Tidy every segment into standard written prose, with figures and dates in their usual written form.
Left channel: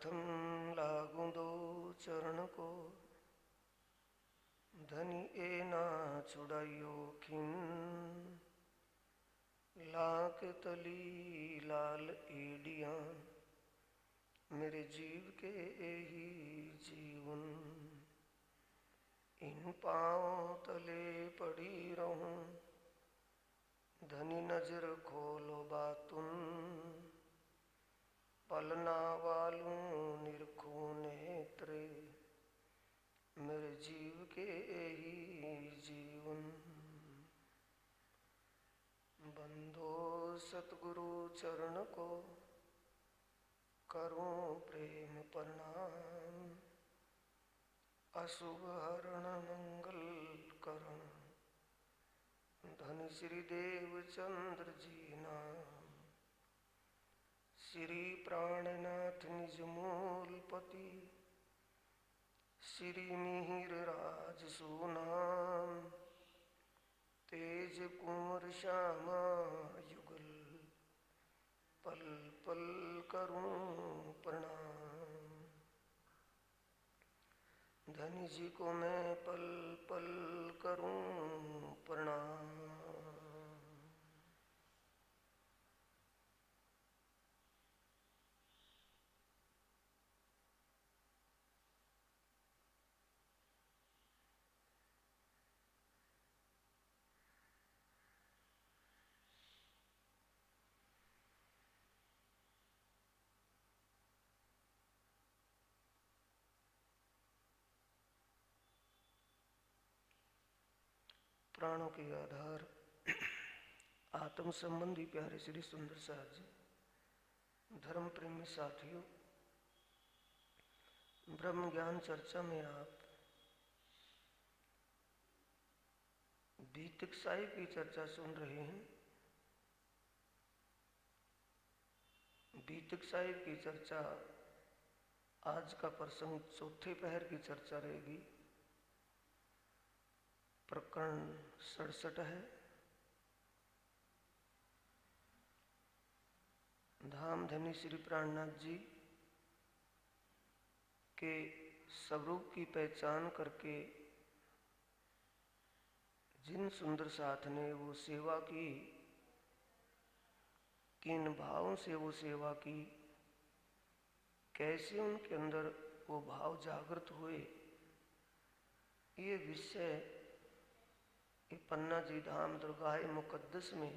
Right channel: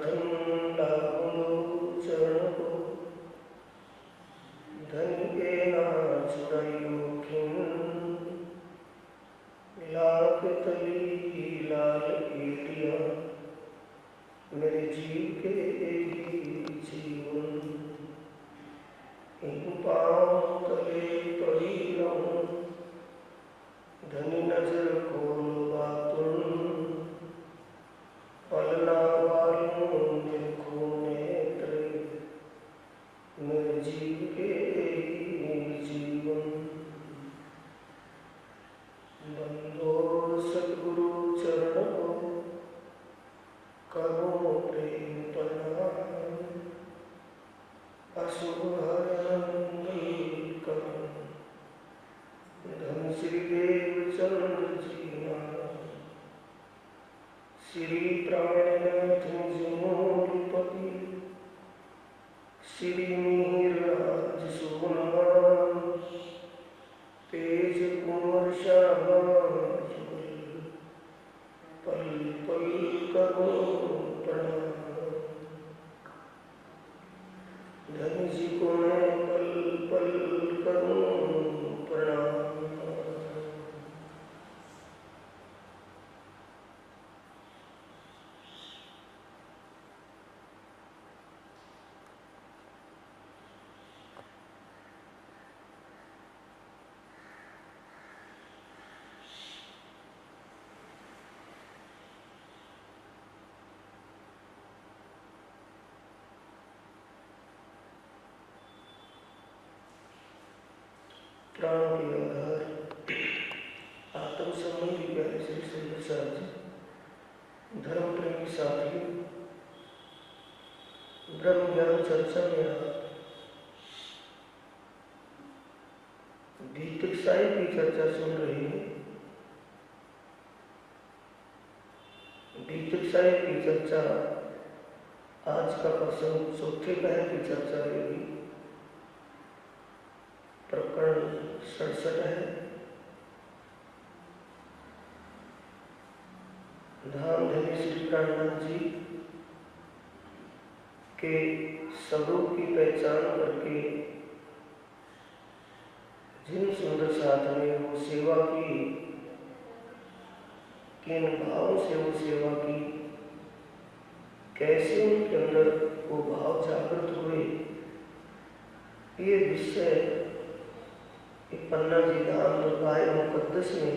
प्रथम लागो चरण को धन के ना छुड़ाइयो खिन लाख तली लाल एटिया मेरे जीव के ही जीवन इन पाँव तले पड़ी रहूं धनी नजर खोलवा तुम पलना वालों देखो नेत्र मेरे जीव के जीवन बंदो सद्गुरु चरण को करो प्रेम प्रणाम अशुभ हरण मंगल करो धन श्री देव चंद्र जी नाम श्री प्राणनाथ जमोलपति श्री मिहिरराज सोनाम तेज कुंवर शाबाश पल पल करो प्रणाम धन जी को मैं पल पल करूं प्रणाम। प्राणों के आधार आत्म संबंधी प्यारे श्री सुंदर साहब जी धर्म प्रेमी साथियों ब्रह्म ज्ञान चर्चा में आप भीतर साहिब की चर्चा सुन रहे हैं। भीतर साहिब की चर्चा आज का प्रसंग चौथे पहर की चर्चा रहेगी। प्रकरण 67 है। धाम धनी श्री प्राणनाथ जी के स्वरूप की पहचान करके जिन सुंदर साथ ने वो सेवा की, किन भाव से वो सेवा की, कैसे उनके अंदर वो भाव जागृत हुए, ये विषय पन्ना जी धाम दुर्गाए मुकद्दस में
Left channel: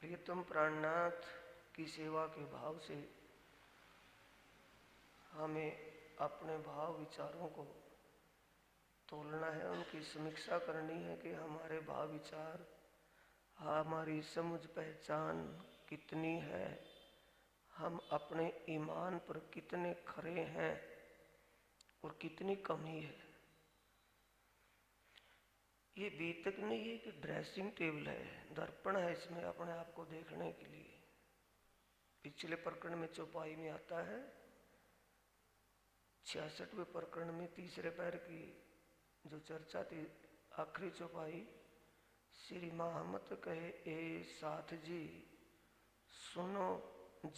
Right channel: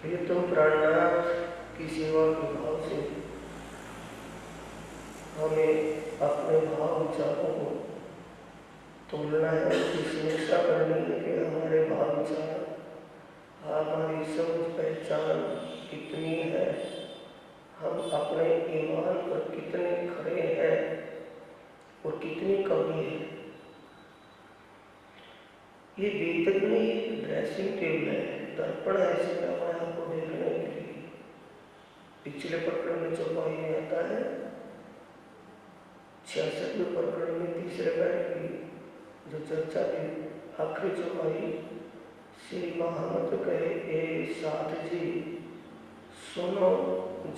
प्रियतम प्राणनाथ की सेवा के भाव से हमें अपने भाव विचारों को तोलना है, उसकी समीक्षा करनी है कि हमारे भाव विचार, हमारी समझ पहचान कितनी है, हम अपने ईमान पर कितने खरे हैं और कितनी कमी है। ये बेतक में ड्रेसिंग टेबल है, दर्पण है, इसमें अपने आप को देखने के लिए। पिछले प्रकरण में चौपाई में आता है 66वें प्रकरण में तीसरे पैर की जो चर्चा थी, आखिरी चौपाई श्री महामत कहे ए साथ जी सुनो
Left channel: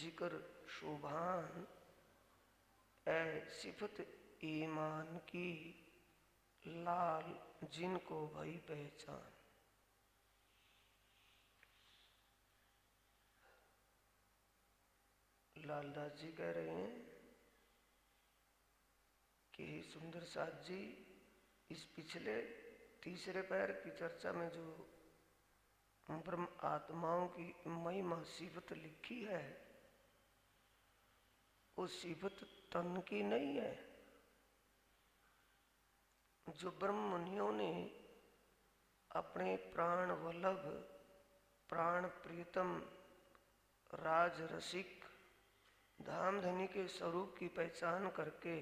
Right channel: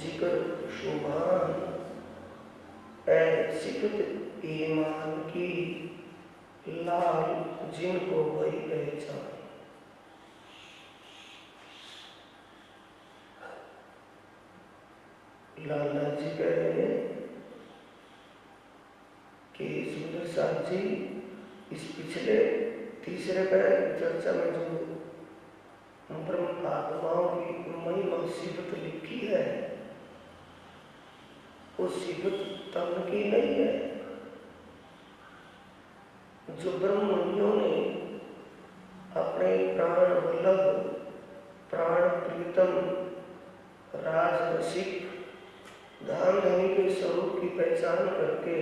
जिगर शुभान ए सिफत ईमान की लाल जिनको वही पहचान। लाला जी कह रहे हैं कि सुंदर साहब जी इस पिछले तीसरे पैर की चर्चा में जो ब्रह्म आत्माओं की महिमा सिफत लिखी है, वो सिफत तन की नहीं है। जो ब्रह्मनियों ने अपने प्राण वल्लभ, प्राण प्रीतम, राज रसिक, धाम धनी के स्वरूप की पहचान करके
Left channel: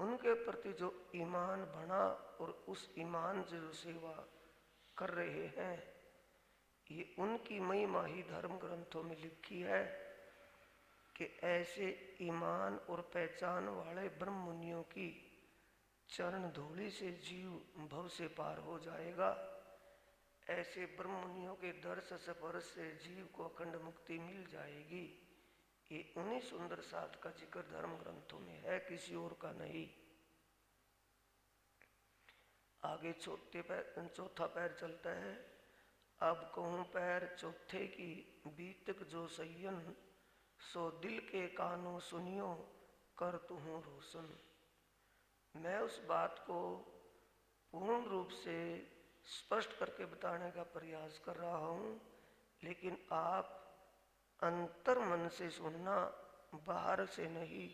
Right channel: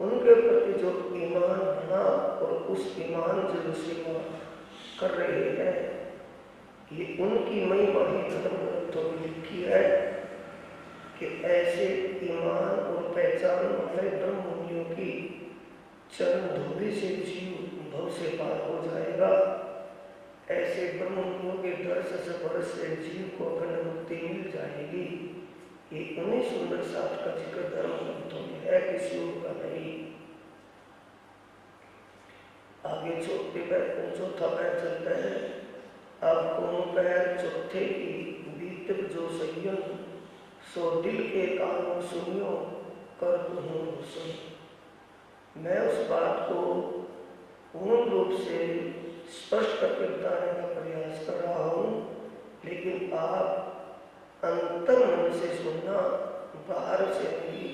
उनके प्रति जो ईमान बना और उस ईमान जो सेवा कर रहे हैं, ये उनकी महिमा ही धर्म ग्रंथों में लिखी है कि ऐसे ईमान और पहचान वाले ब्रह्मनियों की चरण धूलि से जीव भव से पार हो जाएगा। ऐसे ब्रह्मनियों के दर्श स्पर्श से जीव को अखंड मुक्ति मिल जाएगी। ये उन्हीं सुंदर साथ का जिक्र धर्म ग्रंथों में है, किसी और का नहीं। आगे चौथा पैर चलता है। अब कौन पैर चौथे की बीतक जो सय्यन, सो दिल के कानों सुनियो कर दूं हुसन। मैं उस बात को पूर्ण रूप से स्पष्ट करके बताने का प्रयास कर रहा हूँ, लेकिन आप अंतर मन से सुनना, बाहर से नहीं।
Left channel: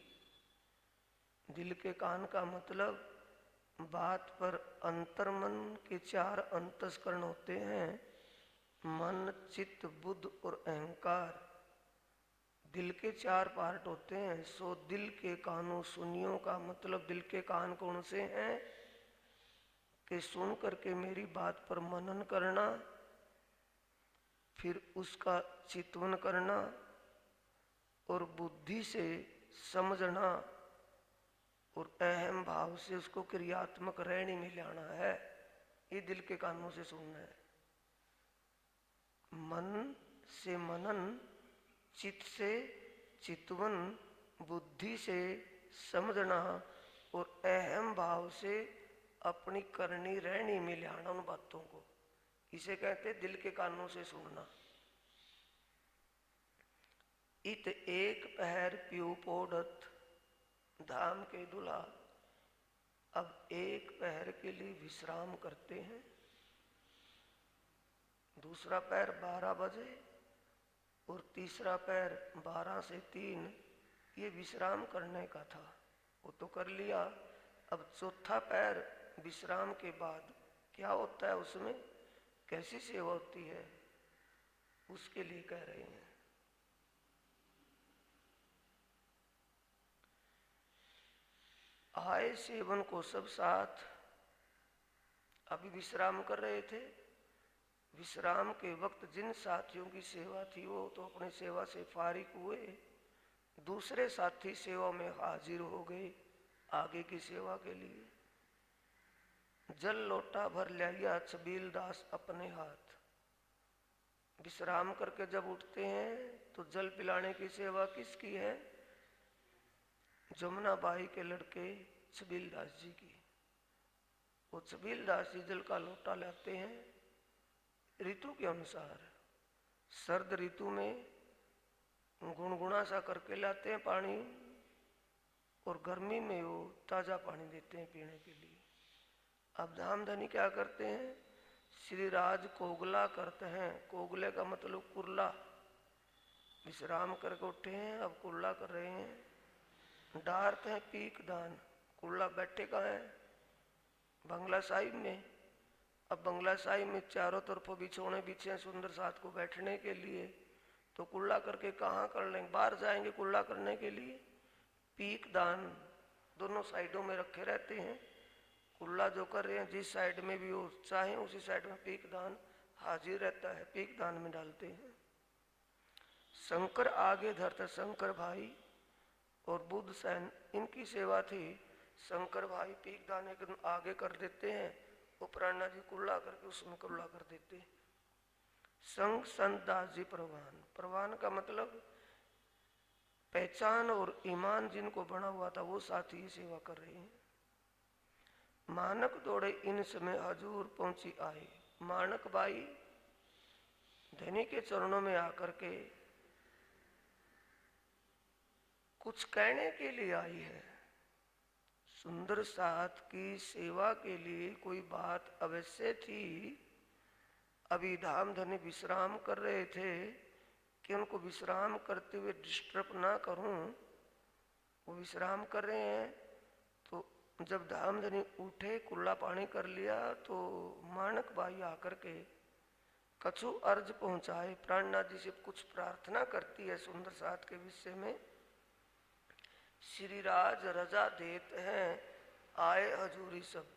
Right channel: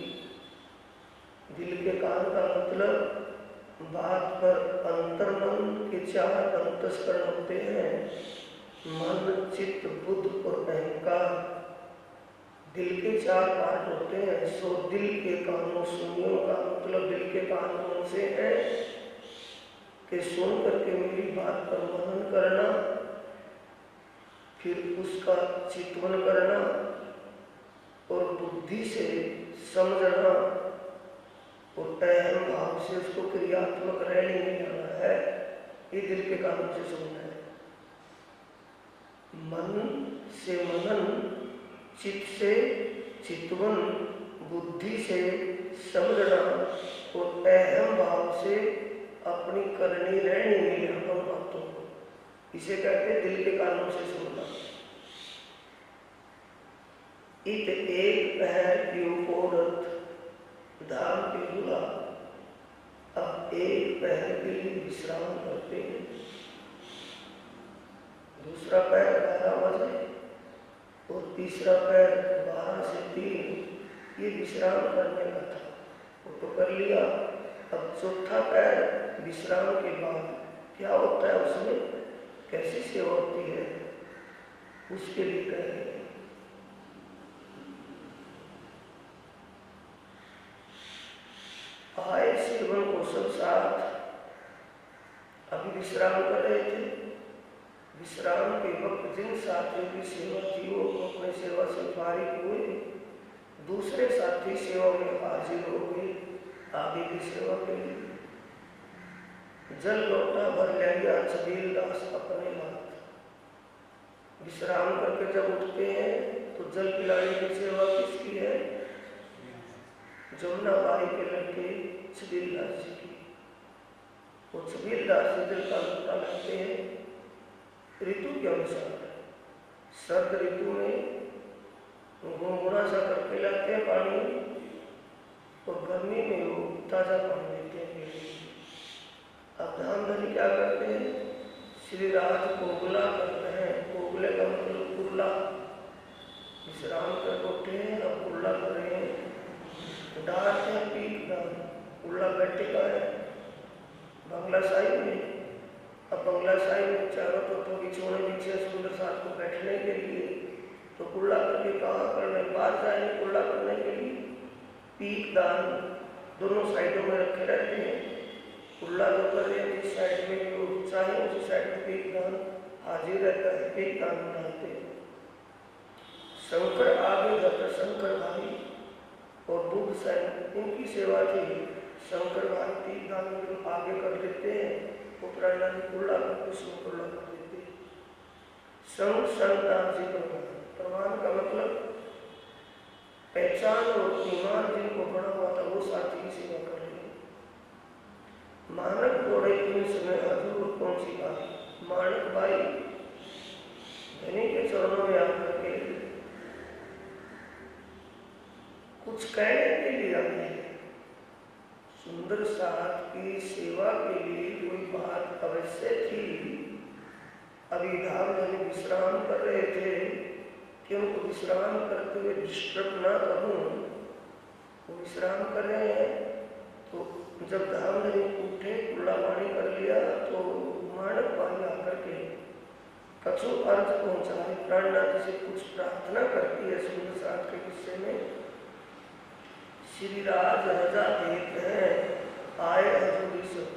दिल के कान का मतलब बात पर अंतर मन के 4 अंतस्करण होते हैं, मन, चित्त, बुद्ध और अहंकार। दिल के 4 पार्ट होते हैं। सो दिल के कानों सुनियो का मतलब दिल के कान कौन से हैं कि सुन करके मेरी बात पर मनन करना, फिर उसका चिंतन करना और बुद्धि से समझना और अहम भाव से उसको क्रियात्मक रैली में लाना है। ये दिल के कानों से सुनना है। मन से मनन, चित्त से चितवन, बुद्धि से समझना और अहम भाव से अपनी करनी रहनी में लाना बातों को, इसे कहते हैं दिल के कानों से सुनना। इत एक पैर की उपौरत धाम की दुला। अब एक पैर के लिए विश्राम करते हैं, दूसरा पैर 12 बजे और तीसरा पैर 12 से 3, ये विश्राम करने का था, वो तो कर लिया। अब चौथा पैर विश्राम के बाद क्या होता है, उसमें कैसी सेवा होती है, उसके लिए कह रहे हैं। आए सेवन को सब साथ, अभी विश्राम कर रहे थे। विश्राम के वक्त जिन साथियों की सेवा थी वो अपने सेवा से फारिग हुए, दूसरे साथी सेवा में हाजिर हो गए आगे की सेवा के लिए। जल लोटा भर ले गया छबील दास अपने हाथ। विश्राम करके जब उठते हैं तो जल पिलाने की सेवा किसकी है? जमुना बाई के लड़के छबील दास जी की। वो छबील दास जी जल का लोटा लाते हैं ऋतु के अनुसार। सर्द ऋतु में गुनगुना सा करके लाते हैं पानी, और गर्मी में वो ताजा पानी देते हैं। अब धामधनी क्या करते हैं? श्री राज कोगला करते हैं। कोगले का मतलब कुल्ला। विश्राम कर उठे हैं, अब कुल्ला कर रहे हैं। डालते हैं पीठ दान, कुल्ला बैठे का है बंगला साहिब में। अब बंगला साहिब में चारों तरफों की छोड़े पीछे सुंदर साथ को बैठने के लिए, तो कुल्ला करके कहाँ करने, बाहर जाएंगे कुल्ला करने के लिए। पीठ दान दोनों साइडों में रखे रहते हैं। कुल्ला जो कर रहे हैं जिस साइड में भी वो चाहे उसी साइड में पीठ दान हाजिर रहता है, पीठ दान डालते हैं। शंकर आगे जाकर शंकर भाई और बुद्ध सैन इनकी सेवा थी। शंकर भाई पीठ दान आगे कर देते हैं, उपराना जी कुल्ला कर उसमें कुल्ला कर देते हैं। संग संतान जी प्रवान का मतलब पहचान और ईमान जिनको बड़ा हुआ था वो साथी की सेवा कर रहे हैं। मानक दौड़े इन समय हजूर पहुंची बाई। माणिक बाई धनी के चरणों में आकर के कुछ कहने के लिए आई है। सुंदर साथ की सेवा के लिए कोई बात अवश्य थी। अभी धामधनी विश्राम कर रहे थे कि उनको विश्राम करते हुए डिस्टर्ब ना करूं। वो विश्राम कर रहे हैं, तो जब धामधनी उठे कुल्ला पानी कर लिया तो मानक बाई आकर के कछु अर्थ पहुंचाए। प्राणनाथ से कुछ प्रार्थना करती है सुंदर साथ के विषय में। श्री राज रजा देते हैं आए हजूरी सब।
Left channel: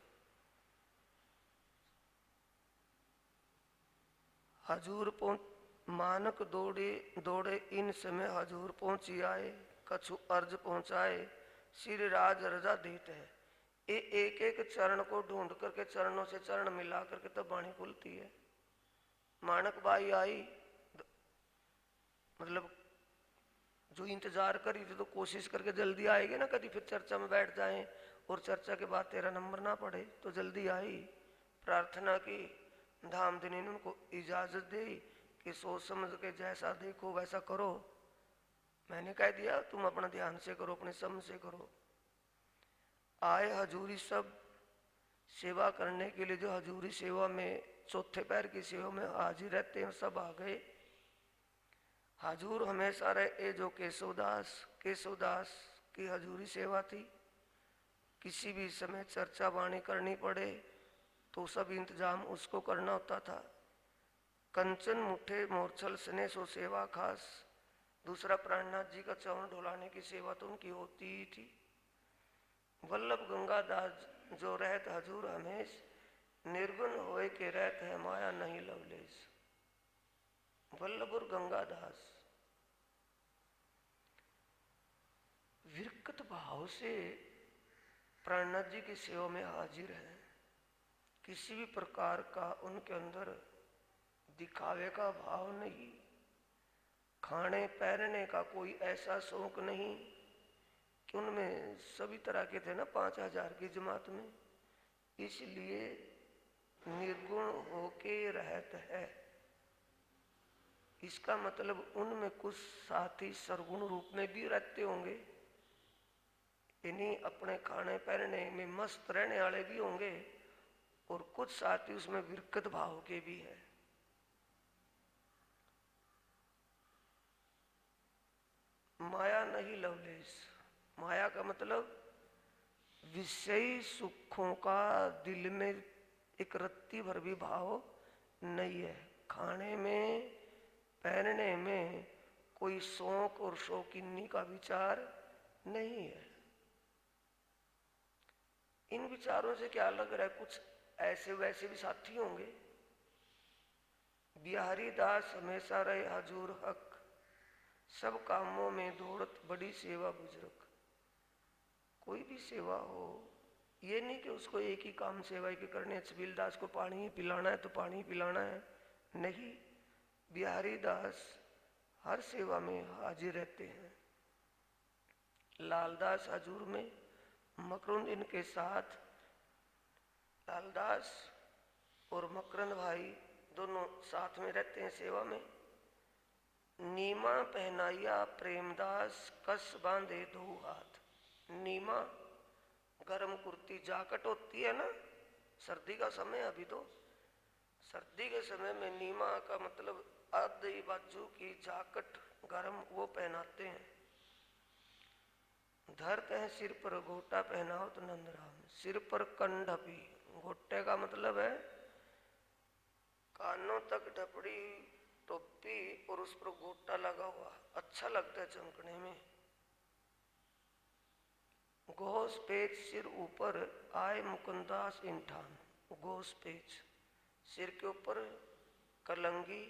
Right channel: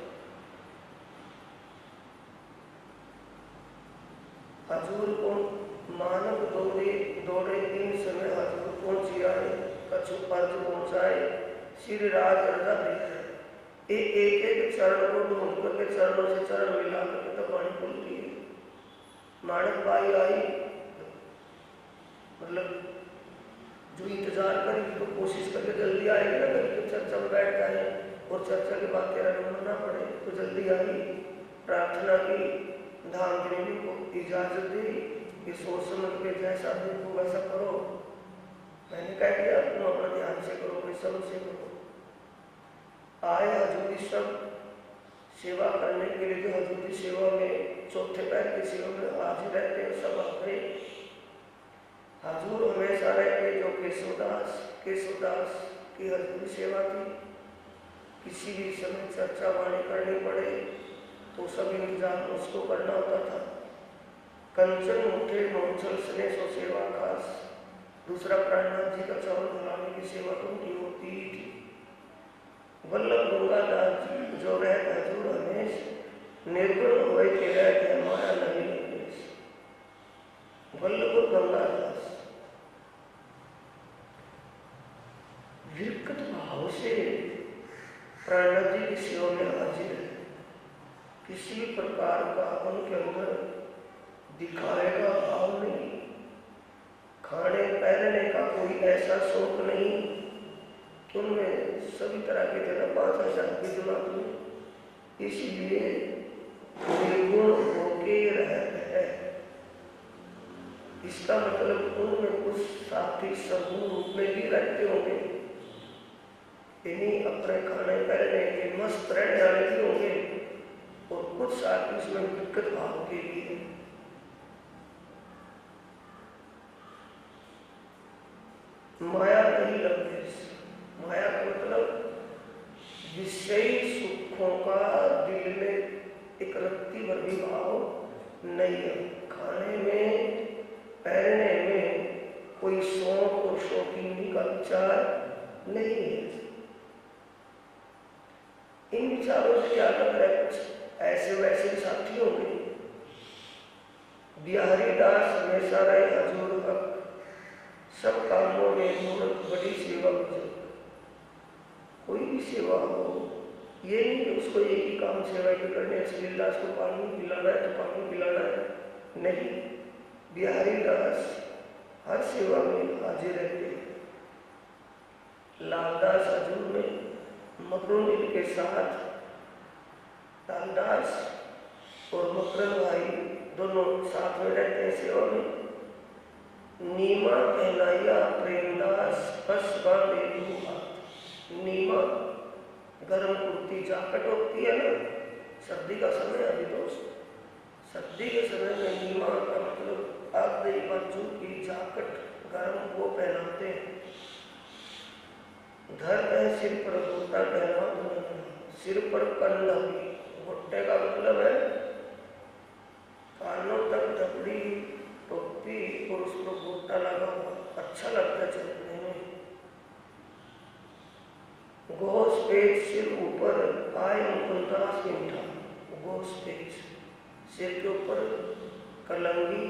हजूर को मानव दौड़े इन समय हजूर पहुंची आए, कछु अर्ज पहुंचाए। श्री राज रजा देते हैं। एक एक चरण को ढूंढ करके चरणों से चरण मिला करके तो पानी खुलती है। मानक बाई आई, मतलब जो इंतजार करेगी तो कोशिश करके जल्दी आएगी ना, कभी कि चर्चा में बैठ जाए और चर्चा के बाद तेरा नंबर ना पड़े, तो जल्दी आई, प्रार्थना की, धामधनी को इजाजत दी कि सोच समझ के जैसा देखो वैसा करो। मैंने कह दिया तुम अपना ध्यान से करो, परिश्रम से करो। आए हजूरी सब सेवा करने के लिए, जो हजूरी सेवा में चौथे पैर की सेवा में हाजिर रहते हैं सब आ गए। हजूर हमेशा रहते जो केशवदास की हजूरी सेवा थी। किसी भी समय चर्चा वाणी करनी पड़े तो सब इंतजाम उसको करना होता था। कंचन उठे मोचल स्नेह सो सेवा खास। दूसरा प्राणनाथ जी का चरण धुलाने की सेवा तो उनकी होती ही थी। वल्लभ गंगादास जी जो रहते हजूर हमेश निर्गुण हुए के रहते माया नहीं लगेश। वल्लभ गंगादास विरक्त भाव से प्राणनाथ जी की सेवा में हाजिर है। किसी प्रकार का उनके अंदर दिखावे का भाव नहीं, खाने पहनने का कोई ऐसा शौक नहीं। उनमें सभी तरह के थे, 5,000 की जमात में, इसलिए निर्गुण होके रहते हैं। इसका मतलब उनमें कुछ साथी समूह रूप में भी रहते होंगे, इन्हीं अपने खाने पहनने के मस्त रहने वाले भी होंगे, और कुछ साथी उसमें विकृत भाव के भी हैं। माया नहीं लगती। माया का मतलब विषयी सुखों का दिल में एक रत्ती भर भी भाव नहीं है। खाने में पहनने में कोई शौक और शौकीनी का विचार नहीं है। इन विचारों से क्या लग रहा है, कुछ ऐसे वैसे साथी होंगे। बिहारी दास हमेशा रहे हजूर हक, सब कामों में बहुत बड़ी सेवा की। कोई भी सेवा हो, ये नहीं कि उसको एक ही काम सेवा की करनी है, श्रीदास को पानी पिलाना है तो पानी पिलाना है, नहीं। बिहारी दास हर सेवा में हाजिर रहते हैं। लालदास हजूर में मकरुन के साथ लालदास और मकरन भाई दोनों साथ में रहते हैं सेवा में। नीमा पहनाया प्रेमदास कस बांधे हाथ। नीमा गर्म कुर्ती जाकट होती है ना, सर्दी का समय, अभी तो सर्दी के समय में नीमा का मतलब आधे बाजू की जाकट गर्म वो पहनाते हैं। धर है सिर पर घुट्टा पहना, सिर पर कंधा भी। घुट्टे का मतलब है कानों तक ढपड़ी टोपी और उस पर घुट्टा लगा हुआ, अच्छा लगता है चलने में। घोष पेच सिर ऊपर आय मुकुंदास इंठा। घोष पेच सिर के ऊपर कलंगी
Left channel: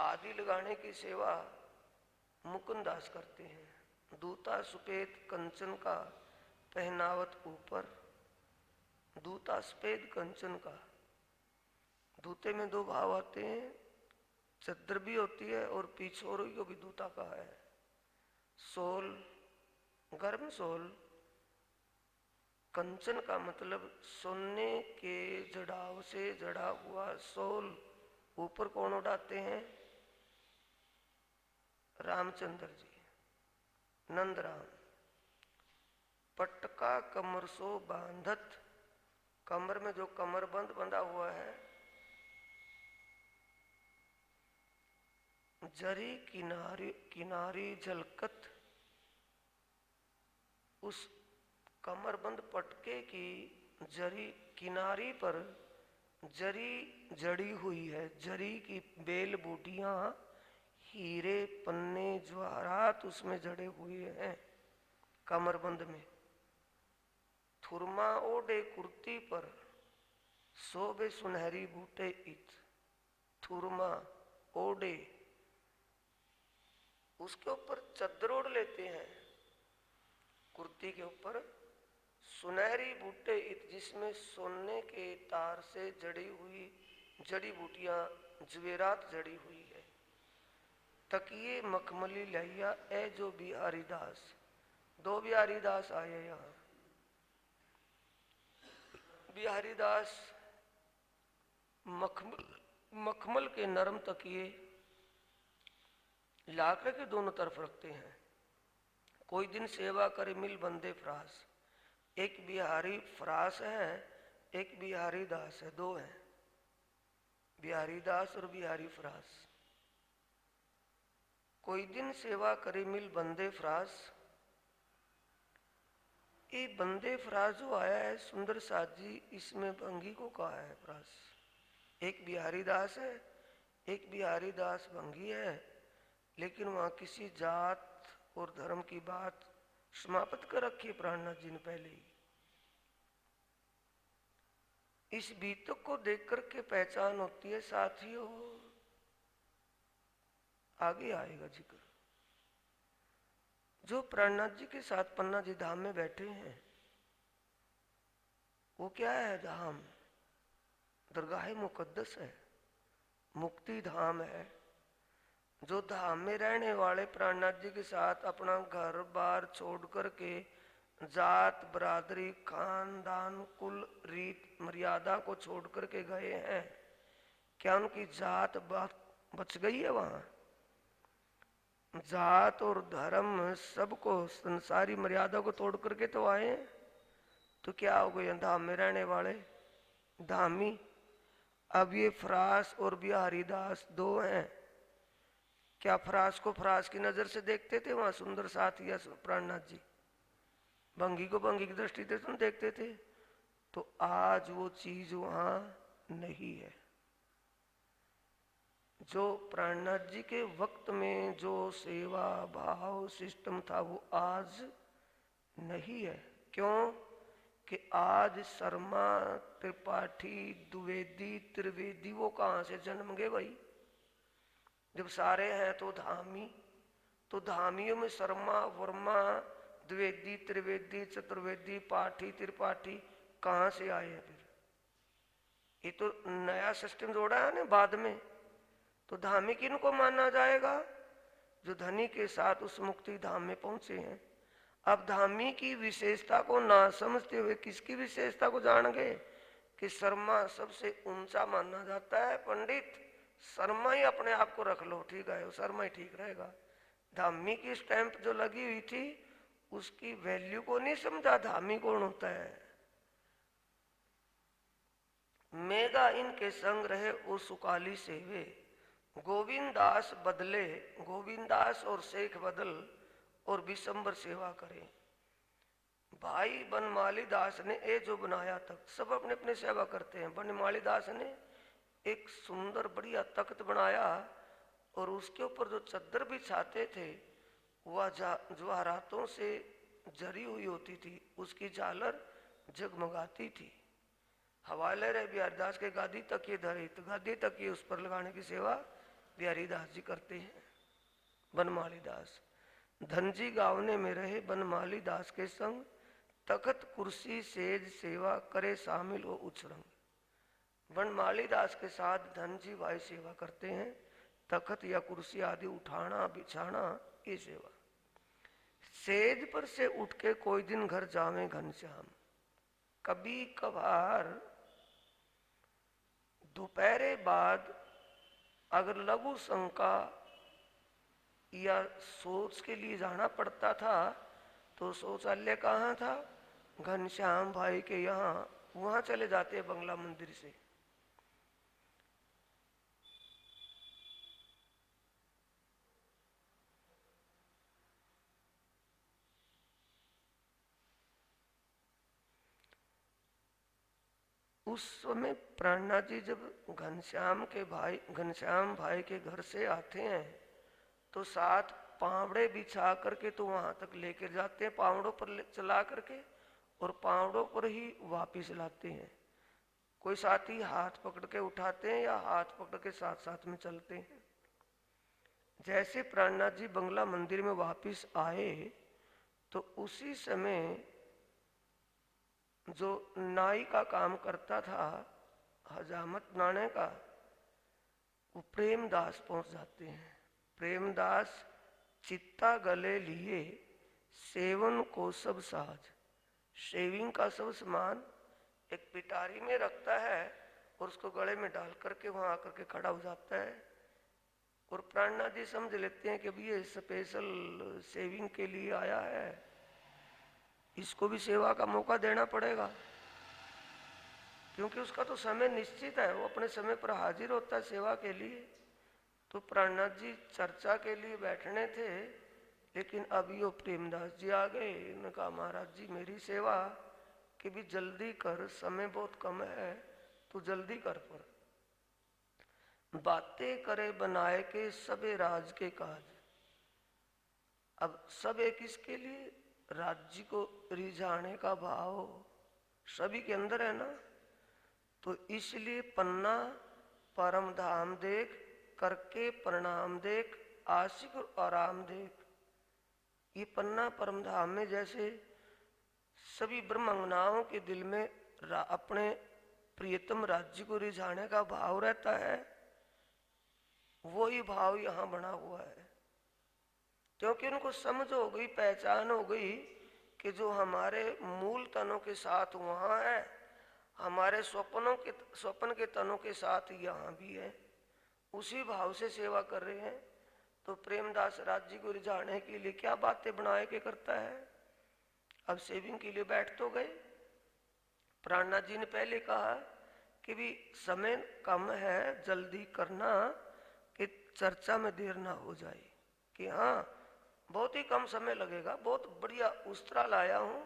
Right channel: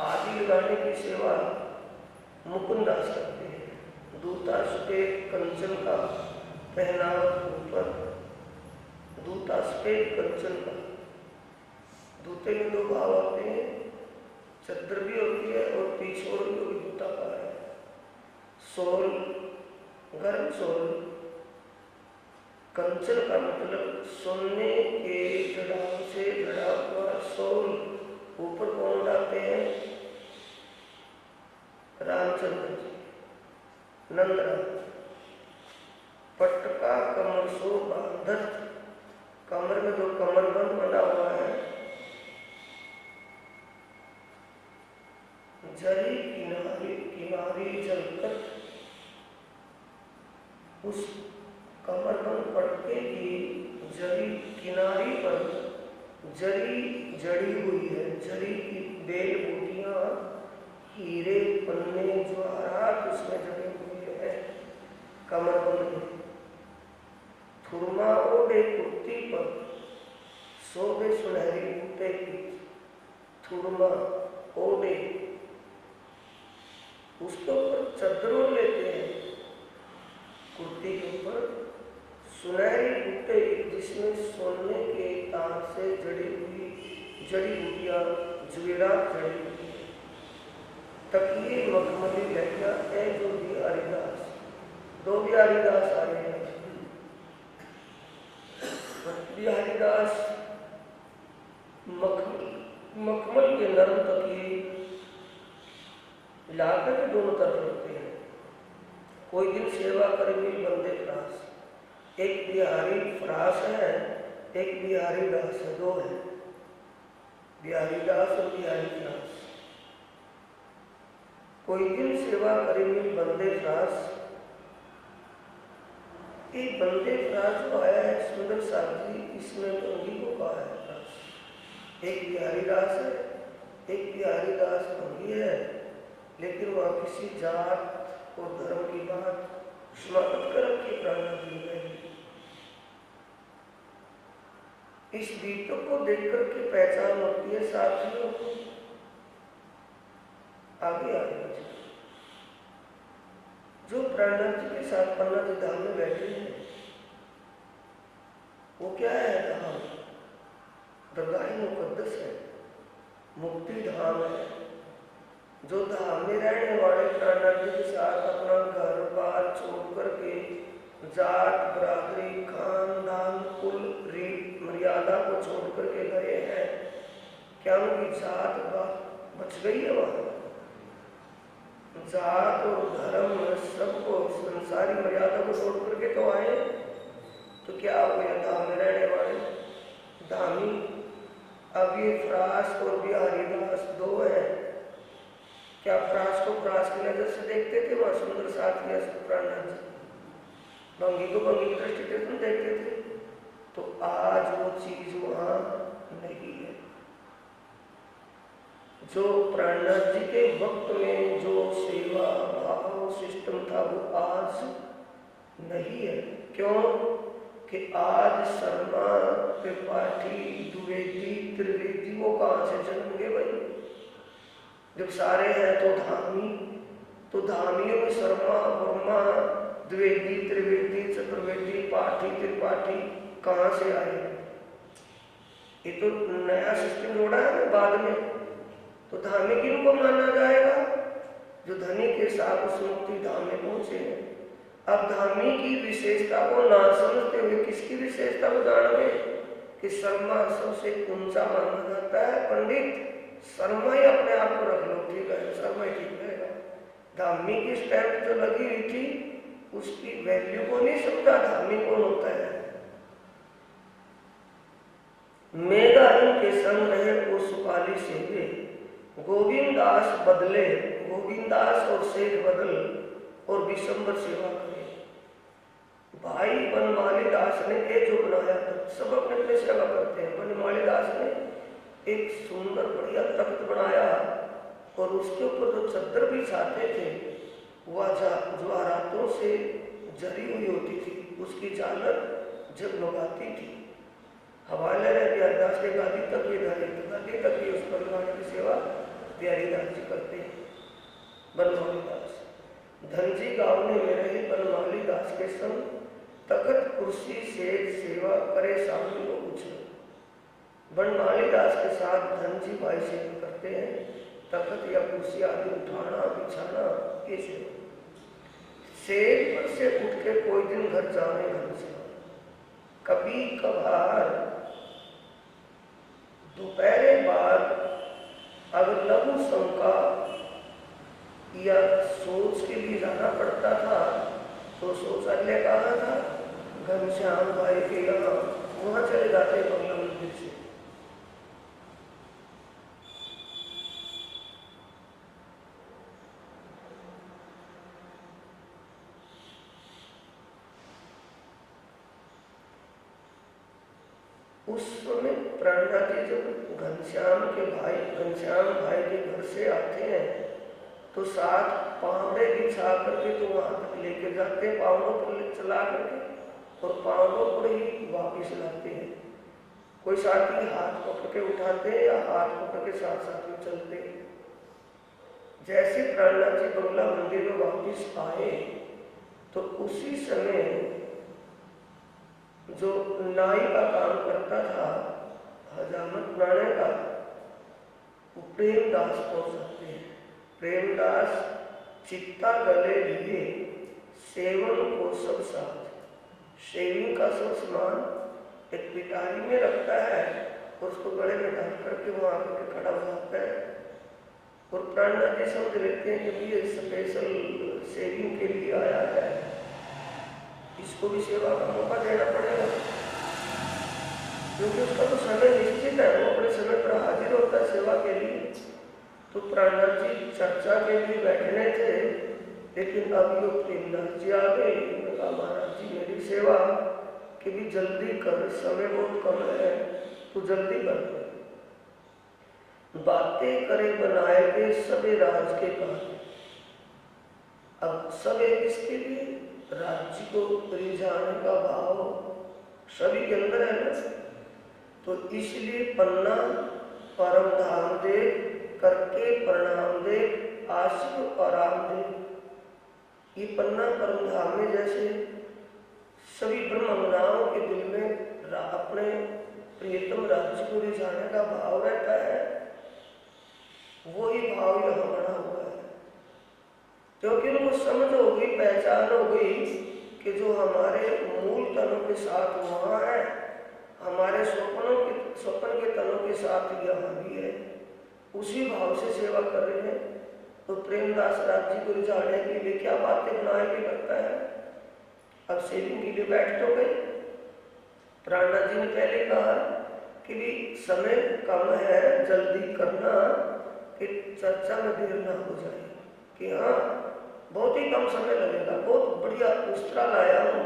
आदि लगाने की सेवा मुकुंदास करते हैं। दूता सफेद कंचन का पहनावत ऊपर, दूता सफेद कंचन का। दूते में दो भाव होते हैं, चद्दर भी होती है और पीछोर भी होगी दूता का है। सोल गर्म सोल, कंचन का मतलब सोने के जड़ाव से जड़ा हुआ सोल। ऊपर कौन उड़ाते हैं? रामचंद्र जी, नंदराम। पटका कमर सो बांधत, कमर में जो कमर बंद बना हुआ है। जरी किनारी किनारी झलकत, उस कमरबंद पटके की जरी किनारी पर जरी जड़ी हुई है। जरी की बेल बूटियां, हीरे पन्ने जवाहरात उसमें जड़े हुए हैं कमरबंद में। थुरमा ओढ़े कुर्ती पर शोभे सुनहरी बूटे की। थुरमा ओढ़े, उसके ऊपर चद्दर ओढ़ लेते हैं। कुर्ती के ऊपर सुनहरी बूटे जिसमें सोने के तार से जड़ी हुई जड़ी बूटियां जवेरात जड़ी हुई है। तकिए मखमली लहरिया ए जो बिहारी दास, दो बिहारी दास आ रहे हैं। बिहारी दास मखमल के नरम तकिए लाके के दोनों तरफ रखते हैं। कोई दिन सेवा करे मिल बंदे फ्रास, एक बिहारी फ्रास है, एक बिहारी दास है, दो है, बिहारी दास और बिहारी फ्रास। कोई दिन सेवा करे मिल बंदे फ्रास, ये बंदे फ्रास जो आया है सुंदर साहब जी, इसने भंगी को कहा है फ्रास। एक बिहारी दास है, एक बिहारी दास भंगी है, लेकिन वह किसी जात और धर्म की बात समाप्त कर रखी प्राणनाथ जी ने। इस दीपक को देखकर के पहचान होती है साथियों, आगे आगे जो प्राणनाथ जी के साथ पन्ना जी धाम में बैठे हैं, वो क्या है? धाम दरगाह मुकद्दस है, मुक्ति धाम है। जो धाम में रहने वाले प्राणनाथ जी के साथ अपना घर बार छोड़ करके जात बरादरी खानदान कुल रीत मर्यादा को छोड़ करके गए हैं, क्या उनकी जात बच गई है? वहां जात और धर्म सबको संसारी मर्यादा को छोड़ करके तो आए, तो क्या हो गया? धाम में रहने वाले धामी। अब ये फ्रास और बिहारी दास दो हैं। क्या फ्रास को फ्रास की नजर से देखते थे वहां सुंदर साथी प्राणनाथ जी? भंगी को भंगी की दृष्टि से तुम देखते थे? तो आज वो चीज वहां नहीं है। जो प्राणनाथ जी के वक्त में जो सेवा भाव सिस्टम था वो आज नहीं है। क्यों कि आज शर्मा त्रिपाठी द्विवेदी त्रिवेदी वो कहां से जन्मेंगे भाई? जब सारे हैं तो धामियों में शर्मा वर्मा द्विवेदी त्रिवेदी चतुर्वेदी पाठी त्रिपाठी कहां से आए? ये तो नया सिस्टम जोड़ा है ना बाद में। तो धामी किनको माना जाएगा? जो धनी के साथ उस मुक्ति धाम में पहुंचे हैं। अब धामी की विशेषता को ना समझते हुए किसकी विशेषता को जान गए कि शर्मा सबसे ऊंचा माना जाता है। पंडित शर्मा ही अपने आप को रख लो, ठीक है, शर्मा ही ठीक रहेगा। धामी की स्टैंप जो लगी हुई थी उसकी वैल्यू को नहीं समझा धामी कौन होता है। मेगा इनके संग रहे वो सुकाली से वे, गोविंदास बदले, गोविंदास और शेख बदल और विशंबर सेवा करे। भाई बनमाली दास ने ये जो बनाया था, सब अपने अपने सेवा करते हैं। बनमाली दास ने एक सुंदर बढ़िया तख्त बनाया और उसके ऊपर जो चद्दर बिछाते थे वह ज्वारातों से जरी हुई होती थी, उसकी झालर जगमगाती थी। हवाले रहे बिहारीदास के गादी तक ये उस पर लगाने की सेवा बिहारीदास जी करते हैं। बनमाली दास धनजी गाँव में रहे बनमाली दास के संग तख्त कुर्सी से सेवा करे शामिल हो कुछ। बनमाली दास के साथ धनजी भाई सेवा करते हैं, तख्त या कुर्सी आदि उठाना बिछाना ये सेवा। सेज पर से उठ के कोई दिन घर जाने घर से, कभी कभार दोपहर बाद अगर लघु शंका या सोच के लिए जाना पड़ता था तो शौचालय कहाँ था? घनश्याम भाई के यहाँ, वहां चले जाते बंगला मंदिर से। उस समय प्राणनाथ जी जब घनश्याम भाई के घर से आते हैं तो साथ पावड़े बिछा करके तो वहां तक लेकर जाते हैं, पावड़ों पर चला करके और पावड़ों पर ही वापिस लाते हैं। कोई साथी हाथ पकड़ के उठाते हैं या हाथ पकड़ के साथ साथ में चलते हैं। जैसे प्राणनाथ जी बंगला मंदिर में वापिस आए तो उसी समय जो नाई का काम करता था हजामत बनाने का, वो प्रेमदास पहुंच जाते हैं। प्रेमदास चित्ता गले लिए सेवन को सब साथ। शेविंग का सब सामान एक पिटारी में रखता है, उसको गले में डाल करके वहां आकर के खड़ा हो जाता है। और प्राणनाथ जी समझ लेते हैं कि ये स्पेशल सेविंग के लिए आया है, इसको भी सेवा का मौका देना पड़ेगा, क्योंकि उसका तो समय निश्चित है, वो अपने समय पर हाजिर होता है सेवा के लिए। तो प्राणनाथ जी चर्चा के लिए बैठने थे, लेकिन अब यो प्रेमदास जी आ गए। उन्होंने कहा महाराज जी मेरी सेवा कि भी जल्दी कर, समय बहुत कम है, तो जल्दी कर। बातें करे बनाए के सबे राज के काम। अब सबे किसके लिए? राज्य को रिझाने का भाव सभी के अंदर है ना। तो इसलिए पन्ना परम धाम दे करके प्रणाम दे आशिक और आराम दे। ये पन्ना परम धाम में जैसे सभी ब्रह्मंगनाओं के दिल में अपने प्रियतम राज्य को रिझाने का भाव रहता है, वही भाव यहाँ बना हुआ है। क्योंकि उनको समझ हो गई, पहचान हो गई कि जो हमारे मूल तनों के साथ वहाँ है, हमारे स्वप्न के तनों के साथ यहाँ भी है, उसी भाव से सेवा कर रहे हैं। तो प्रेमदास राज्य को रिझाने के लिए क्या बातें बनाए के करता है। अब सेविंग के लिए बैठ तो गए। प्राणनाथ जी ने पहले कहा कि भी समय कम है, जल्दी करना कि चर्चा में देर ना हो जाए, कि हाँ बहुत ही कम समय लगेगा, बहुत बढ़िया उस्तरा लाया हूँ,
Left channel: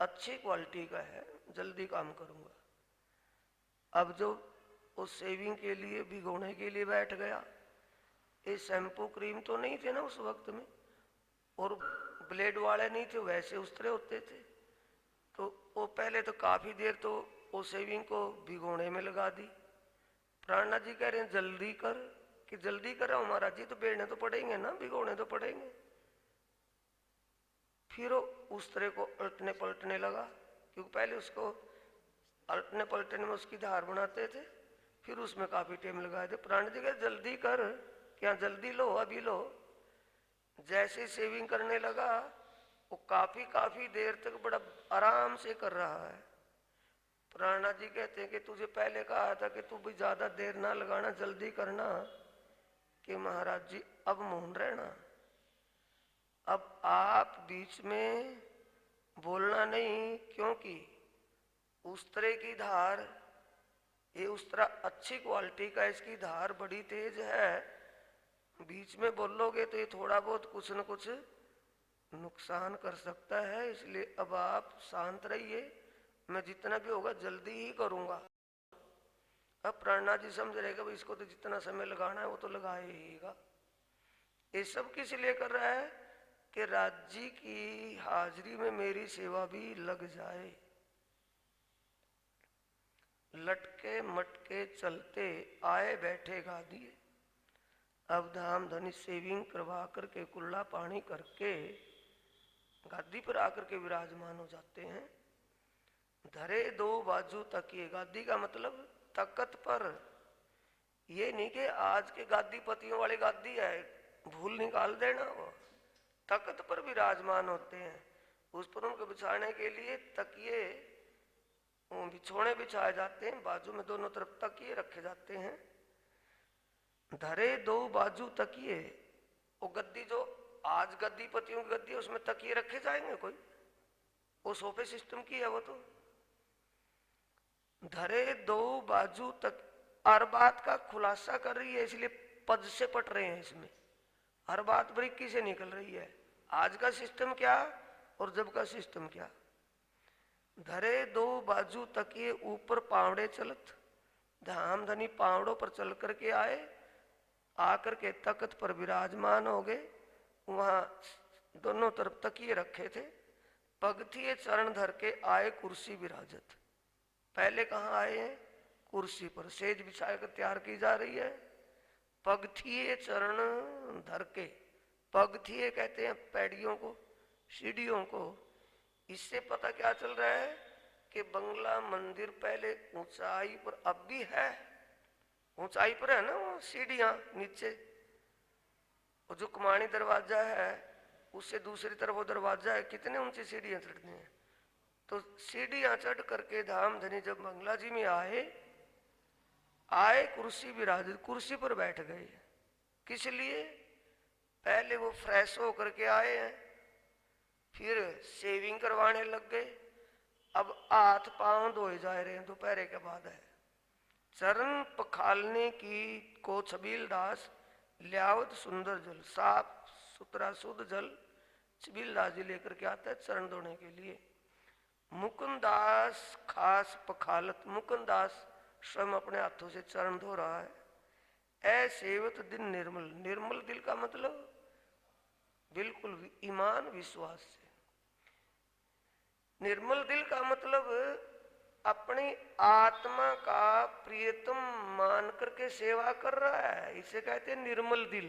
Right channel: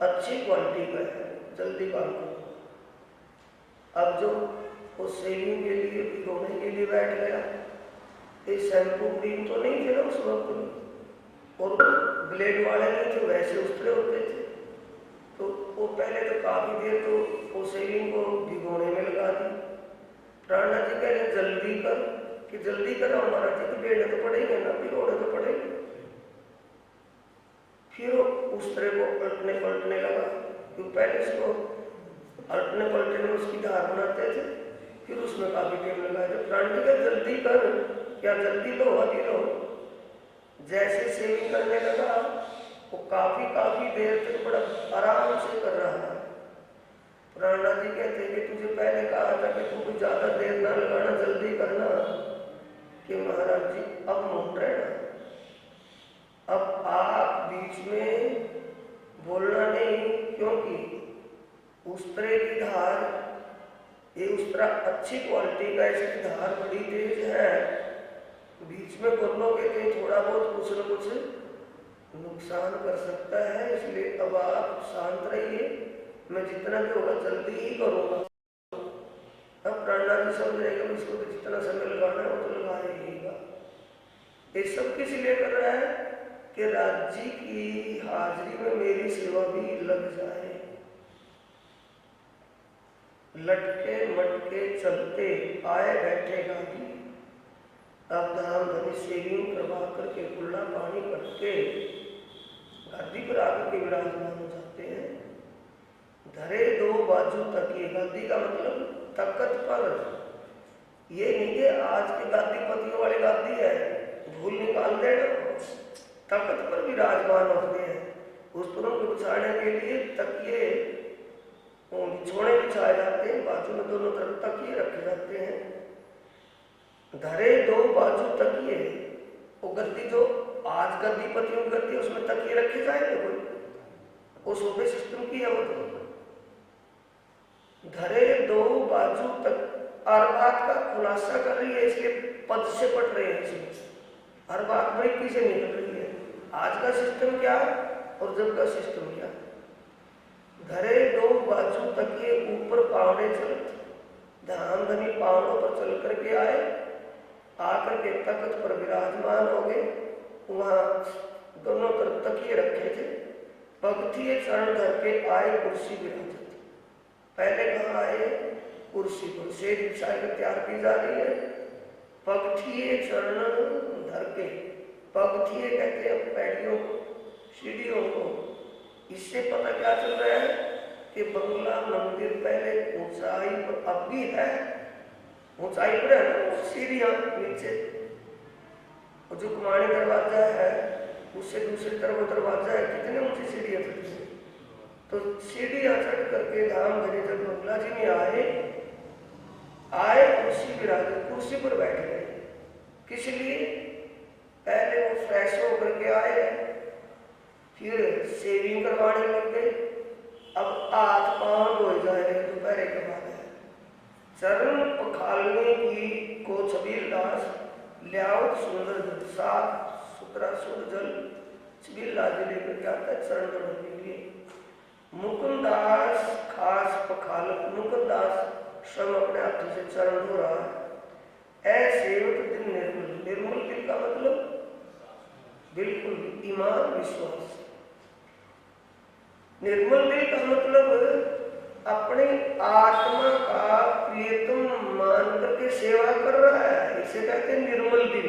अच्छी क्वालिटी का है, जल्दी काम करो। अब जो वो सेविंग के लिए भिगोने के लिए बैठ गया, ये शैम्पू क्रीम तो नहीं थे ना उस वक्त में, और ब्लेड वाले नहीं थे, वैसे उस्तरे होते थे। तो वो पहले तो काफी देर तो वो सेविंग को भिगोने में लगा दी। प्राणनाथ जी कह रहे जल्दी कर, कि जल्दी करो महाराज जी, तो बेड़ने तो पड़ेंगे ना, भिगोने तो पड़ेंगे। फिर वो उस्तरे को पलटने पलटने लगा, क्योंकि पहले इसको पलटने पलटने में उसकी धार बनाते थे, फिर उसमें काफी टाइम लगाए थे। प्राण जी का जल्दी कर, क्या जल्दी लो, अभी लो। जैसे सेविंग करने लगा वो काफी देर तक बड़ा आराम से कर रहा है। प्राणनाथ जी कहते हैं कि तुझे पहले कहा था कि तू कुछ ज्यादा देर ना लगाना, जल्दी करना, कि महाराज जी अब मौन रहना, अब आप बीच में बोलना नहीं, क्योंकि उस्तरे की धार, ये उस्तरा अच्छी क्वालिटी का, इसकी धार बड़ी तेज है, बीच में बोलोगे तो थोड़ा बहुत कुछ न कुछ नुकसान कर सकता है, इसलिए अब आप शांत रहिए, मैं जितना भी होगा जल्दी ही करूँगा। अब प्राणनाथ जी समझ रहेगा इसको तो जितना समय लगाना है वो तो लगा रहेगा। ये सब किस लिए कर रहा है कि राज्य की हाजिरी में मेरी सेवा भी लग जाए। लटके मटके चलते आए बैठे गादी, अब धाम धनी सेविंग करवा करके कुल्ला पानी करके गादी पर आकर के विराजमान हो जाते हैं। धरे दो बाजू तकिए, गादी का मतलब तकत पर, ये नहीं कि आज के गादी पतियों वाली गादी है, भूल निकाल देना, तकत पर विराजमान होते हैं। उस पर उनको बिछाने के लिए तकिए बिछोने बिछाए जाते हैं, बाजू में दोनों तरफ तकिए रखे जाते हैं। धरे दो बाजू तकिए, वो गद्दी जो आज गद्दी पतियों की गद्दी उसमें तकिए रखे जाएंगे कोई, वो सोफे सिस्टम की है वो तो। धरे दो बाजू तक, हर बात का खुलासा कर रही है, इसलिए पद से पढ़ रहे हैं इसमें, हर बात बारीकी से निकल रही है। आज का सिस्टम क्या और जब का सिस्टम क्या। धरे दो बाजू तकिए ऊपर पावड़े चलत, धाम धनी पावड़ों पर चल करके आए, आकर के तख्त पर विराजमान हो गए। वहां दोनों तरफ तकिए रखे थे, पगथिए चरण धर के आए कुर्सी विराजत। पहले कहाँ आए? कुर्सी पर, सेज बिछा कर तैयार की जा रही है। पगथिए चरण धर के, पगथिए कहते हैं पैड़ियों को, सीढ़ियों को। इससे पता क्या चल रहा है कि बंगला मंदिर पहले ऊंचाई पर, अब भी है ऊंचाई पर है ना, सीढ़ियां नीचे, और जो कुमारी दरवाजा है उससे दूसरी तरफ वो दरवाजा है, कितने ऊंची सीढ़ियां चढ़ती हैं। तो सीढ़ियां चढ़ करके धाम धनी जब बंगला जी में आए कुर्सी बिराजे, कुर्सी पर बैठ गए। किस लिए? पहले वो फ्रेश होकर के आए हैं, फिर शेविंग करवाने लग गए। अब हाथ पांव धोए जा रहे, दोपहर के बाद है। चरण पखालने की को छबील दास लियावत सुंदर जल, साफ सुथरा शुद्ध जल छबील दास जी लेकर के आता है चरण धोने के लिए। मुकुंदास खास पखालत, मुकुंदास स्वयं अपने हाथों से चरण धो रहा है। ऐसेवत दिन निर्मल, निर्मल दिल का मतलब बिल्कुल ईमान विश्वास। निर्मल दिल का मतलब अपनी आत्मा का प्रियतम मान करके सेवा कर रहा है, इसे कहते हैं निर्मल दिल।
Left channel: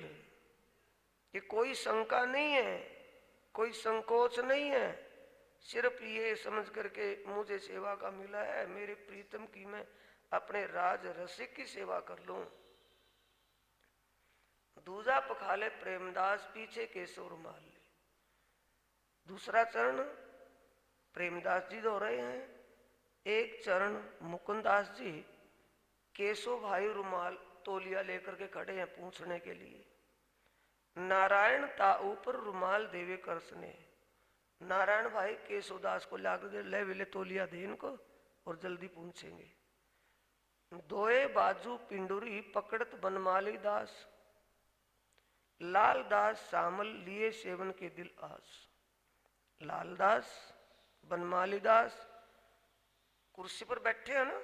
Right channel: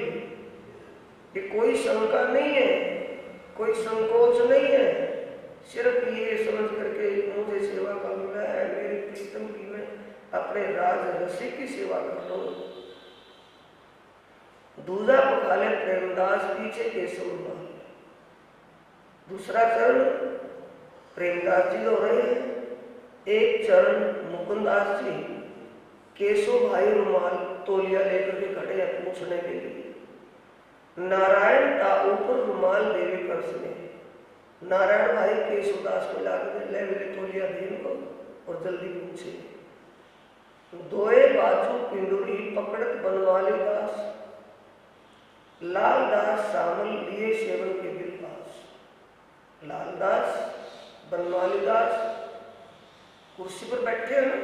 ये कोई शंका नहीं है, कोई संकोच नहीं है, सिर्फ ये समझ करके मुझे सेवा का मिला है, मेरे प्रीतम की मैं अपने राज रसिक की सेवा कर रहा हूं। दूजा पखाले प्रेमदास पीछे केशव। दूसरा चरण प्रेमदास जी हो रहे हैं, एक चरण मुकुंदास जी, केशव भाई रुमाल तौलिया लेकर के खड़े हैं पूछने के लिए। नारायण का ऊपर रुमाल देवी कर्ष में, नारायण भाई केशवदास को जाकर ले मिले तौलिया दीन को और जल्दी पूछे। दोए बाजू पिंडुरी पकड़त बनवाली दास, लालदास सामल लिए सेवन के दिल पास। लालदास बनवाली दास कुर्सी पर बैठे हैं,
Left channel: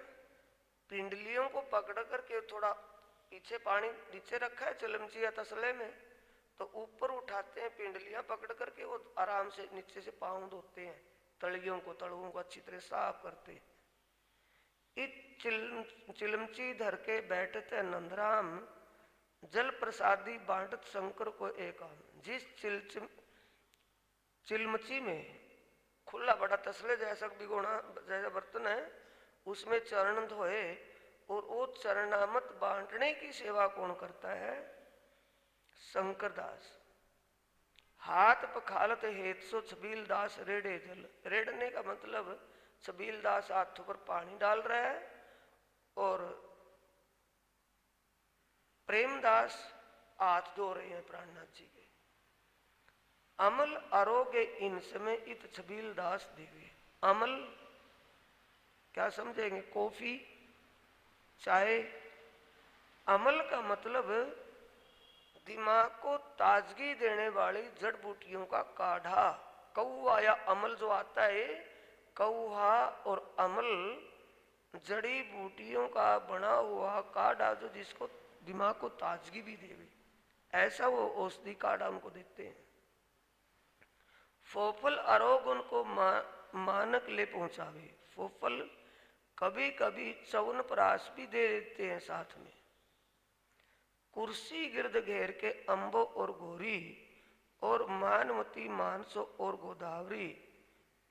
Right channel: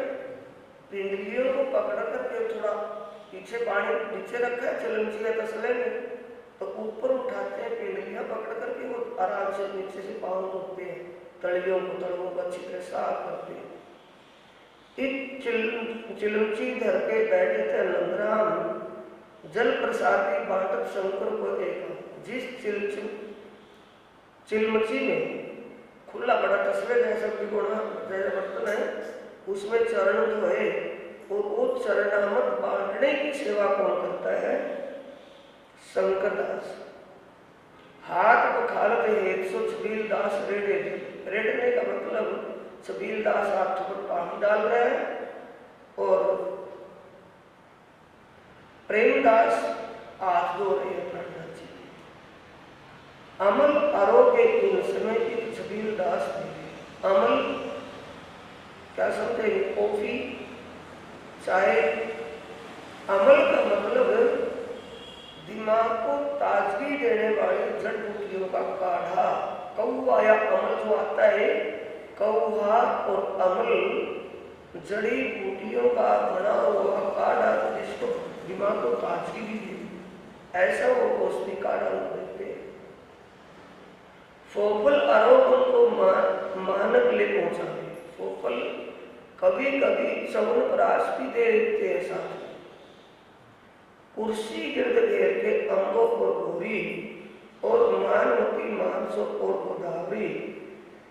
पिंडलियों को पकड़ करके थोड़ा पीछे पानी नीचे रखा है चलमचिया तसले में, तो ऊपर उठाते हैं पिंडलियां पकड़ करके, वो आराम से नीचे से पाँव धोते हैं, तलियों को तड़ों को अच्छी तरह साफ करते हैं। चिलमची धर के बैठे थे नंदराम, जल प्रसादी बांटत शंकर को देखा। जिस चिलमची में खुला बड़ा तस्वीर जैसा तिकोना जैसा बर्तन है, उसमें चरण धोए और वो चरणामत बांटने की सेवा कौन करता है? शंकरदास। हाथ पखालत हेत सो छबील दास रेड़े, रेड़ने का मतलब छबील दास हाथ पर पानी डाल रहा है और प्रेमदास हाथ धो रहे हैं प्रार्थना जी। अमल आरोग्य इन समय की छबील दास देवी। अमल क्या समझेंगे? कॉफी, चाय। अमल का मतलब दिमाग को ताजगी देने वाली जड़ बूटियों का काढ़ा। कौआ या अमल जो आता है, कौआ और अमल जड़ी बूटियों का बना हुआ काढ़ा जिसको दिमाग को ताजगी भी दे, ऐसा वो औषधि काढ़ा देते हैं। फोफल आरोपण को मानक ले पहुंचाते। फोफल कभी कभी चवन प्राश भी दे देते हैं साथ में। कुर्सी गिर्द घेर के अम्बों को घोरी और मानवती मानसों और गोदावरी,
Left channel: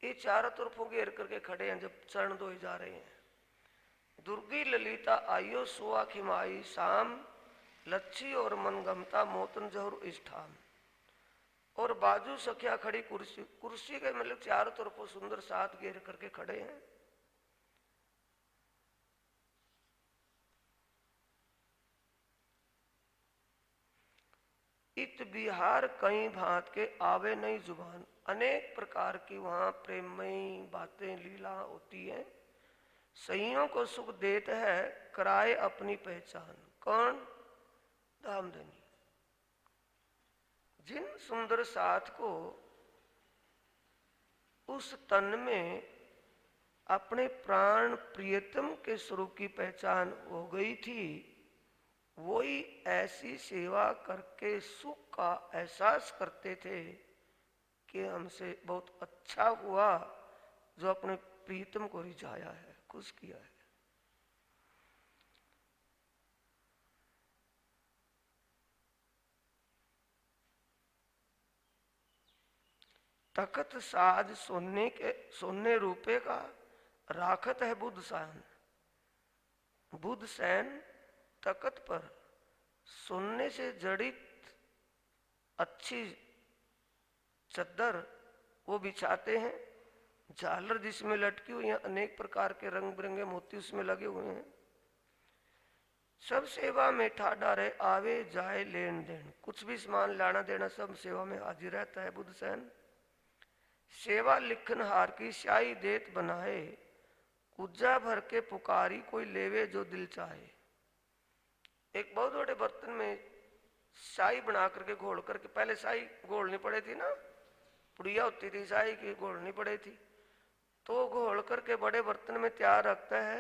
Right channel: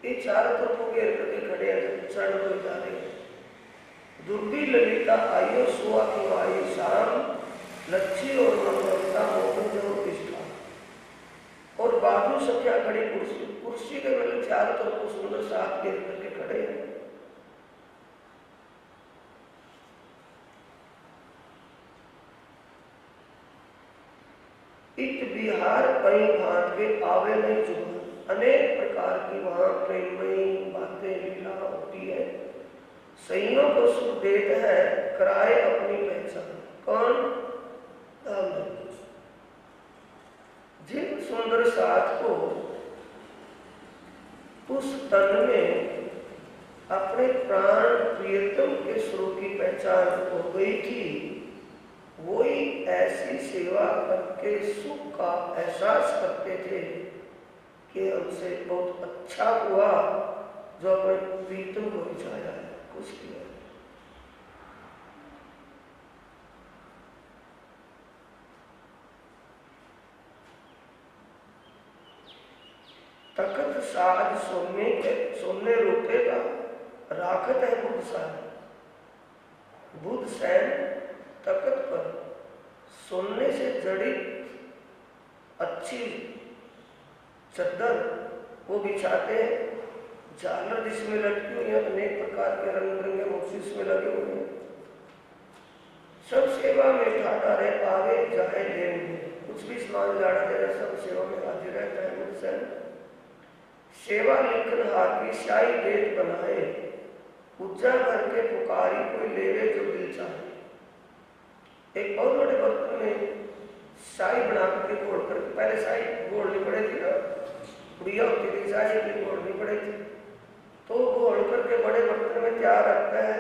ये चारों तरफ घेर करके खड़े हैं जब चरण धोए जा रहे हैं। दुर्गी ललिता आयो सुआ की आई शाम, लच्छी और मंगलता मोहन जो प्रतिष्ठा। और बाजू सख्या खड़ी कुर्सी, कुर्सी के मतलब चारों तरफ को सुंदर साथ घेर करके खड़े हैं। इत बिहार कई भांत के आवे नहीं जुबान, अनेक प्रकार की वहां प्रेममयी बातें लीला होती है। सहियों को सुख देते हैं कराए अपनी पहचान। कौन? जिन सुंदर साथ को उस तन में अपने प्राण प्रियतम के स्वरूप की पहचान हो गई थी, वही ऐसी सेवा करके सुख का एहसास करते थे कि हमसे बहुत अच्छा हुआ जो अपने प्रीतम को रिझाया है, कुछ किया है। तखत साज सोने रोते का राखत है बुद्ध सैन। बुद्ध सैन तखत पर सोने से जड़ित अच्छी चद्दर वो बिछाते हैं, झालर जिसमें लटकी हुई है, अनेक प्रकार के रंग बिरंगे मोती इसमें लगे हुए हैं। सब सेवा में ठाटा रहे, आगे जाए लेन देन, कुछ भी सामान लाना देना सब सेवा में हाजिर रहता है। मुझसे सेवा लिखनहार की स्याही डेट बनाए, पूजा भर के पुकारी कोई लेवे जो दिल चाहे। एक बहुत बड़े बर्तन में शाही बना करके घोल करके, पहले शाही घोलनी पड़ी थी ना, बुढ़िया होती थी शाही के घोलनी पड़ी थी, तो घोल करके बड़े बर्तन में तैयार रखता है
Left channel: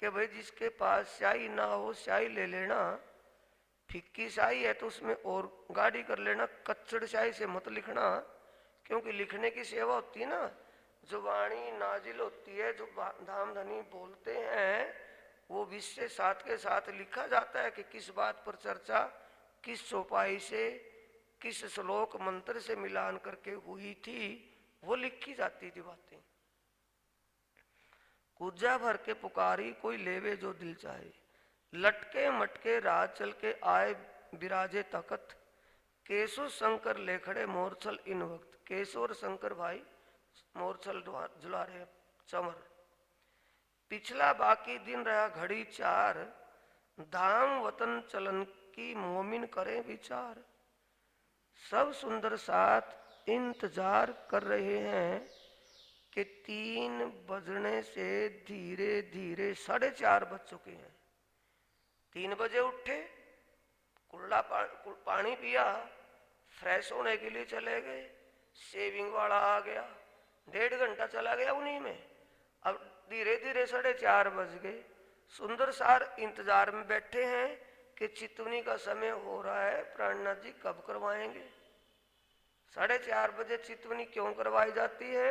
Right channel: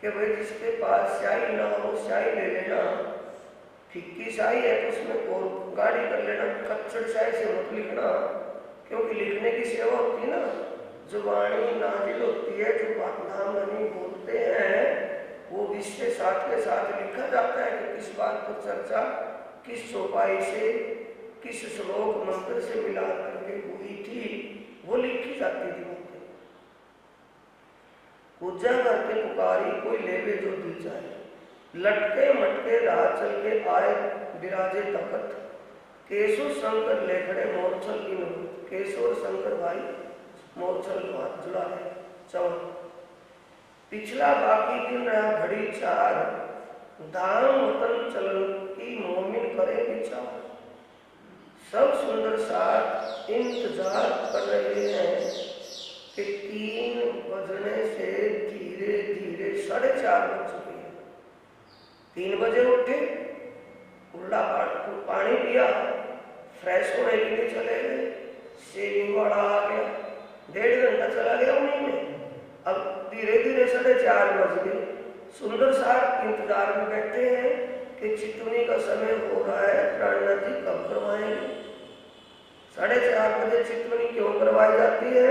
कि भाई जिसके पास स्याही ना हो स्याही ले लेना, फिक्की स्याही है तो उसमें और गाढ़ी कर लेना, कच्चड़ स्याही से मत लिखना, क्योंकि लिखने की सेवा होती है ना, जुबानी नाजिल होती है, जो नाम धनी बोलते हैं वो विषय साथ के साथ लिखा जाता है कि किस बात पर चर्चा किस चौपाई से किस श्लोक मंत्र से मिला करके हुई थी, वो लिखी जाती थी। पूजा भर के पुकारी कोई लेवे जो दिल चाहे, लटके मटके राह चल के आए विराजे तखत, केशव शंकर ले खड़े मोरछल की नौबत। केशव और शंकर भाई मोरछल जुला रहे चौन। पिछला बाकी दिन रहा घड़ी चार, धाम वतन चलन की मोमिन करे विचार। सब सुंदर साथ इंतजार कर रहे हैं कि 3 बजने से धीरे धीरे 4:30 बज चुके हैं। 3 बजे उठे, कुल्ला पानी पिया, फ्रेश होने के लिए चले गए, शेविंग वाला आ गया, 1.5 घंटा चला गया उन्हीं में। अब धीरे धीरे 4:30 बज गए, सुंदर साथ इंतजार में बैठे हैं कि चितुनी का समय हो रहा है, प्राणनाथ जी कब करवाएंगे। 4:30 बजे चितुनी क्यों करवाई जाती है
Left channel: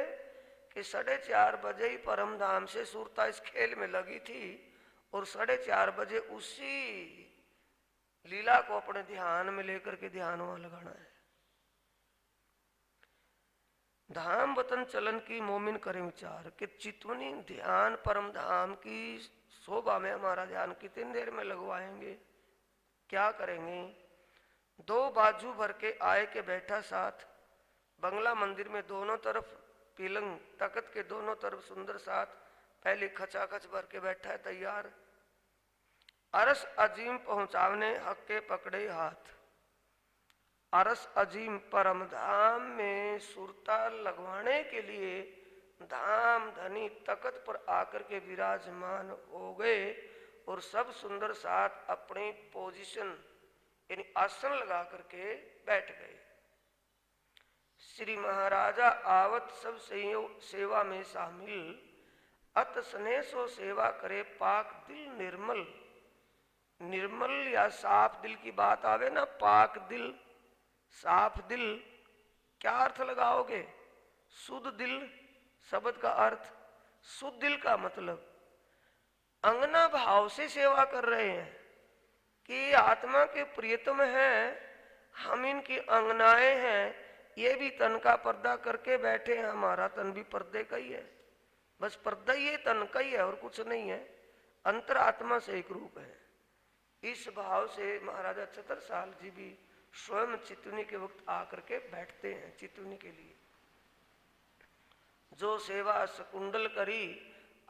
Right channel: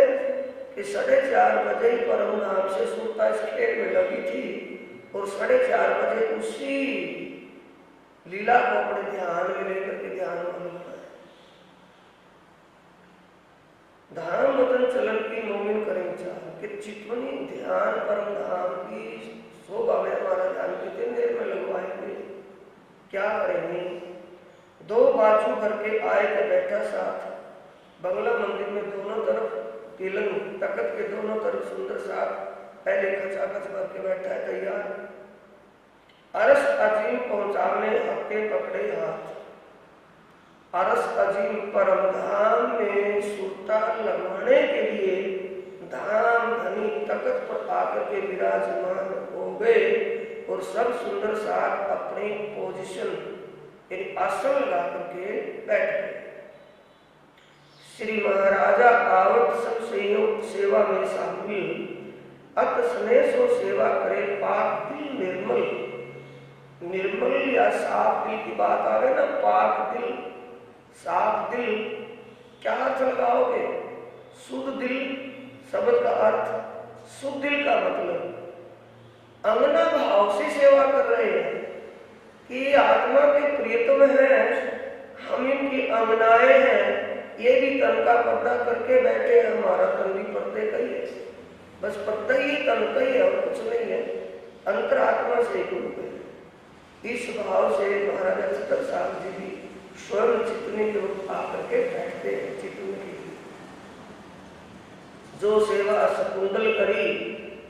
कि 4:30 बजे ही परम नाम से सूरता इस खेल में लगी थी और 4:30 बजे उसी लीला को अपने ध्यान में लेकर के ध्यान में लगाना है। धाम वतन चलन की मोमिन करे विचार कि चितवनी ध्यान परम धाम की शोभा में हमारा ध्यान कितनी देर में लगवाएंगे, क्या करेंगे। 2 बाजू भर के आए के बैठा साथ, बंगला मंदिर में दोनों तरफ पीलंग तकत के दोनों तरफ सुंदर साथ पहले खचाखच भर के बैठा है तैयार। अरस अजीम पहुंचाने हक्के पकड़े हाथ, अरस अजीम परम धाम में सुरता लगाने के लिए धाम धनी तकत पर आकर के विराजमान हो गए और सब सुंदर साथ अपनी पोजीशन यानी आसन लगा करके बैठ गए। श्री महाराजा आवत सब सेवा में शामिल, अत स्नेह सो सेवा करे पाक दिल निर्मल। निर्मल या साफ दिल की बात आवे ना, पाक दिल साफ दिल, क्या अर्थ लगाओगे। शुद्ध दिल शब्द का अर्थ शुद्ध दिल का मतलब अंगना भाव से सेवा कर रहे हैं कि आत्मा के प्रियतम है, हम इनकी अंगनाएं हैं, ये भी तन का पर्दा करके बैठे हैं, हमारा तन भी पर्दे का ही है, बस पर्दा ही तन का ही है और कुछ नहीं है, अंतरात्मा से डूब गए। इस भाव से महाराजा छत्रसाल जी भी स्वयं चितनी के रूप आकर के बैठते हैं। चितनी की जो सेवा सकुंडल करी,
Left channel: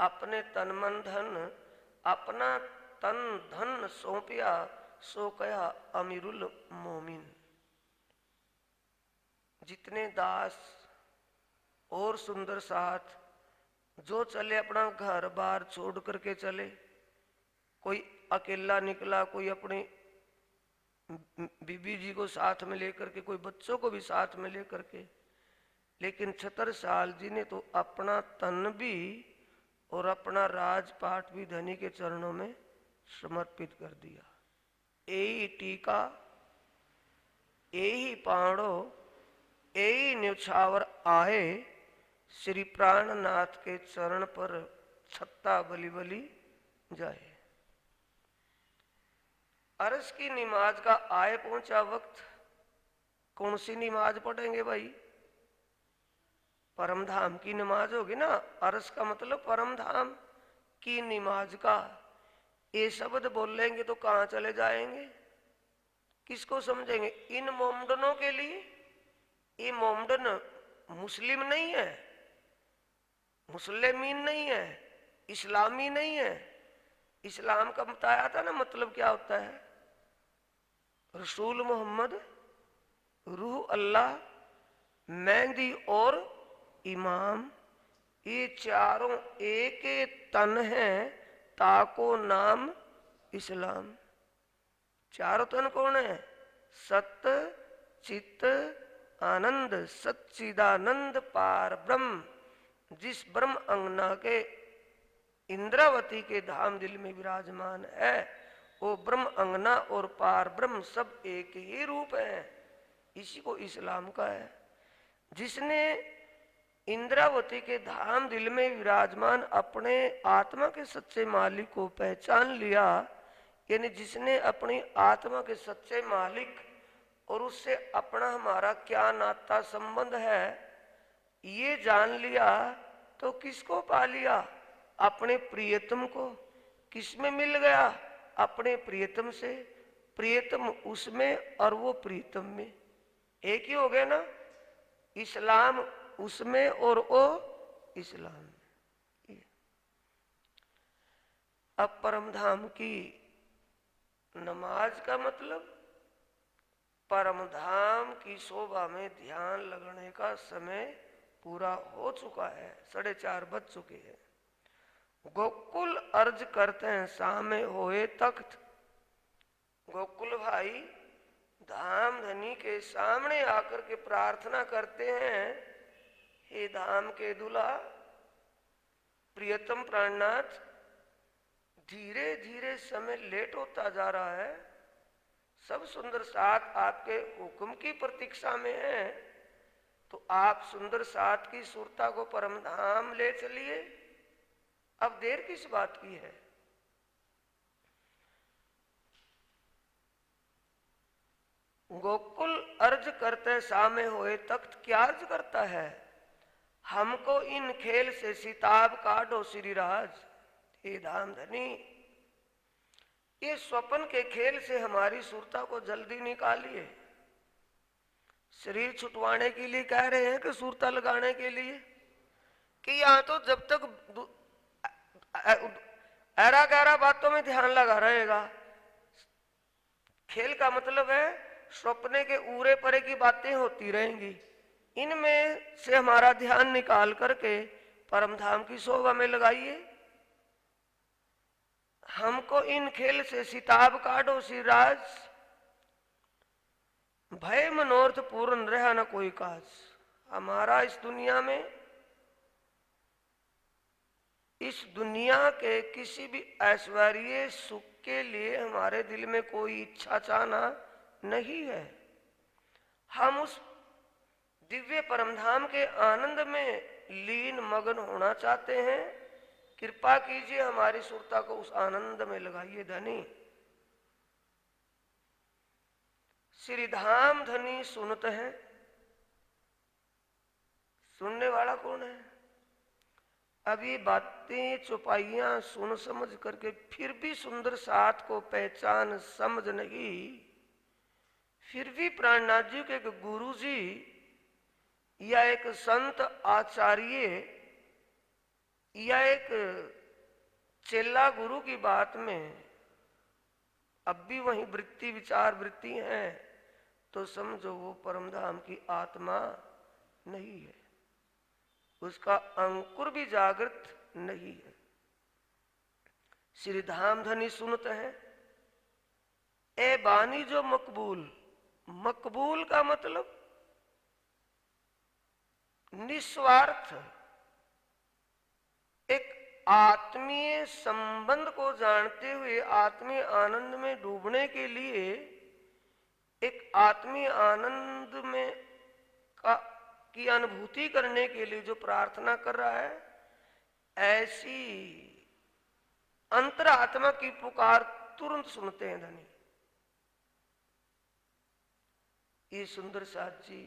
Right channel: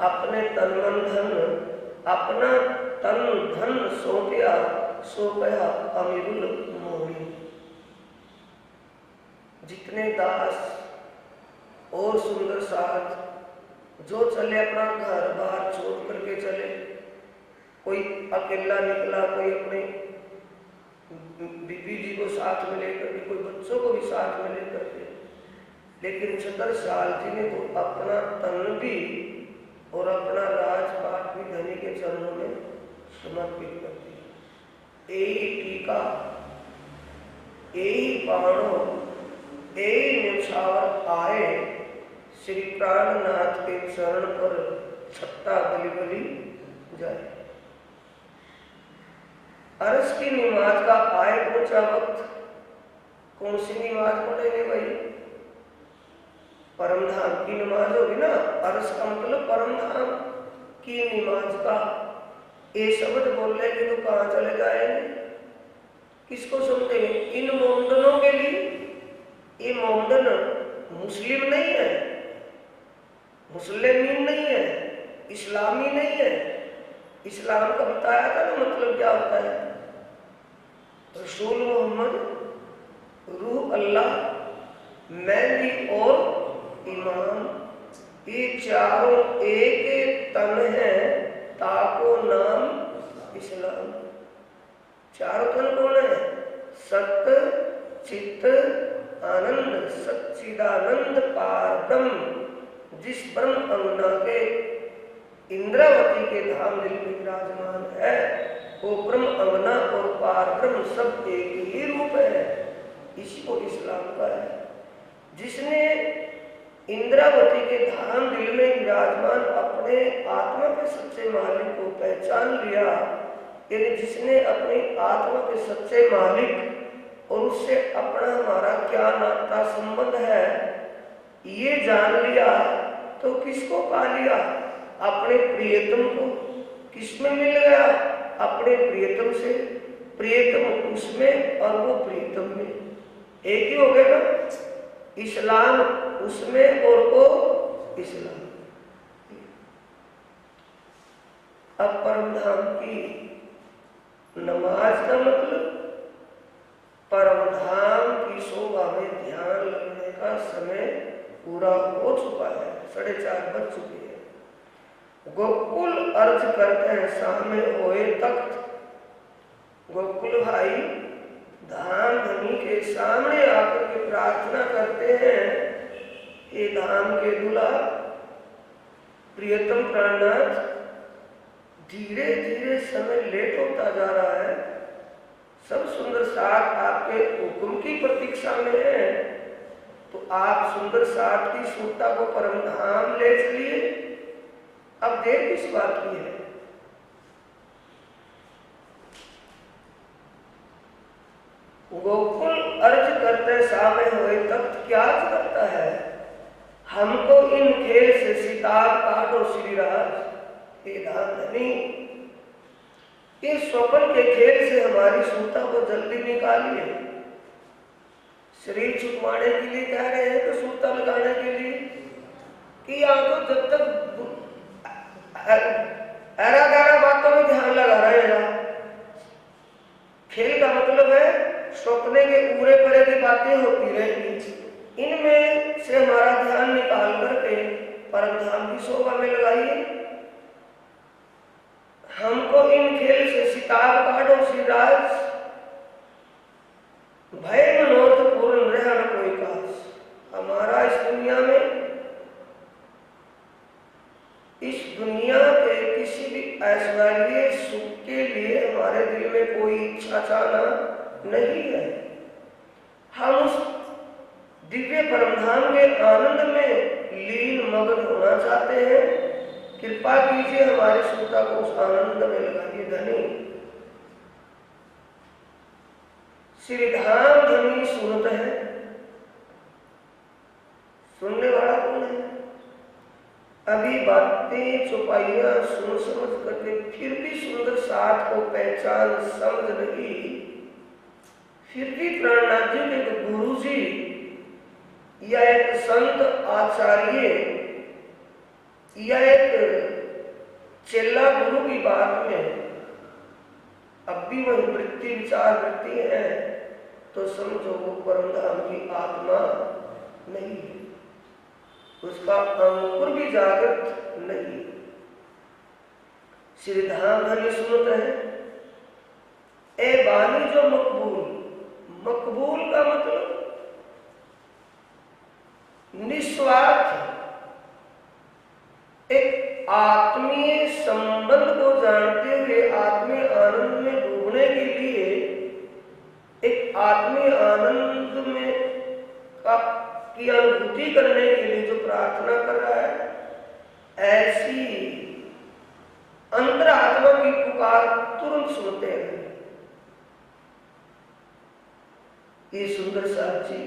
अपने तन मन धन, अपना तन धन सौंपया, सो कहा अमीरुल मोमिन। जितने दास और सुंदर साथ जो चले अपना घर बार छोड़ करके चले, कोई अकेला निकला, कोई अपने बीबी जी को साथ में लेकर के, कोई बच्चों को भी साथ में लेकर के, लेकिन छत्रसाल जी ने तो अपना तन भी और अपना राजपाट भी धनी के चरणों में समर्पित कर दिया। यही टीका, यही बाणों, यही निछावर आए श्री प्राणनाथ के चरण पर छत्ता बलि बलि जाए। अरस की नमाज का आए पहुंचा वक्त, कौन सी नमाज पढ़ेंगे भाई, परम धाम की नमाज होगी ना। अरस का मतलब परम धाम की नमाज का, ये शब्द बोल लेंगे तो कहाँ चले जाएंगे। किसको समझेंगे? इन मोमडनों के लिए। ये मोमडन मुस्लिम नहीं है, मुस्लिमीन नहीं है, इस्लामी नहीं है। इस्लाम का बताया था ना मतलब क्या होता है? रसूल मोहम्मद, रूह अल्लाह, मेहंदी और ईमान, ये चारों एक तन है, ताको नाम इस्लाम। चारों तन कौन है? सत्य, चित्त, आनंद, सच्चिदानंद पार ब्रह्म। जिस ब्रह्म अंगना के इंद्रावती के धाम दिल में विराजमान है, वो ब्रह्म अंगना और पार ब्रह्म सब एक ही रूप है। इसी को इस्लाम का है। जिसने इंद्रावती के धाम दिल में विराजमान अपने आत्मा के सच्चे मालिक को पहचान लिया, यानी जिसने अपनी आत्मा के सच्चे मालिक और उससे अपना हमारा क्या नाता संबंध है ये जान लिया, तो किसको पा लिया? अपने प्रियतम को। किसमें मिल गया? अपने प्रियतम से। प्रियतम उसमें और वो प्रियतम में, एक ही हो गया ना। इस्लाम उसमें और वो इस्लाम। अब परम धाम की नमाज का मतलब, परम धाम की शोभा में ध्यान लगने का समय पूरा हो चुका है, 4:30 बज चुकी है। गोकुल अर्ज करते हैं सामे होए तख्त। गोकुल भाई धाम धनी के सामने आकर के प्रार्थना करते हैं, हे धाम के दूल्हा, प्रियतम प्राणनाथ, धीरे धीरे समय लेट होता जा रहा है। सब सुंदर साथ आपके हुक्म की प्रतीक्षा में है, तो आप सुंदर साथ की सूरता को परम धाम ले चलिए। अब देर किस बात की है? गोकुल अर्ज करते सामे हुए तख्त क्या अर्ज करता है? हमको इन खेल से सितार काटो श्रीराज, हे धाम धनी, इस स्वप्न के खेल से हमारी सूता को जल्दी निकालिए। शरीर छुपवाने के लिए कह रहे हैं कि सूता लगाने के लिए? कि या तो जब तक ऐरा गैरा बातों में ध्यान लगा रहेगा। खेल का मतलब है स्वप्ने के पूरे परे की बातें होती रहेंगी, इनमें से हमारा ध्यान निकाल करके परम धाम की शोभा में लगाइए। हमको इन खेल से सिताब काटो श्रीराज, भय मनोरथ पूर्ण रहा न कोई काज। हमारा इस दुनिया के किसी भी ऐश्वर्य सुख के लिए हमारे दिल में कोई इच्छा चाहना नहीं है। हम उस दिव्य परमधाम के आनंद में लीन मग्न होना चाहते हैं। कृपा कीजिए हमारी सुखता को उस आनंद में लगाइए धनी। श्री धाम धनी सुनते हैं। सुनने वाला कौन है? अभी बातें चौपाइयां सुन समझ करके फिर भी सुंदर साथ को पहचान समझ नहीं, फिर भी प्राणनाथ जी के गुरु जी या एक संत आचार्य या एक चेला गुरु की बात में अब भी वही वृत्ति विचार वृत्ति है, तो समझो वो परमधाम की आत्मा नहीं है, उसका अंकुर भी जागृत नहीं। श्री धाम धनी सुनते हैं, ए बानी जो मकबूल। मकबूल का मतलब निस्वार्थ एक आत्मीय संबंध को जानते हुए आत्मीय आनंद में डूबने के लिए, एक आत्मीय आनंद में की अनुभूति करने के लिए जो प्रार्थना कर रहा है, ऐसी अंतरात्मा की पुकार तुरंत सुनते हैं। ये सुंदर साक्षी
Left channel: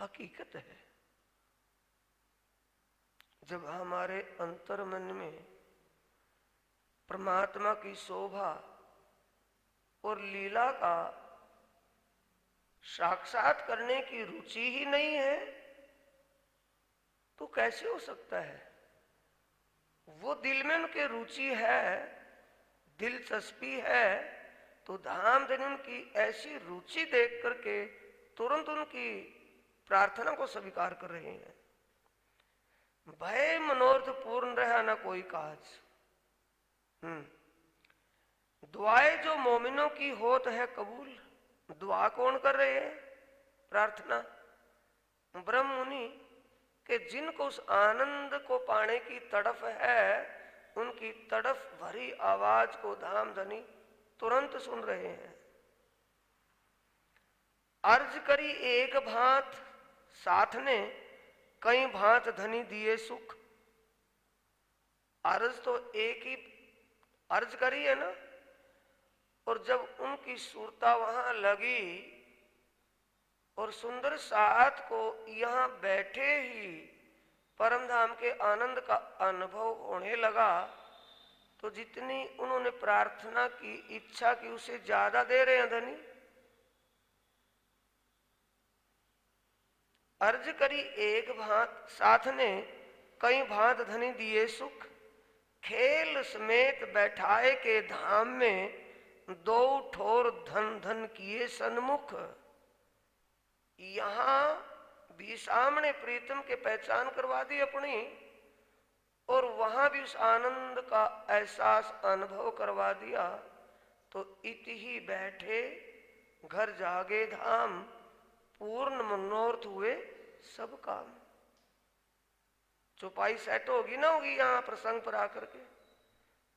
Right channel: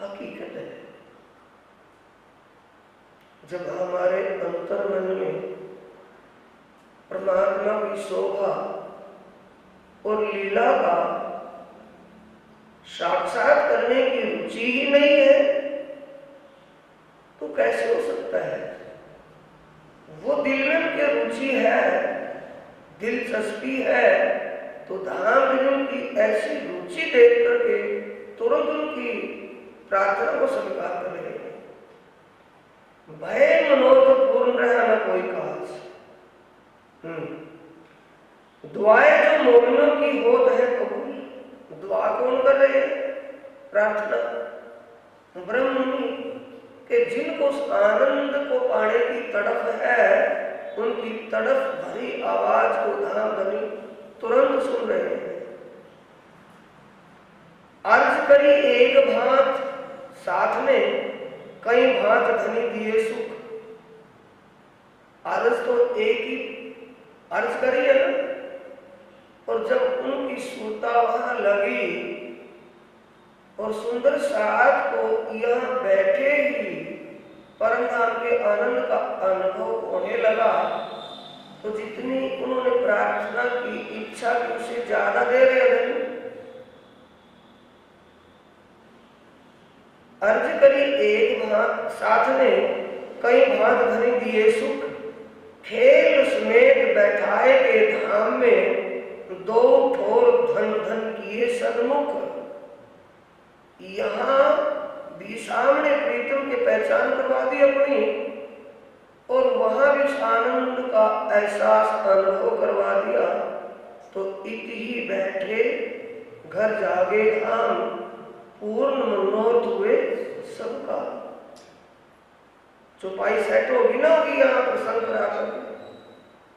हकीकत है। जब हमारे अंतर मन में परमात्मा की शोभा और लीला का साक्षात करने की रुचि ही नहीं है तो कैसे हो सकता है? वो दिल में उनकी रुचि है, दिलचस्पी है, तो धाम धनी की ऐसी रुचि देख करके तुरंत उनकी प्रार्थना को स्वीकार कर रहे हैं। भय मनोरथ पूर्ण रहा ना कोई काज। दुआएं जो मोमिनों की होत है कबूल। दुआ कौन कर रहे हैं? प्रार्थना ब्रह्म मुनि के जिनको उस आनंद को पाने की तड़फ है, उनकी तड़फ भरी आवाज को धाम धनी तुरंत सुन रहे हैं। अर्ज करी एक भांत साथ में कई भांत धनी दिए सुख। अर्ज तो एक ही अर्ज करी है ना, और जब उनकी सुरता वहां लगी और सुंदर साथ को यहां बैठे ही परम धाम के आनंद का अनुभव होने लगा, तो जितनी उन्होंने प्रार्थना की इच्छा की उससे ज्यादा दे रहे हैं। अर्ज करी एक भांत साथ ने कई भांत धनी दिए सुख। खेल समेत बैठाए के धाम में दो ठोर धन धन किए सन्मुख। यहां भी सामने प्रीतम के पहचान करवा दी अपनी, और वहां भी उस आनंद का एहसास अनुभव करवा दिया। तो इत ही बैठे घर जागे धाम, पूर्ण मनोरथ हुए सबका। चौपाई सेट होगी ना होगी यहाँ प्रसंग करा कर,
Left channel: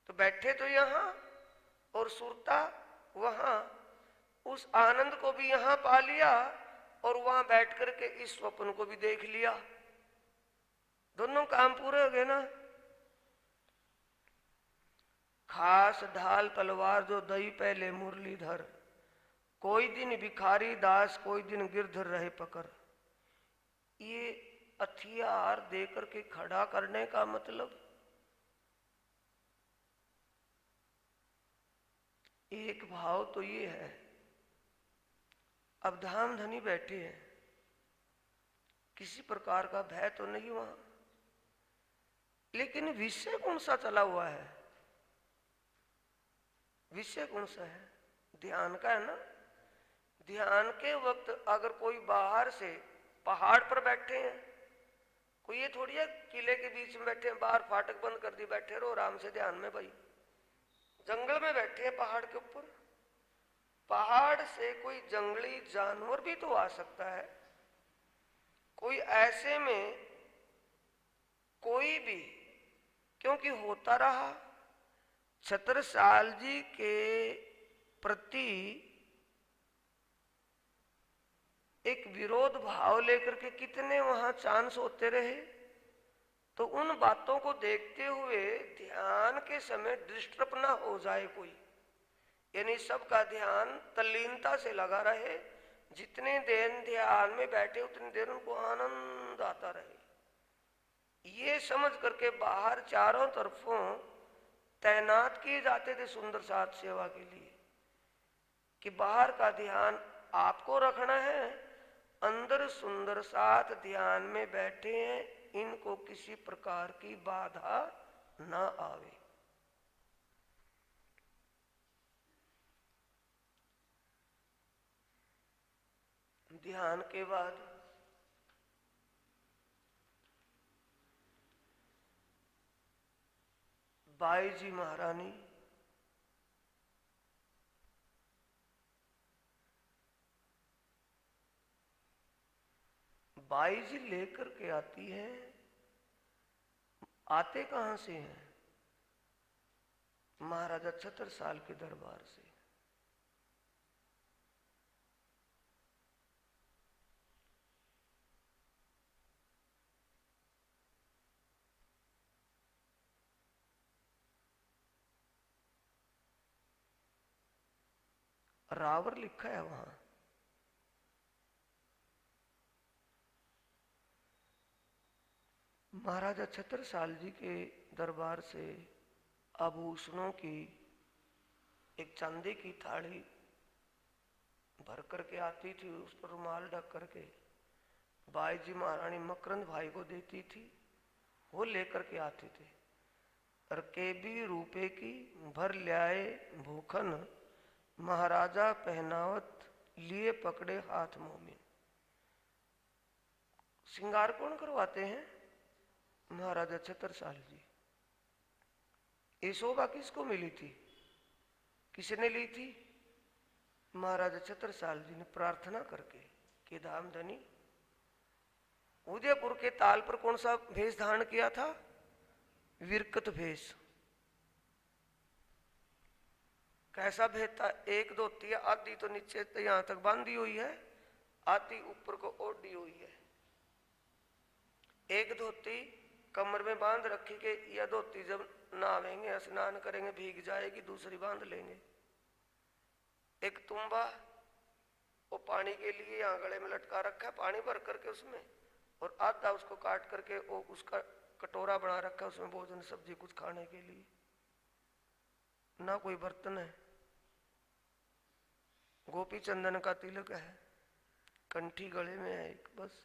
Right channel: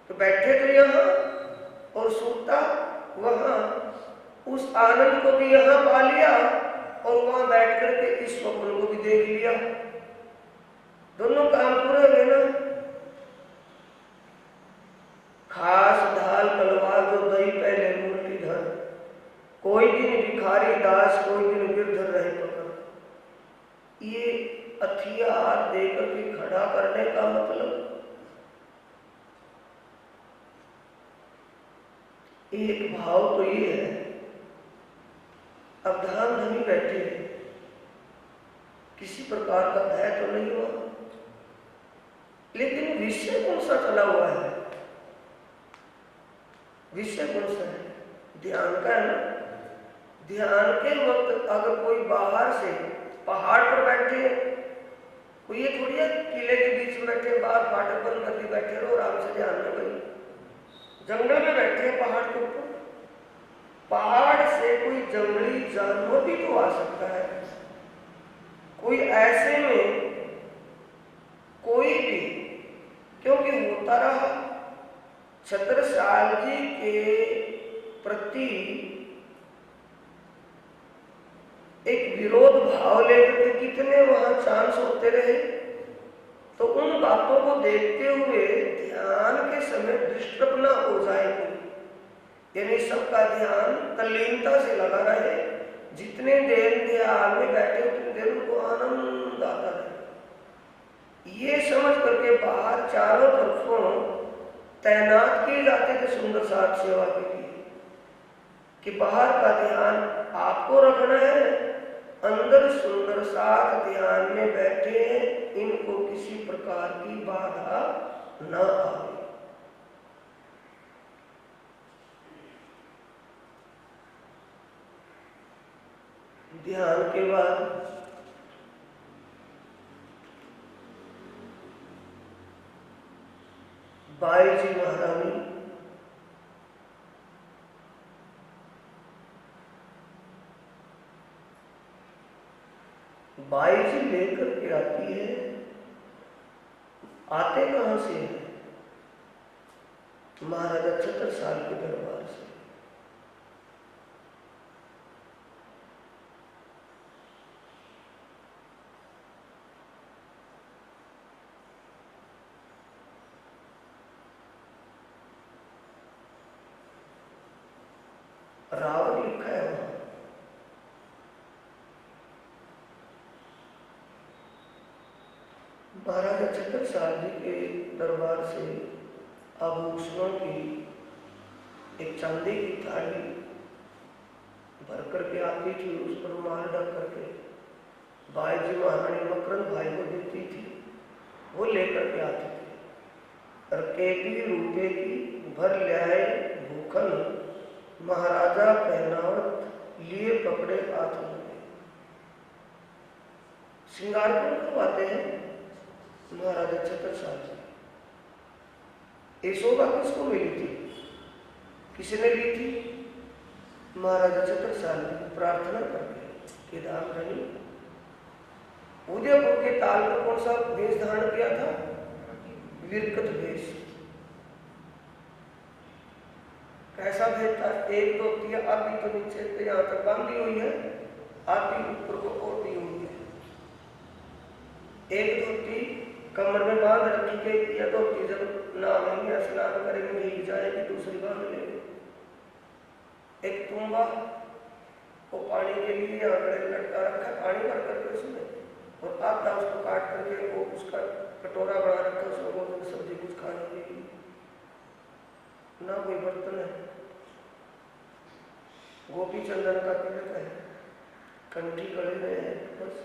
तो बैठे तो यहाँ और सूता वहां, उस आनंद को भी यहाँ पा लिया और वहां बैठ करके इस स्वप्न को भी देख लिया। दोनों काम पूरे हुए ना। खास ढाल तलवार जो दही पहले मुरलीधर, कोई दिन भिखारी दास कोई दिन गिरधर रहे पकड़। ये हथियार देकर के खड़ा करने का मतलब एक भाव तो ये है, अब धाम धनी बैठे हैं, किसी प्रकार का भय तो नहीं हुआ, लेकिन विषय कौन सा चला हुआ है? विषय कौन सा है? ध्यान का है ना। ध्यान के वक्त अगर कोई बाहर से पहाड़ पर बैठे, कोई ये थोड़ी है किले के बीच में बैठे, बाहर फाटक बंद कर दी बैठे रहो आराम से ध्यान में। भाई जंगल में बैठे हैं पहाड़ के ऊपर, पहाड़ से कोई जंगली जानवर भी तो आ सकता है। कोई ऐसे में कोई भी, क्योंकि होता रहा छत्रसाल जी के प्रति एक विरोध भाव लेकर के कितने वहां चांस होते रहे। तो उन बातों को देखते हुए ध्यान के समय डिस्टर्ब ना हो जाए कोई, यानी सबका ध्यान तल्लीनता से लगा रहे। जितने देर ध्यान में बैठे उतनी देर उनको आनंद आता रहे। ये समझ करके बाहर चारों तरफों तैनात किए जाते थे सुंदर साथ सेवा के लिए, कि बाहर का ध्यान आपको रखना है, अंदर सुंदर साथ ध्यान में बैठे हैं, इनको किसी प्रकार की बाधा न आए। ध्यान के बाद बाई जी महारानी बाई जी लेकर के आती है। आते कहां से है? महाराजा छत्रसाल के दरबार से। रावण लिखा है वहां। महाराजा छत्रसाल जी के दरबार से आभूषणों की एक चांदी की थाली भर करके आती थी, उस पर माल डाल करके बाई जी महारानी मकरंद भाई को देती थी, वो लेकर के आती थी। और केपी रुपए की भर ल्याए भूखन, महाराजा पहनावत लिए पकड़े हाथ में। श्रृंगार कौन करवाते हैं? महाराजा छत्रसाल जी। यशोदा किसको मिली थी? किसने ली थी? महाराजा छत्रसाल जी प्रार्थना करके कि राम रानी। उदयपुर के ताल पर कौन सा वेश धारण किया था? विरकत वेश। कैसा भेद था? एक धोती है, आधी तो नीचे यहाँ तक बांधी हुई है, आधी ऊपर को और दी हुई है। एक धोती कमर में बांध रखी के, या धोती जब नहाएंगे स्नान करेंगे भीग जाएगी, दूसरी बांध लेंगे। एक तुम्बा वो पानी के लिए यहाँ गले में लटका रखा, पानी भर करके उसमें, और आधा उसको काट करके वो उसका कटोरा बना रखा, उसमें भोजन सब्जी कुछ खाने के लिए। ना कोई बर्तन है, गोपी चंदन का तिलक है, कंठी गले में है, बस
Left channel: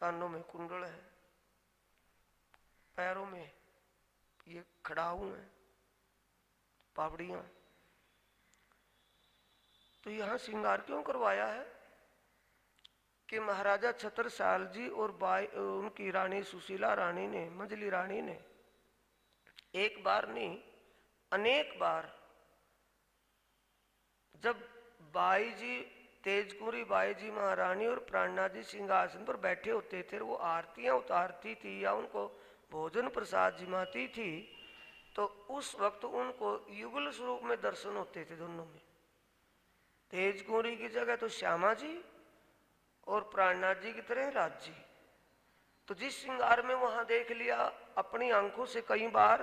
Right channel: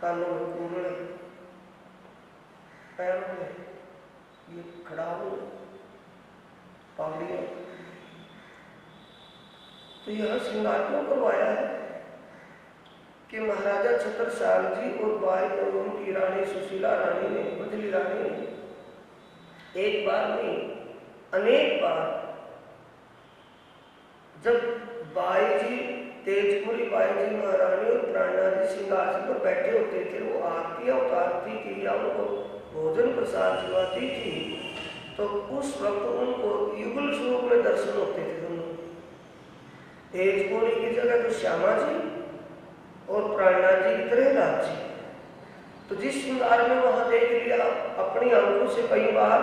कानों में कुंडल है, पैरों में ये खड़ाऊ है, पापड़ियां। तो यह श्रृंगार क्यों करवाया है? कि महाराजा छत्रसाल जी और बाई और उनकी रानी सुशीला रानी ने, मझली रानी ने एक बार नहीं अनेक बार, जब बाई जी तेजपुरी बाई जी महारानी और प्राणनाथ जी सिंहासन पर बैठे होते थे, वो आरतियां उतारती थी या उनको भोजन प्रसाद जिलवाती थी, तो उस वक्त उनको युगल स्वरूप में दर्शन होते थे दोनों। तेजपुरी की जगह तो श्यामा जी और प्राणनाथ जी की तरह राज जी। तो जिस श्रृंगार में वहां देख लिया अपनी आंखों से कई बार,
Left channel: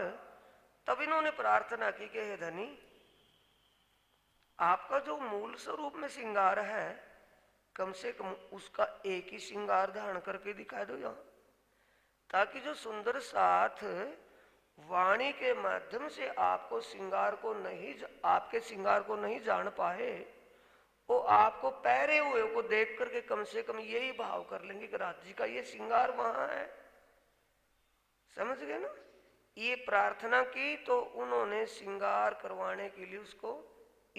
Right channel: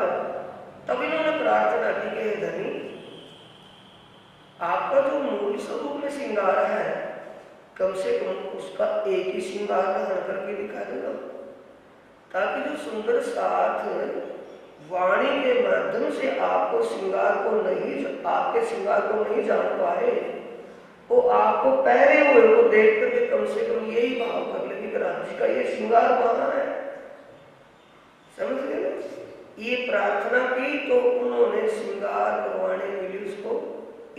तब इन्होंने प्रार्थना की कि हे धनी, आपका जो मूल स्वरूप में श्रृंगार है, कम से कम उसका एक ही श्रृंगार धारण करके दिखा देगा, ताकि जो सुंदर साथ वाणी के माध्यम से आपको श्रृंगार को नहीं, आपके श्रृंगार को नहीं जान पाए, वो आपको पहरे हुए को देख करके कम से कम यही भाव कर ले कि राज्य का ये श्रृंगार वहां है। समझ गए ना? ये प्रार्थना की तो उन्होंने श्रृंगार करवाने के लिए उसको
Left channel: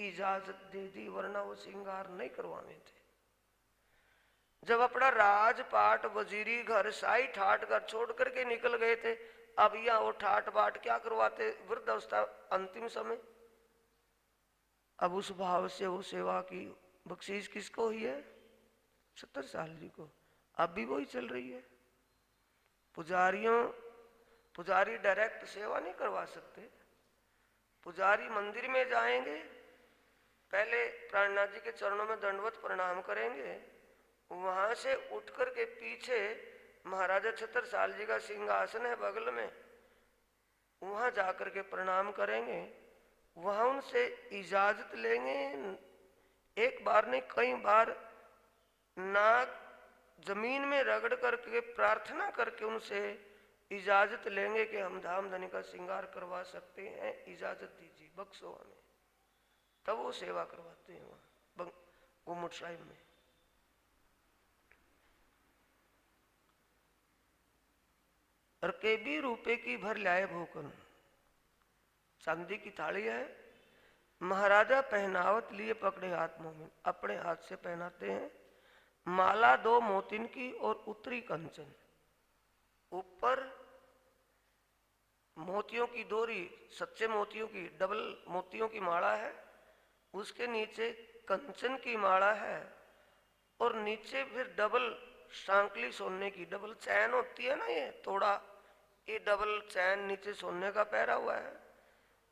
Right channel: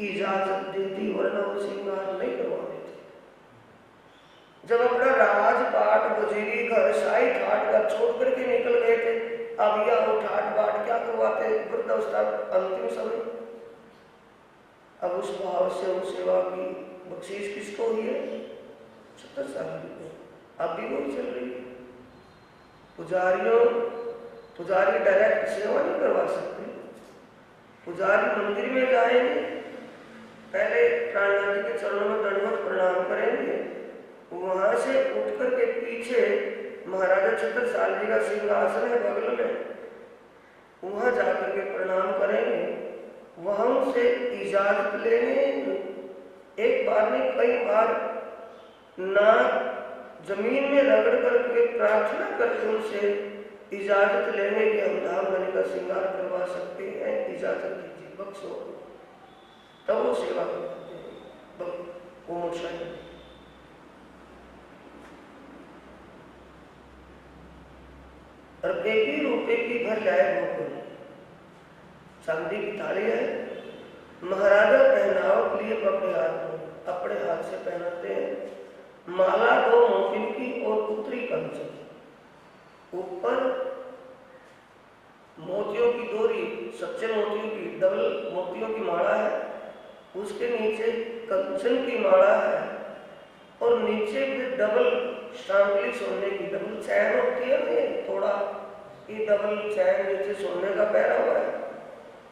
इजाजत दे दी, वरना वो श्रृंगार नहीं करवाते थे। जब अपना राजपाट वजीरी घर शाही ठाट का छोड़ करके निकल गए थे, अब या वो ठाट बाट क्या करवाते, वृद्धावस्था अंतिम समय। अब उस भाव से वो सेवा की बख्शीश किसको हुई है? छत्रसाल जी को। अब भी वही चल रही है। पुजारी डायरेक्ट सेवा नहीं करवा सकते। पुजारी मंदिर में जाएंगे, पहले प्राणनाथ जी के चरणों में दंडवत प्रणाम करेंगे, वहां से उठ करके पीछे महाराजा छत्रसाल जी का सिंहासन है बगल में, वहां जाकर के प्रणाम करेंगे, वहां से इजाजत लेंगे। एक बार नहीं कई बार ना जमीन में रगड़ करके प्रार्थना करके उनसे इजाजत लेंगे कि हम धामधनी का श्रृंगार करवा सकते हैं, इजाजत दीजिए, बख्शो। तब वो सेवा करते हैं। वो मुशाही और बेटी रुपए की भर लाए गोकुल, चांदी की थाली है, महाराजा पहनावत लिए पकड़े हाथ में, अपने हाथ से पहनाते हैं। माला 2 मोतियों की और उत्तरी कंचन, ऊपर मोतियों की डोरी, सच्चे मोतियों की डबल मोतियों की माला है, उसके नीचे कंचन की माला है, और नीचे फिर डबल सांकली सोने की, डबल चैन होती है ना, थोड़ा ये डबल चैन नीचे सोने का पहरा हुआ है,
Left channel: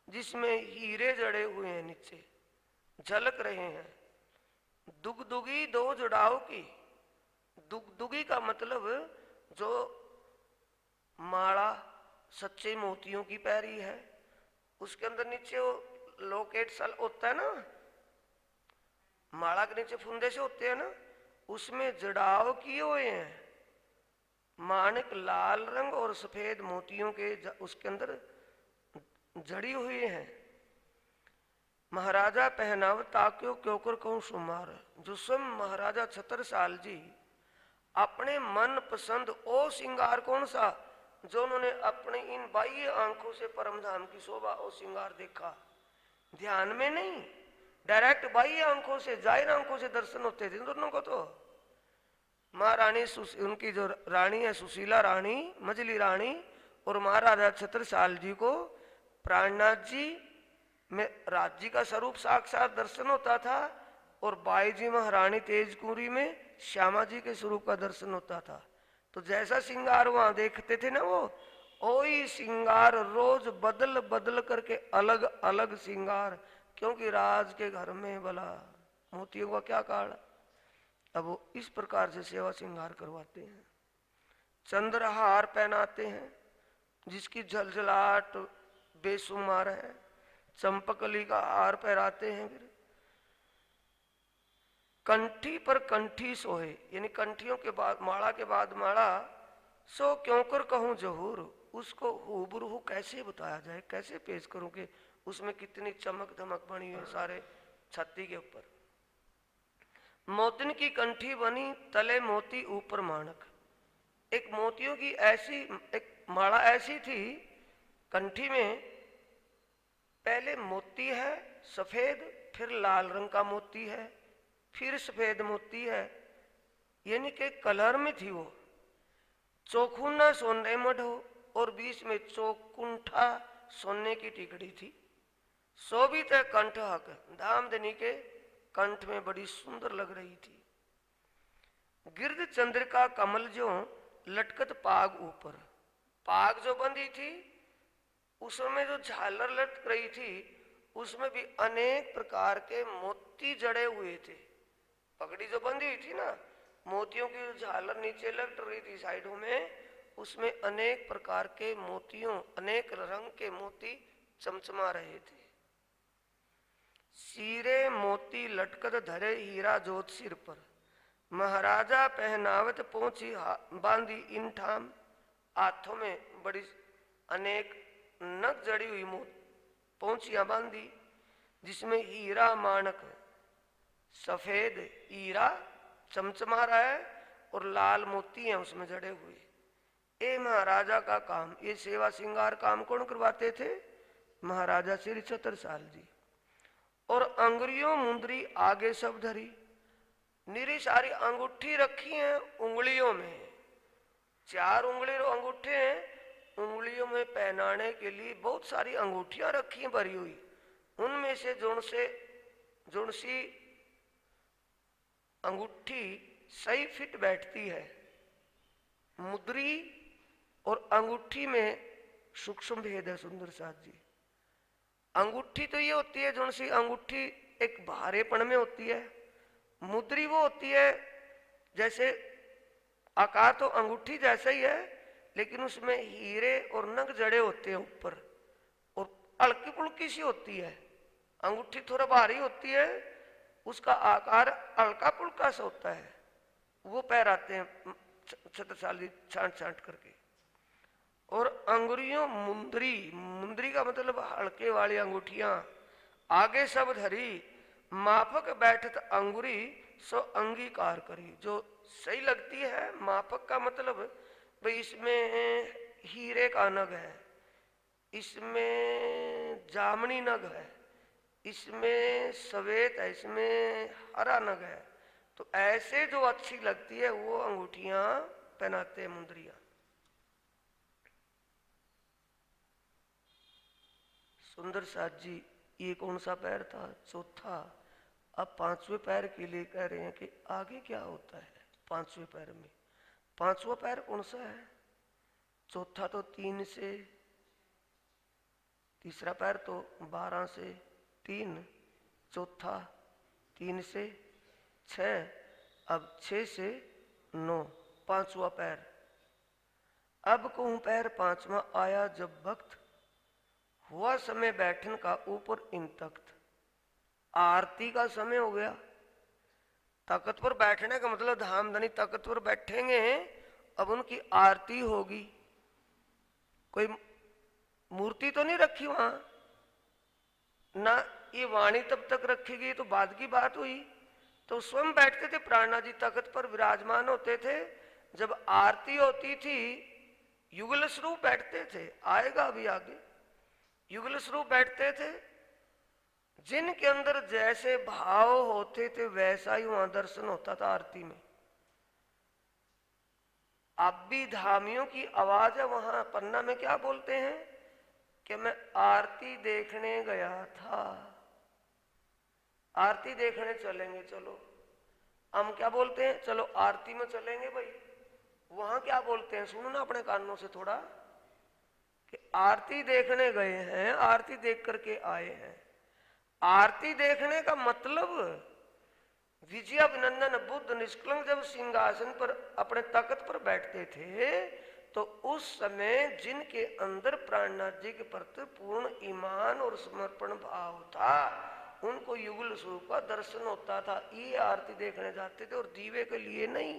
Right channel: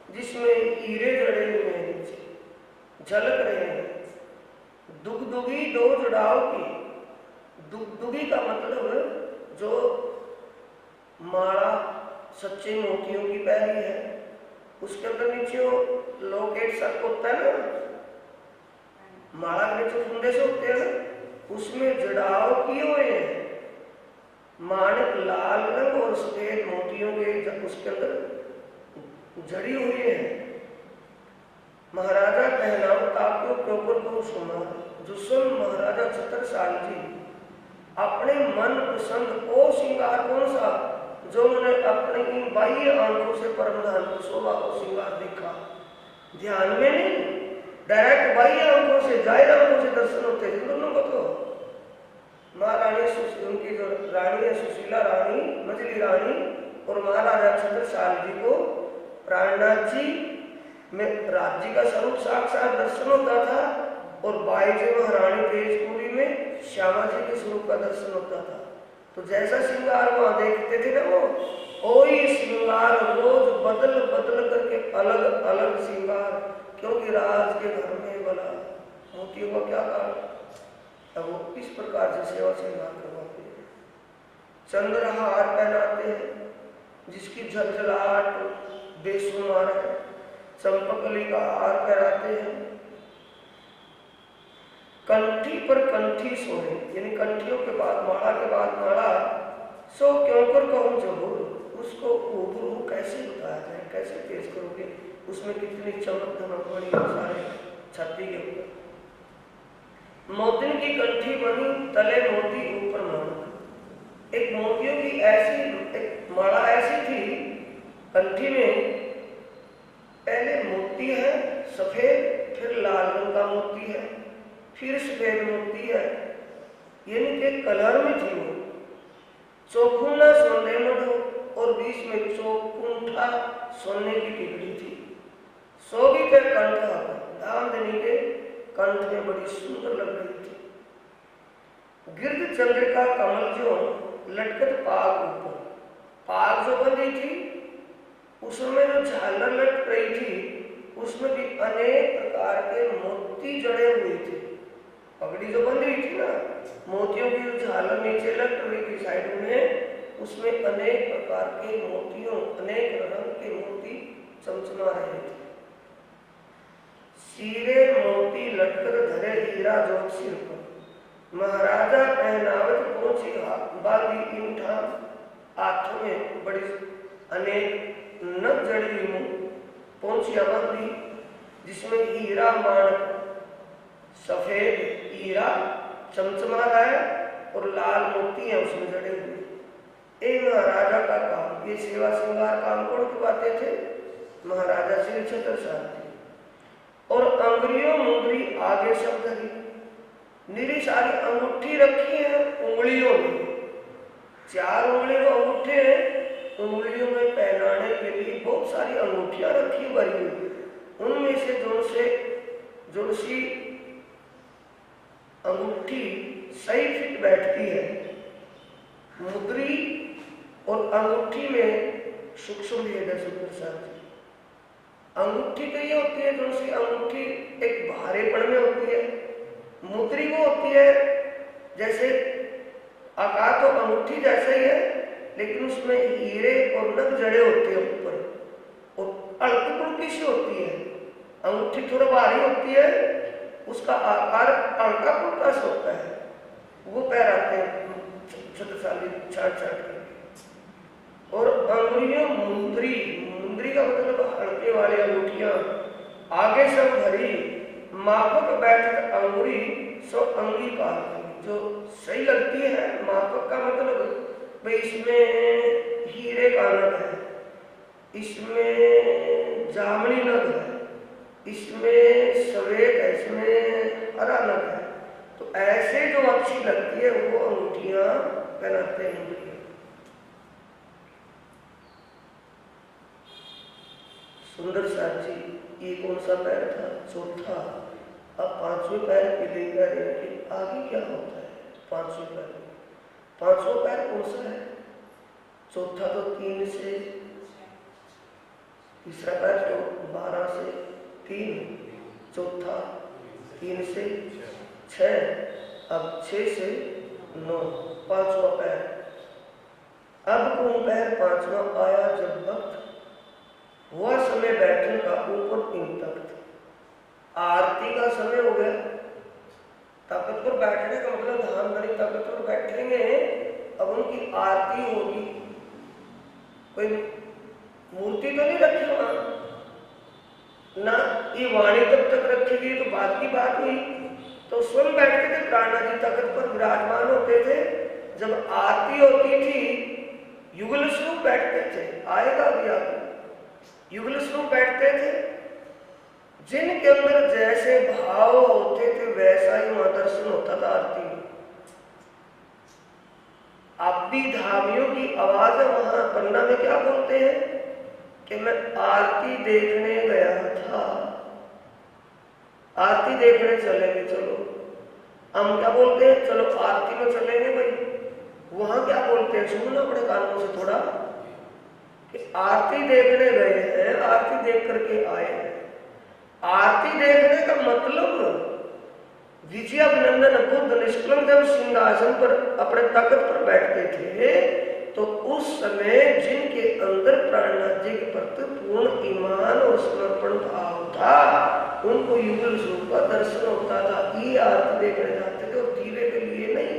जिसमें हीरे जड़े हुए हैं, नीचे झलक रहे हैं। दुगदुगी 2 जुड़ाव की, दुगदुगी का मतलब जो माला सच्चे मोतियों की पहली है, उसके अंदर नीचे वो लॉकेट सा होता है ना, माला के नीचे फुंदे से होते हैं ना, उसमें जड़ाव किए हुए हैं, माणिक लाल रंग और सफेद मोतियों के उसके अंदर जड़ी हुई है। महाराजा पहनाव ताक्यो क्यों कर कहूँ सुमार। जो सुन महाराजा छतर साल जी अपने मन पसंद ओ श्रृंगार कौन सा जो उन्होंने अपने इन बाह्य आंखों से परमधान को शोभा और श्रृंगार देखा, ध्यान में नहीं, डायरेक्ट बाह्य आंखों से जाहिर आंखों से दर्शन होते थे दोनों को। तो महारानी उनकी जो रानी है सुशीला रानी, मजली रानी, और महाराजा छत्रसाल जी को प्राणनाथ जी में राज जी का स्वरूप साक्षात दर्शन होता था, और बाईजी महारानी तेजपुरी में श्यामा जी के स्वरूप का दर्शन होता था। तो जैसा श्रृंगार वहां देखते थे ना, वो वही श्रृंगार रोज बदल बदल करके अलग अलग श्रृंगार, क्योंकि राज के घर में भला मोती हुआ क्या कारण, अब वो इस प्रकार से सेवा श्रृंगार करवाते हैं। चंद्रहार पहनाते हैं जिसकी झलझलाहट बेशुमार है, चंपकली का हार पहनाते हैं, कंठी पर कंठी सोहे, यानी कंठियों के बाद माला, सो क्यों कर कहूँ जहूर, उसको उभरू कैसे बताया जाए, कैसे पेश करोगे, उसमें कितनी चमक धमक बनी सारे छाती के ऊपर। मोतिन की कंठी बनी तले मोती ऊपर माला, एक मोतियों की ऐसी एक माला ऐसी थी कंठी में, पहले मोती है सफेद, फिर लाल रंग का मोती है, फिर सफेद मोती है, यानी कि कलर में थी वो। चौखुना सोने मधु, और बीच में चौकुंठा सोने की टिकड़ी थी। शोभित कंठ धामधनी के कंठ में बड़ी सुंदर लग रही थी। गिरध चंद्रिका कमल जो लटकत पाग ऊपर, पाग जो बंधी थी उसमें जो झालर लटक रही थी उसमें भी अनेक प्रकार के मोती जड़े हुए थे। पगड़ी जो बंधी हुई थी ना, मोतियों की झालर नीचे लटक रही थी साइड में, उसमें अनेक प्रकार के मोतियों, अनेक रंग के मोती चमचमा रहे थे। सीरे मोती लटकर धरे हीरा जोत सिर पर, महाराजा पहनावत पहुंची बांधी इन ठाम, हाथों में बड़ी अनेक नग जड़ी हुई मुंह पहुंचिया बांधी, जिसमें हीरा माणक सफेद हीरा चमचमा रहा है और लाल मोती है उसमें जड़े हुए। ए महाराजा का काम, ये सेवा श्रृंगार काम कौन करवाते थे? महाराजा श्री छत्रसाल जी। और अंगुलियों मुद्री आगे सब धरी, निरी सारी अंगूठी रखी है उंगलियों में, 4 उंगलियों अंगूठे हैं, उंगलियों में पहनाने के लिए बहुत सारी अंगूठियां रखी भरी हुई, उनमें से जो सी अंगूठी सही फिट बैठती है। मुद्री और अंगूठी में सूक्ष्म भेद है सुंदर साथ। अंगूठी तो ये होती है जो सी अंगूठी एक भारेपन में होती है, मुद्री वो होती है जैसे आकार तो अंगूठी जैसा ही है लेकिन उसमें हीरे और नग जड़े होते हैं ऊपर, और हल्की फुल्की सी होती है। अंगूठी थोड़ा भारी होती है, उसका आकार हल्का फुल्का सा होता है, वो पहनाते हैं छत्रसाली छाट करके। और अंगुलियों मुंदरी, मुंदरी का मतलब हल्के वाली अंगूठियां आगे सब धरी, मापक बैठक अंगुरी सो अंगीकार, जो सही लगती है। मापक का मतलब भाई इसमें हीरे का नग है, इसमें जामनी नग है, इसमें सफेद है, इसमें हरा नग है, तो ऐसे जो अच्छी लगती है वो अंगूठियां पहनाते हैं। सुंदर साथ जी, ये कौन सा पैर था? चौथा। अब 5वें पैर के लिए आगे क्या होता है? 5वें पैर, 5वां पैर कौन सा है? चौथा तो 3 से, तीसरा पैर तो 12 से 3, चौथा 3 से 6, अब 6 से 9, 5वां पैर। अब कौन पैर 5वां आया जब वक्त हुआ समय बैठने का ऊपर इन तख्त, आरती का समय हो गया। तख्त पर बैठने का मतलब धाम धनी तख्त पर बैठेंगे, अब उनकी आरती होगी। कोई मूर्ति तो नहीं रखी वहां ना, ये वाणी तब तक रखेगी तो बात की बात हुई। तो स्वयं बैठते थे, प्राणनाथ जी तख्त पर विराजमान होते थे। जब आरती होती थी युगल स्वरूप बैठते थे, आएगा भी आगे, युगल स्वरूप बैठते थे। जिनके अंदर जैसे भाव होते थे वैसा ही वहां दर्शन होता था आरती में। अभिधामियों की आवाज है वहां पन्ना में क्या बोलते हैं कि मैं आरती देखने गया था, आरती देखने चलेंगे, चलो। हम क्या बोलते हैं, चलो आरती में चलेंगे भाई। वहां क्या बोलते हैं, सुनना अपने कानों से थोड़ा, कि आरती देखने गए हैं, आरती देख करके आए हैं। आरती देखने का मतलब विजयाभिनंदन बुद्ध निष्कलंक जब सिंहासन पर अपने तख्त पर बैठते थे तो उस समय जिनके अंदर प्राणनाथ जी के प्रति पूर्ण ईमान और समर्पण भाव था उनको युगल स्वरूप का दर्शन होता था। ये आरती देखने जाते थे और दीवे के लिए नहीं।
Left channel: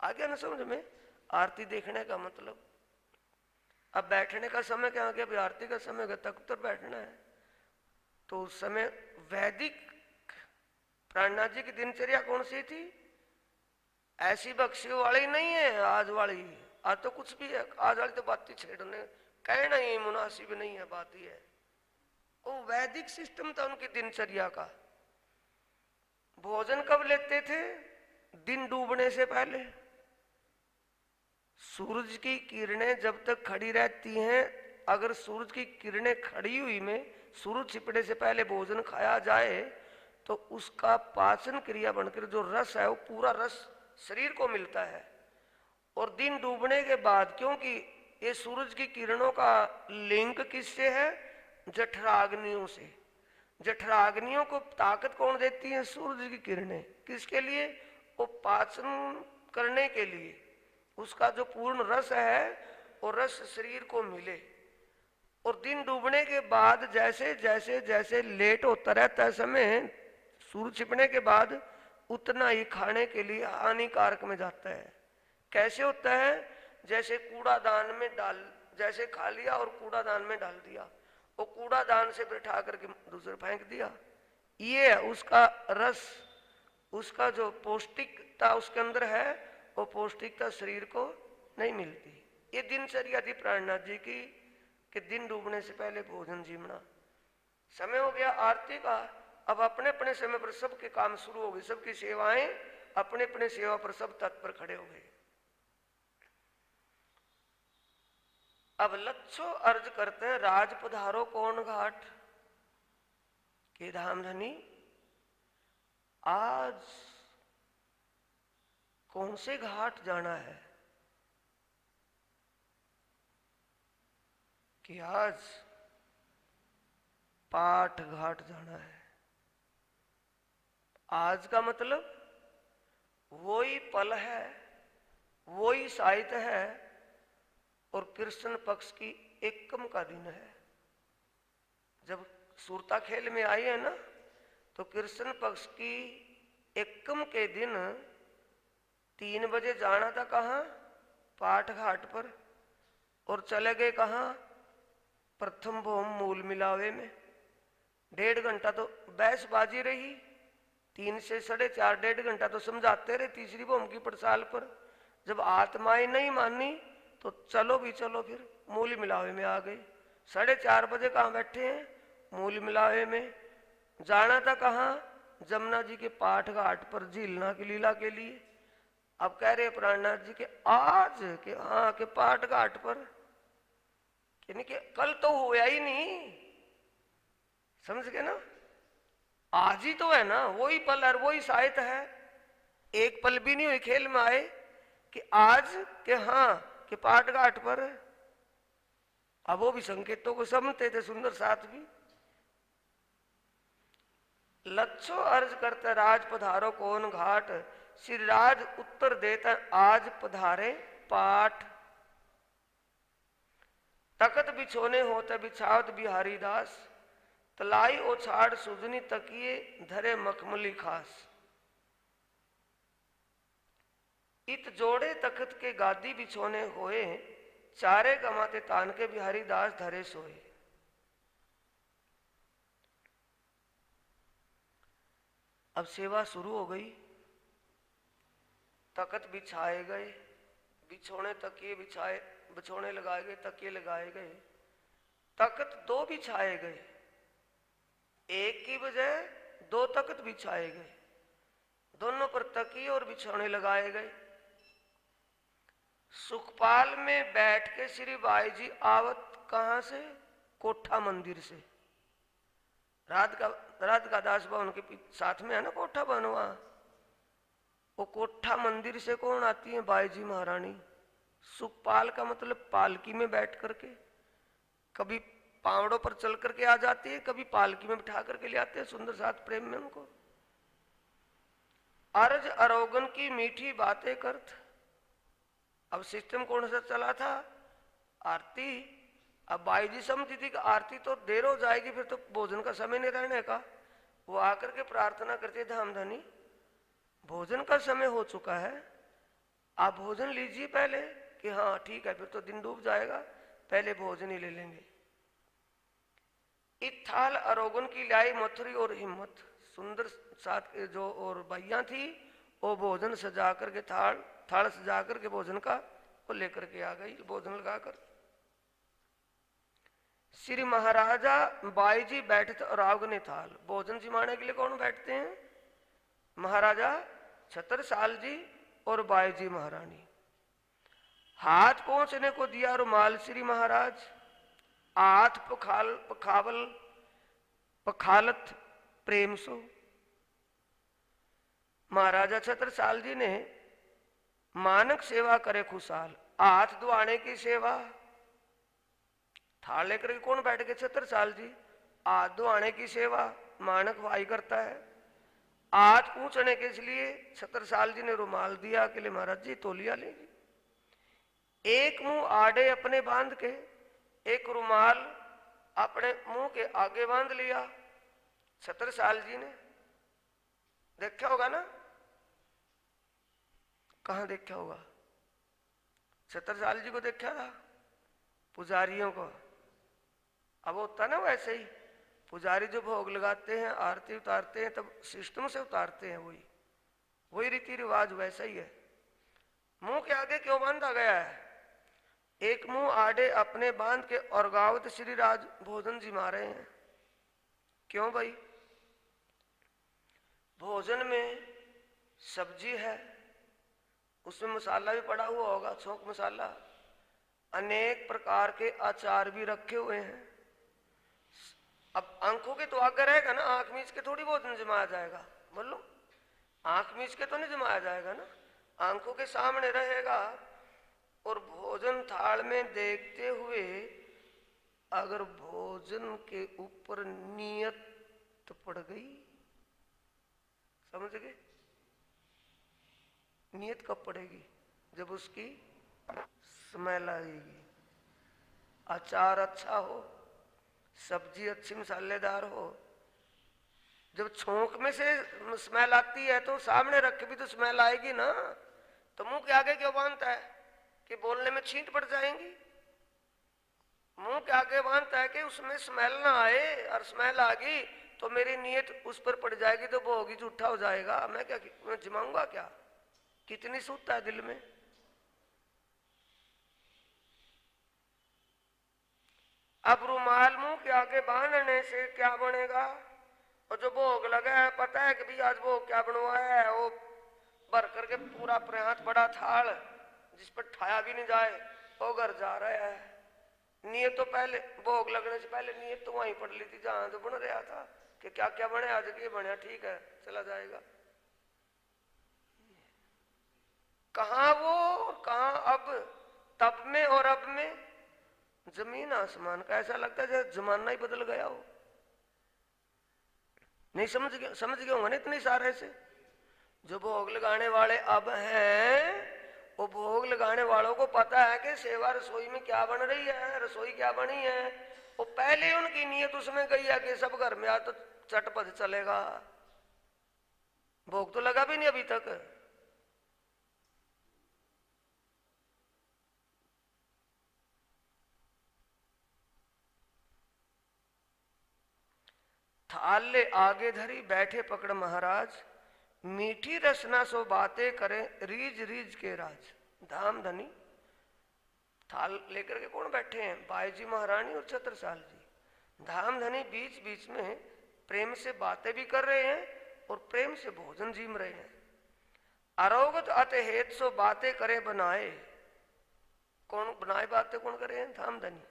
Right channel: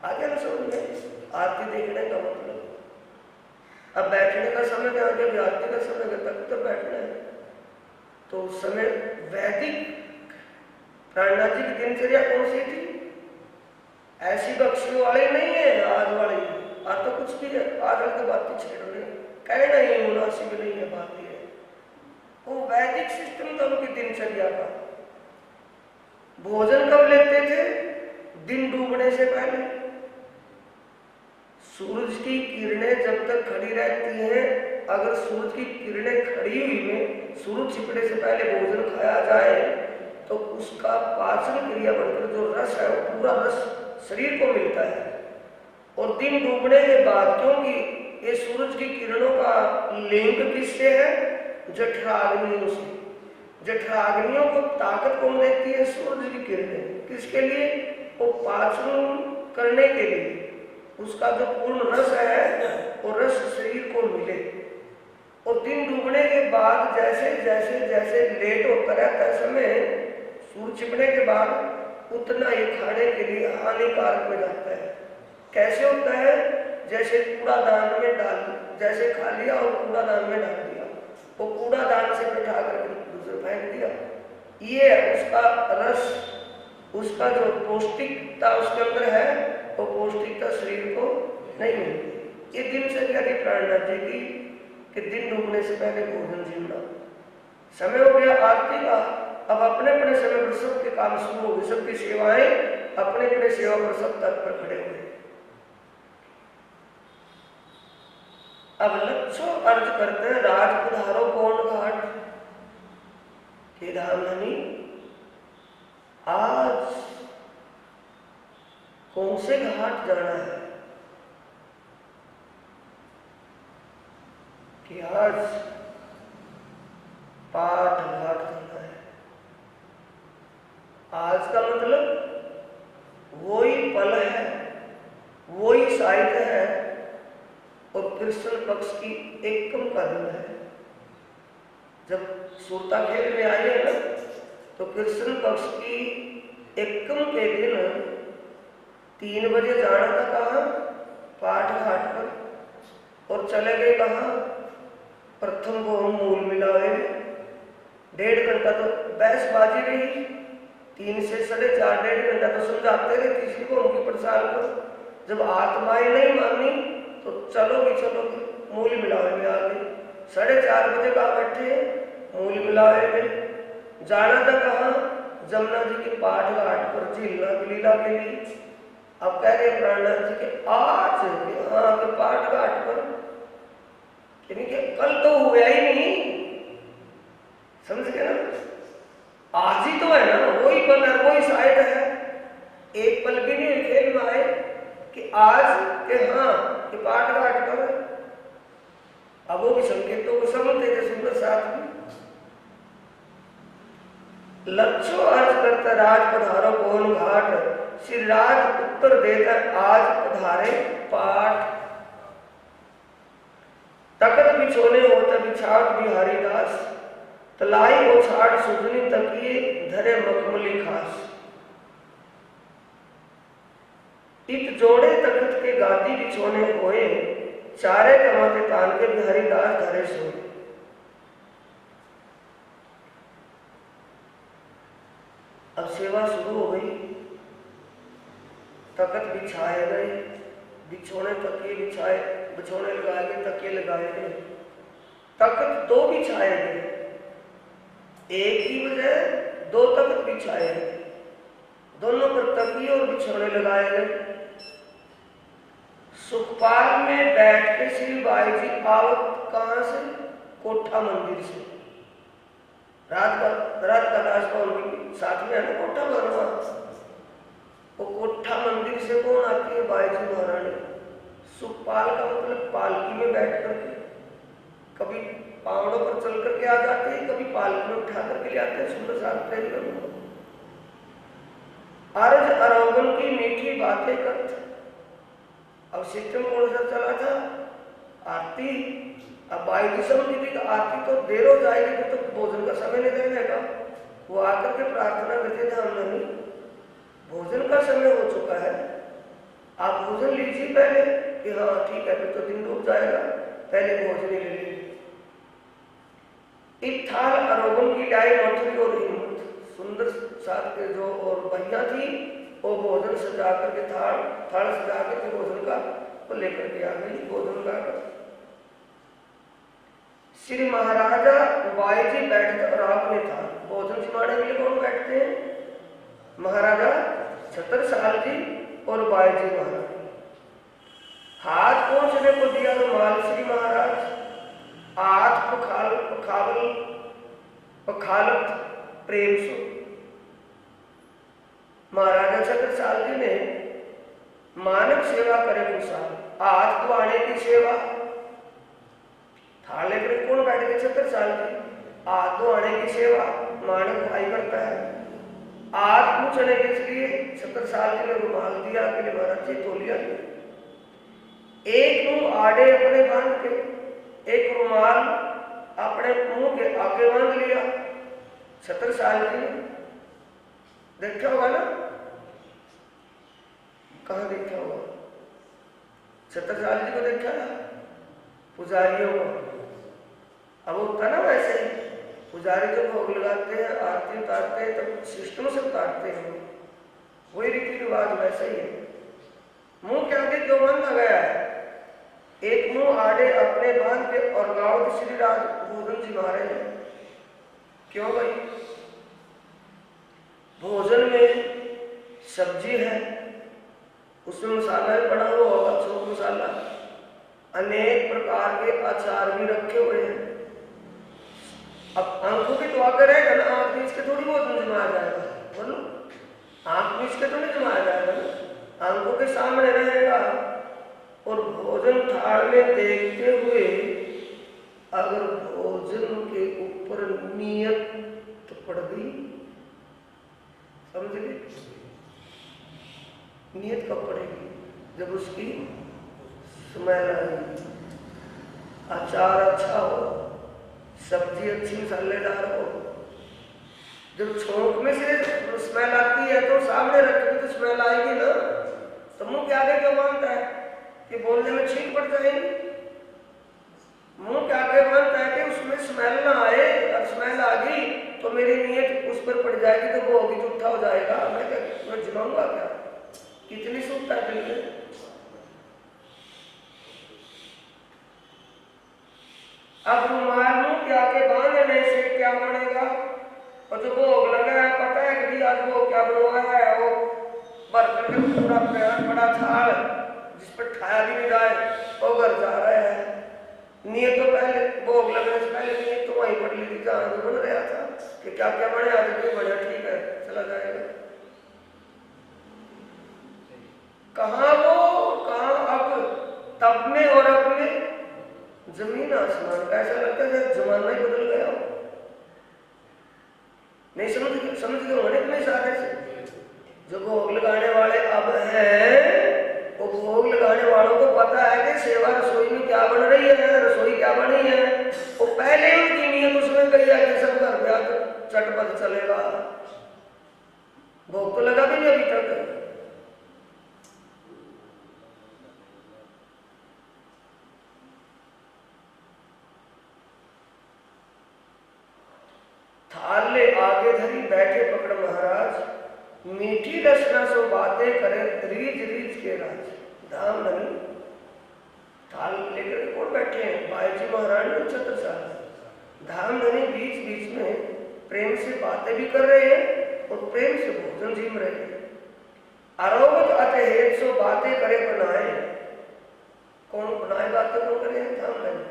आ गया ना समझ में आरती देखने का मतलब। अब बैठने का समय क्या हो गया, आरती का समय तख्त पर बैठना है। तो उस समय वैदिक प्राणनाथ जी की दिनचर्या कौन सी थी, ऐसी बख्शी वाली नहीं है आज वाली। आज तो कुछ की आज की बात छेड़ रहे, कहना ही मुनासिब नहीं है बात ये। वो वैदिक सिस्टम था उनकी दिनचर्या का। भोजन कब लेते थे, दिन डूबने से पहले। सूरज की किरणें जब तक खड़ी रहती हैं, अगर सूरज की किरणें खड़ी हुई में सूरज छिपने से पहले भोजन खाया जाए तो उसका पाचन क्रिया बनकर जो रस है वो पूरा रस शरीर को मिलता है। और दिन डूबने के बाद, क्योंकि ये सूरज की किरणों का लिंक किससे है, जठराग्नियों से। जठराग्नियों को ताकत कौन देती है, सूरज की किरणें। किसके लिए, वो पाचन करने के लिए। उसका जो पूर्ण रस है वो रस शरीर को मिले। और दिन डूबने के बाद जैसे जैसे जैसे लेट होता रहता है समय, सूरज छिपने के बाद उतना ही खाने के लिए हानिकारक में जाता है। कैसे होता है, जैसे कूड़ादान में डाल, जैसे खा लिया और कूड़ादान में डाल दिया, वो कूड़ादान से बिठा करके दूसरे फेंक दिया। ये उसका रस, उसका जो पौष्टिकता उसके अंदर है वो पौष्टिकता शरीर को नहीं मिलती। ये दिनचर्या थी प्राणनाथ जी की कि दिन डूबने से पहले भोजन जीवना। समय हो गया आरती का। अब अपने अपने समय पर सबके काम शुरू हो गए, सबकी सेवाएं अपने अपने सेवा पर सब तत्पर खड़े हुए। अब लक्ष्य अर्ज करते हैं, राज पधारो कौन घाट के धाम धनी। आज कौन से घाट जाना है कि आज पाठ घाट जाना है। आज का मतलब वही पल है, वही साहित्य है और कृष्ण पक्ष की एकम का दिन है। जब सूरता खेल में आई है ना, तो कृष्ण पक्ष की एकम के दिन 3 बजे जाना था कहाँ, पाठ घाट पर। और चले गए कहाँ, प्रथम को हम मूल मिलावे में। 1.5 घंटा तो बहसबाजी रही, 3 से 4.5 1.5 घंटा तो समझाते रहे तीसरी को उनकी प्रसाद पर। जब आत्माएं नहीं मानी तो चलोगी चलोगी, मूल मिलावे में आ गए। 4:30 बजे कहाँ बैठे, मूल मिलावे में। जाना था कहाँ, जमुना जी के पाठ घाट पर झीलना लीला के लिए। अब कह रहे प्राणनाथ जी के आज के पाठ घाट पर, यानी कि कल तो हुआ ही नहीं, समझ गए ना। आज ही तो है ना, वही पल है, वही शायद है। एक पल भी नहीं हुई खेल में आए कि आज के हाँ के पाठ घाट पर। अब वो भी संकेतों को समझते थे सुंदर साथ में। लक्ष्य अर्ज करता राज पधारो कौन घाट, श्री राज उत्तर देता आज पधारे पाठ। तकत बिछोने होता बिछाट बिहारी दास, तलाई को छाट सुजनी तकिए धरे मखमली खास। इत जोड़े तकत के गादी बिछोने होए, चारे कमाते तान के बिहारी दास धरे सोए। सेवा शुरू हो गई। तख्त बिछाए गए, बिछोने तकिए बिछाए, बिछोने लगाए गए, तकिए लगाए गए। तख्त दो बिछाए गए, एक की बजाय दो तख्त बिछाए गए, दोनों पर तकिए और बिछोने लगाए गए। सुखपाल में बैठ के श्री बाई जी आवत कहां से? कोठा मंदिर से। रात का दास का उनके साथ में है ना कोठा भरवा, वो कोठा मंदिर से कौन आती है? बाई जी महारानी। सुखपाल का मतलब पालकी में बैठ करके, कभी पहाड़ों पर चल करके आ जाते हैं, कभी पालकी में उठा करके ले आते हैं। सुंदर साथ प्रेम में अर्ज अरोगन की मीठी बातें करते। अब सिस्टम कौन सा चला था? आरती। अब बाई जी समझी थी कि आरती तो देर हो जाएगी, फिर तो भोजन का समय नहीं रहने का। वो आकर के प्रार्थना करते थे, हमने भोजन का समय हो चुका है, आप भोजन लीजिए पहले। कि हाँ ठीक है, फिर तो दिन डूब जाएगा, पहले भोजन ही ले लीजिए। इत्थाल अरोगन की लाई मथुरी और हिम्मत। सुंदर साथ के जो और भैया थी, वो भोजन सजा करके थाल सजा करके भोजन का वो लेकर के आ गई। भोजन का श्री महाराजा बाई जी बैठे और आपने था भोजन जिमाने के लिए कौन बैठते हैं? महाराजा छत्रसाल जी और बाई जी महाराज। हाथ पहुंचने को दिया रुमाल श्री महाराज, हाथ पखालत प्रेम सो। महाराजा छत्रसाल जी ने मानव सेवा करे कुशाल, हाथ धोने की सेवा। थाल लेकर कौन बैठ गए? छत्रसाल जी। हाथ धोने की सेवा मानव भाई करता है। हाथ पूछने के लिए छत्रसाल जी ने रुमाल दिया कि महाराज जी तोलिया लिया। एक मुंह आड़े अपने बांध के, एक रुमाल अपने मुंह के आगे बांध लिया छत्रसाल जी ने। देखा होगा ना? कहां देखा होगा? छत्रसाल जी को देखा ना? पुजारियों को। अब होता ना वैसे, पुजारी जो भोग लगाते हैं, आरती उतारते हैं, तब सिस्टम से उतारते हैं, वही रीति रिवाज वैसा ही है। मुंह के आगे क्यों बांधा गया है? एक मुंह आड़े अपने बांध के और गावत श्री राज भोजन जिमा रहे हैं। क्यों भाई? भोजन में सब्जी है, उसमें मसाला भी पड़ा हुआ होगा, छोट मसाला, अनेक प्रकार के अचार भी रखे हुए हैं। अब आंखों के तो आकर रहेगा ना, आंख मीच के थोड़ी भोजन जमाया जाएगा, बोलो आंख मीच के तो नहीं जमाया जाएगा ना, आंखों के सामने रहेगा। और भोजन थाल में देखते हुए अगर भोजन के ऊपर नियत पड़ गई, समझ गए? नियत कब पड़ेगी? जब उसकी स्मेल आएगी, अचार अच्छा हो, सब्जी अच्छी मसालेदार हो। जब छोंक में से स्मेल आती है तो सामने रखोगे तो स्मेल आएगी ना। तो मुंह के आगे क्यों बांधता है? कि बोलने में छींक पड़ जाएगी। मुंह के आगे बांधता है कि उसमें स्मेल ना आए, और स्मेल आ गई तो मेरी नीयत उस पर पड़ जाएगी, तो वो होगी झूठा हो जाएगा, मैं जमाऊंगा क्या? कितनी सूखता है दिल में। अब रुमाल मुंह के आगे बांधने से क्या बनेगा? और जो भोग लगा है, पता है कि आज भोग क्या बनवाया है? वो बर्तन का पूरा बड़ा थाल जिस पर ठाया भी नहीं जाए, वो घर जा रहा है। नियत तो पहले भोग लगने से पहले नियत तो वहीं पड़ ली थी जहां जो बन रहा था कि क्या क्या बने, आज भी बढ़िया, ठीक है चला जाएगा। कहाँ वो कहाँ अब, तब में और अब में जमीन आसमान का। ऐसा लगता है जमाना ही बदल गया। नहीं समझ गए मैंने इतने सारे से जो भोग लगाने वाले अब हैं, वो भोग लगाने वालों को पता है कि सेवा रसोई में क्या बन रही है, रसोई क्या बनी है। वो पहले उनकी नीयत उसमें गई है कि सब घर में तो चटपट चलेगा, भोग तो लगा भी नहीं अभी तक। थाल ले आगे धरी बैठे पकड़ महाराज, मीठी रचना सो बातें करे रीझ रीझ के राज। धाम धनी थाल लेकर के कौन बैठे हैं? बाई जी महारानी और छत्रसाल। धाम धनी बीच बीच में प्रेम से बातें भी कर रहे हैं और प्रेम से भोजन जीम रहे हैं। अरोगत अत हेत सो बातें करे बनाए। कौन बनाए बातें कौन करे हैं? धाम धनी।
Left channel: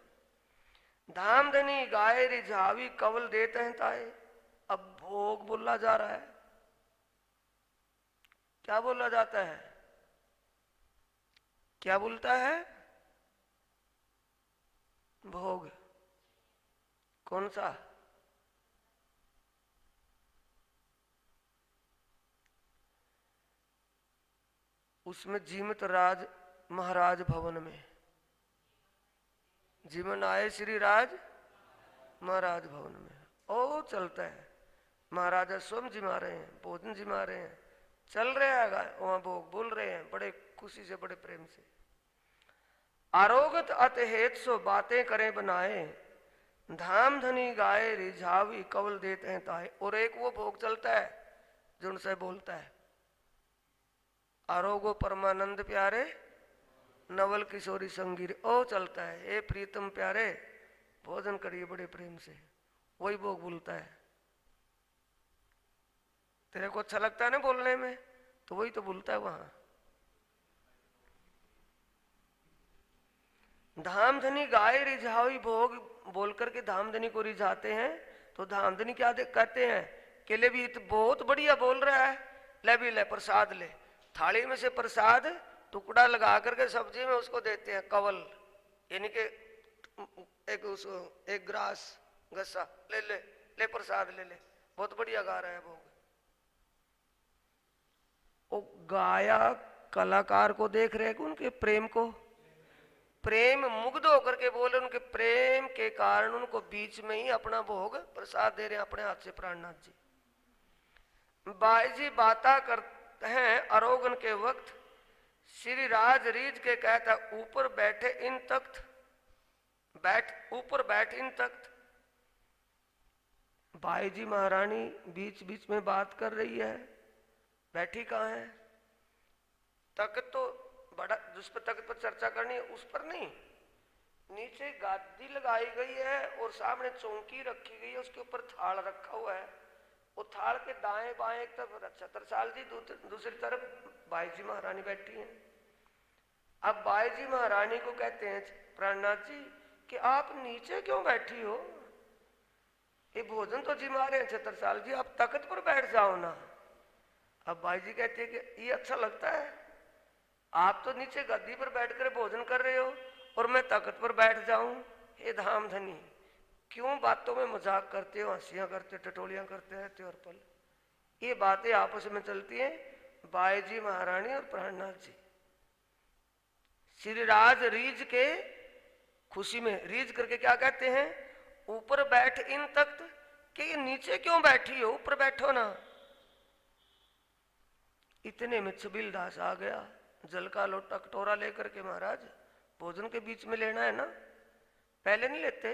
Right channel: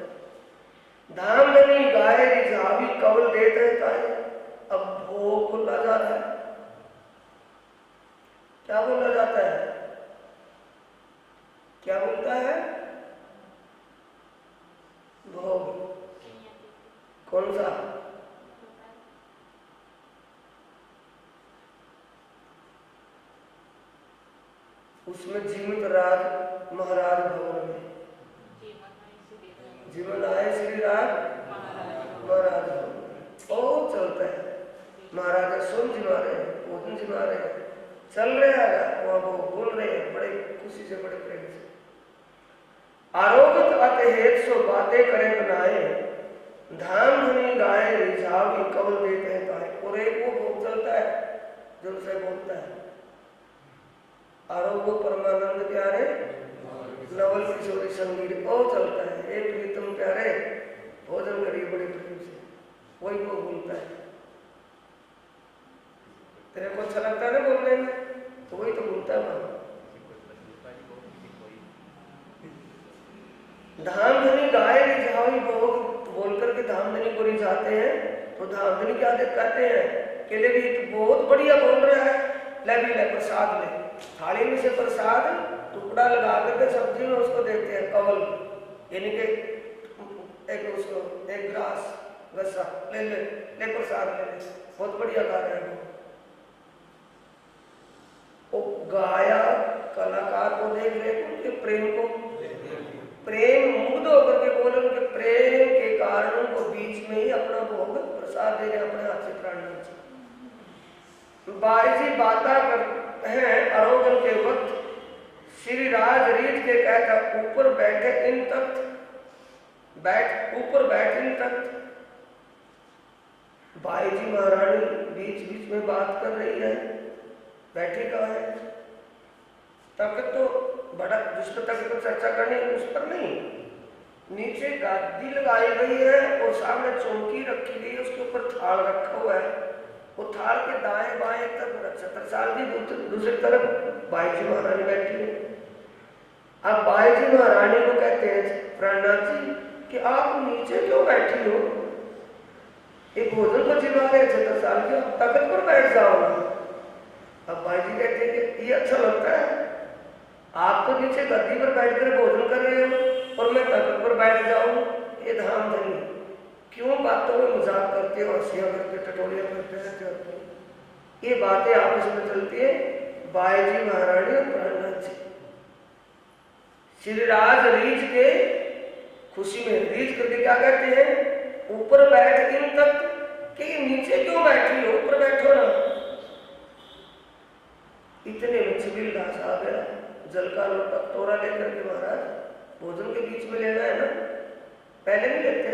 धाम धनी गाय रिझावी कवल देते हैं ताए। अब भोग बोला जा रहा है। क्या बोला जाता है? क्या बोलता है? भोग। कौन सा? उसमें जीवित राज महाराज भवन में जीवन आए श्री राज महाराज भवन में। ओ चलता है। महाराजा सुन जिमा रहे हैं, भोजन जिमा रहे हैं, चल रहे हैं वहां, वो बोल रहे हैं बड़े खुशी से, बड़े प्रेम से। आरोगत अत हेत सो बातें करे बनाए। धाम धनी गाय रिझावी कवल देते हैं ताए। और एक वो भोग चलता है जो उनसे बोलता है, आरोग्य परमानंद प्यारे नवल किशोरी संगीत। ओ चलता है, ए प्रीतम प्यारे भोजन करिए बड़े प्रेम से। वही वो बोलता है। तेरे को अच्छा लगता है ना बोलने में, तो वही तो बोलता है वहां। धाम धनी गाय रिझावी भोग बोल करके धाम धनी को रिझाते हैं। तो धाम धनी क्या कहते हैं कि ले भी तो बहुत बढ़िया बोल रहा है, ले भी ले प्रसाद ले। थाली में से प्रसाद टुकड़ा लगा करके सब्जी में उसको देते हैं, कवल यानी कि एक उसको एक ग्रास गस्सा ले ले ले प्रसाद ले ले, बहुत बढ़िया गा रहा है वो। गाया कलाकार को देख रहे हैं, उनके प्रेम को, प्रेम मुग्ध होकर के बोले, उनके प्रेम के कारण उनको बीच में ही अपना भोग प्रसाद दे रहे अपने हाथ से प्राणांत से। बाई जी बाता कर हैं अरोगन के वक्त, श्री राज रीत के कहता ऊपर बैठे इन तख्त, ऊपर बैठ इन तख्त। बाई जी महारानी बीच बीच में बात कर रही है, बैठी कहाँ है? तख्त तो बड़ा, जिस पर तख्त पर चर्चा करनी उस पर नहीं, नीचे गादी लगाई गई है और सामने चौकी रखी गई है, उसके ऊपर थाल रखा हुआ है। वो थाल के दाएं बाएं एक तरफ छत्रसाल जी, दूसरी तरफ बाई जी महारानी बैठी है। अब बाई जी महारानी को कहते हैं प्राणनाथ जी कि आप नीचे क्यों बैठी हो? ये भोजन तो जिमा के छत्रसाल जी, आप तख्त पर बैठ जाओ ना। अब बाई जी कहते हैं कि ये अच्छा लगता है, आप तो नीचे गद्दी पर बैठकर भोजन कर रहे हो और मैं तख्त पर बैठ जाऊं। ये धाम धनी क्यों बातों में मजाक करते हो, हंसियां करते, टटोरियां करते रहते हो? ये बातें आपस में चलती है बाई जी महारानी और प्राणनाथ जी। श्री राज रीझ के खुशी में रीझ करके क्या कहते हैं? ऊपर बैठ इन तख्त, कि नीचे क्यों बैठी हो, ऊपर बैठो ना। इतने में छबील दास आ गया, जल का लोटा कटोरा लेकर के। महाराज भोजन के बीच में लेना है ना, पहले नहीं लेते,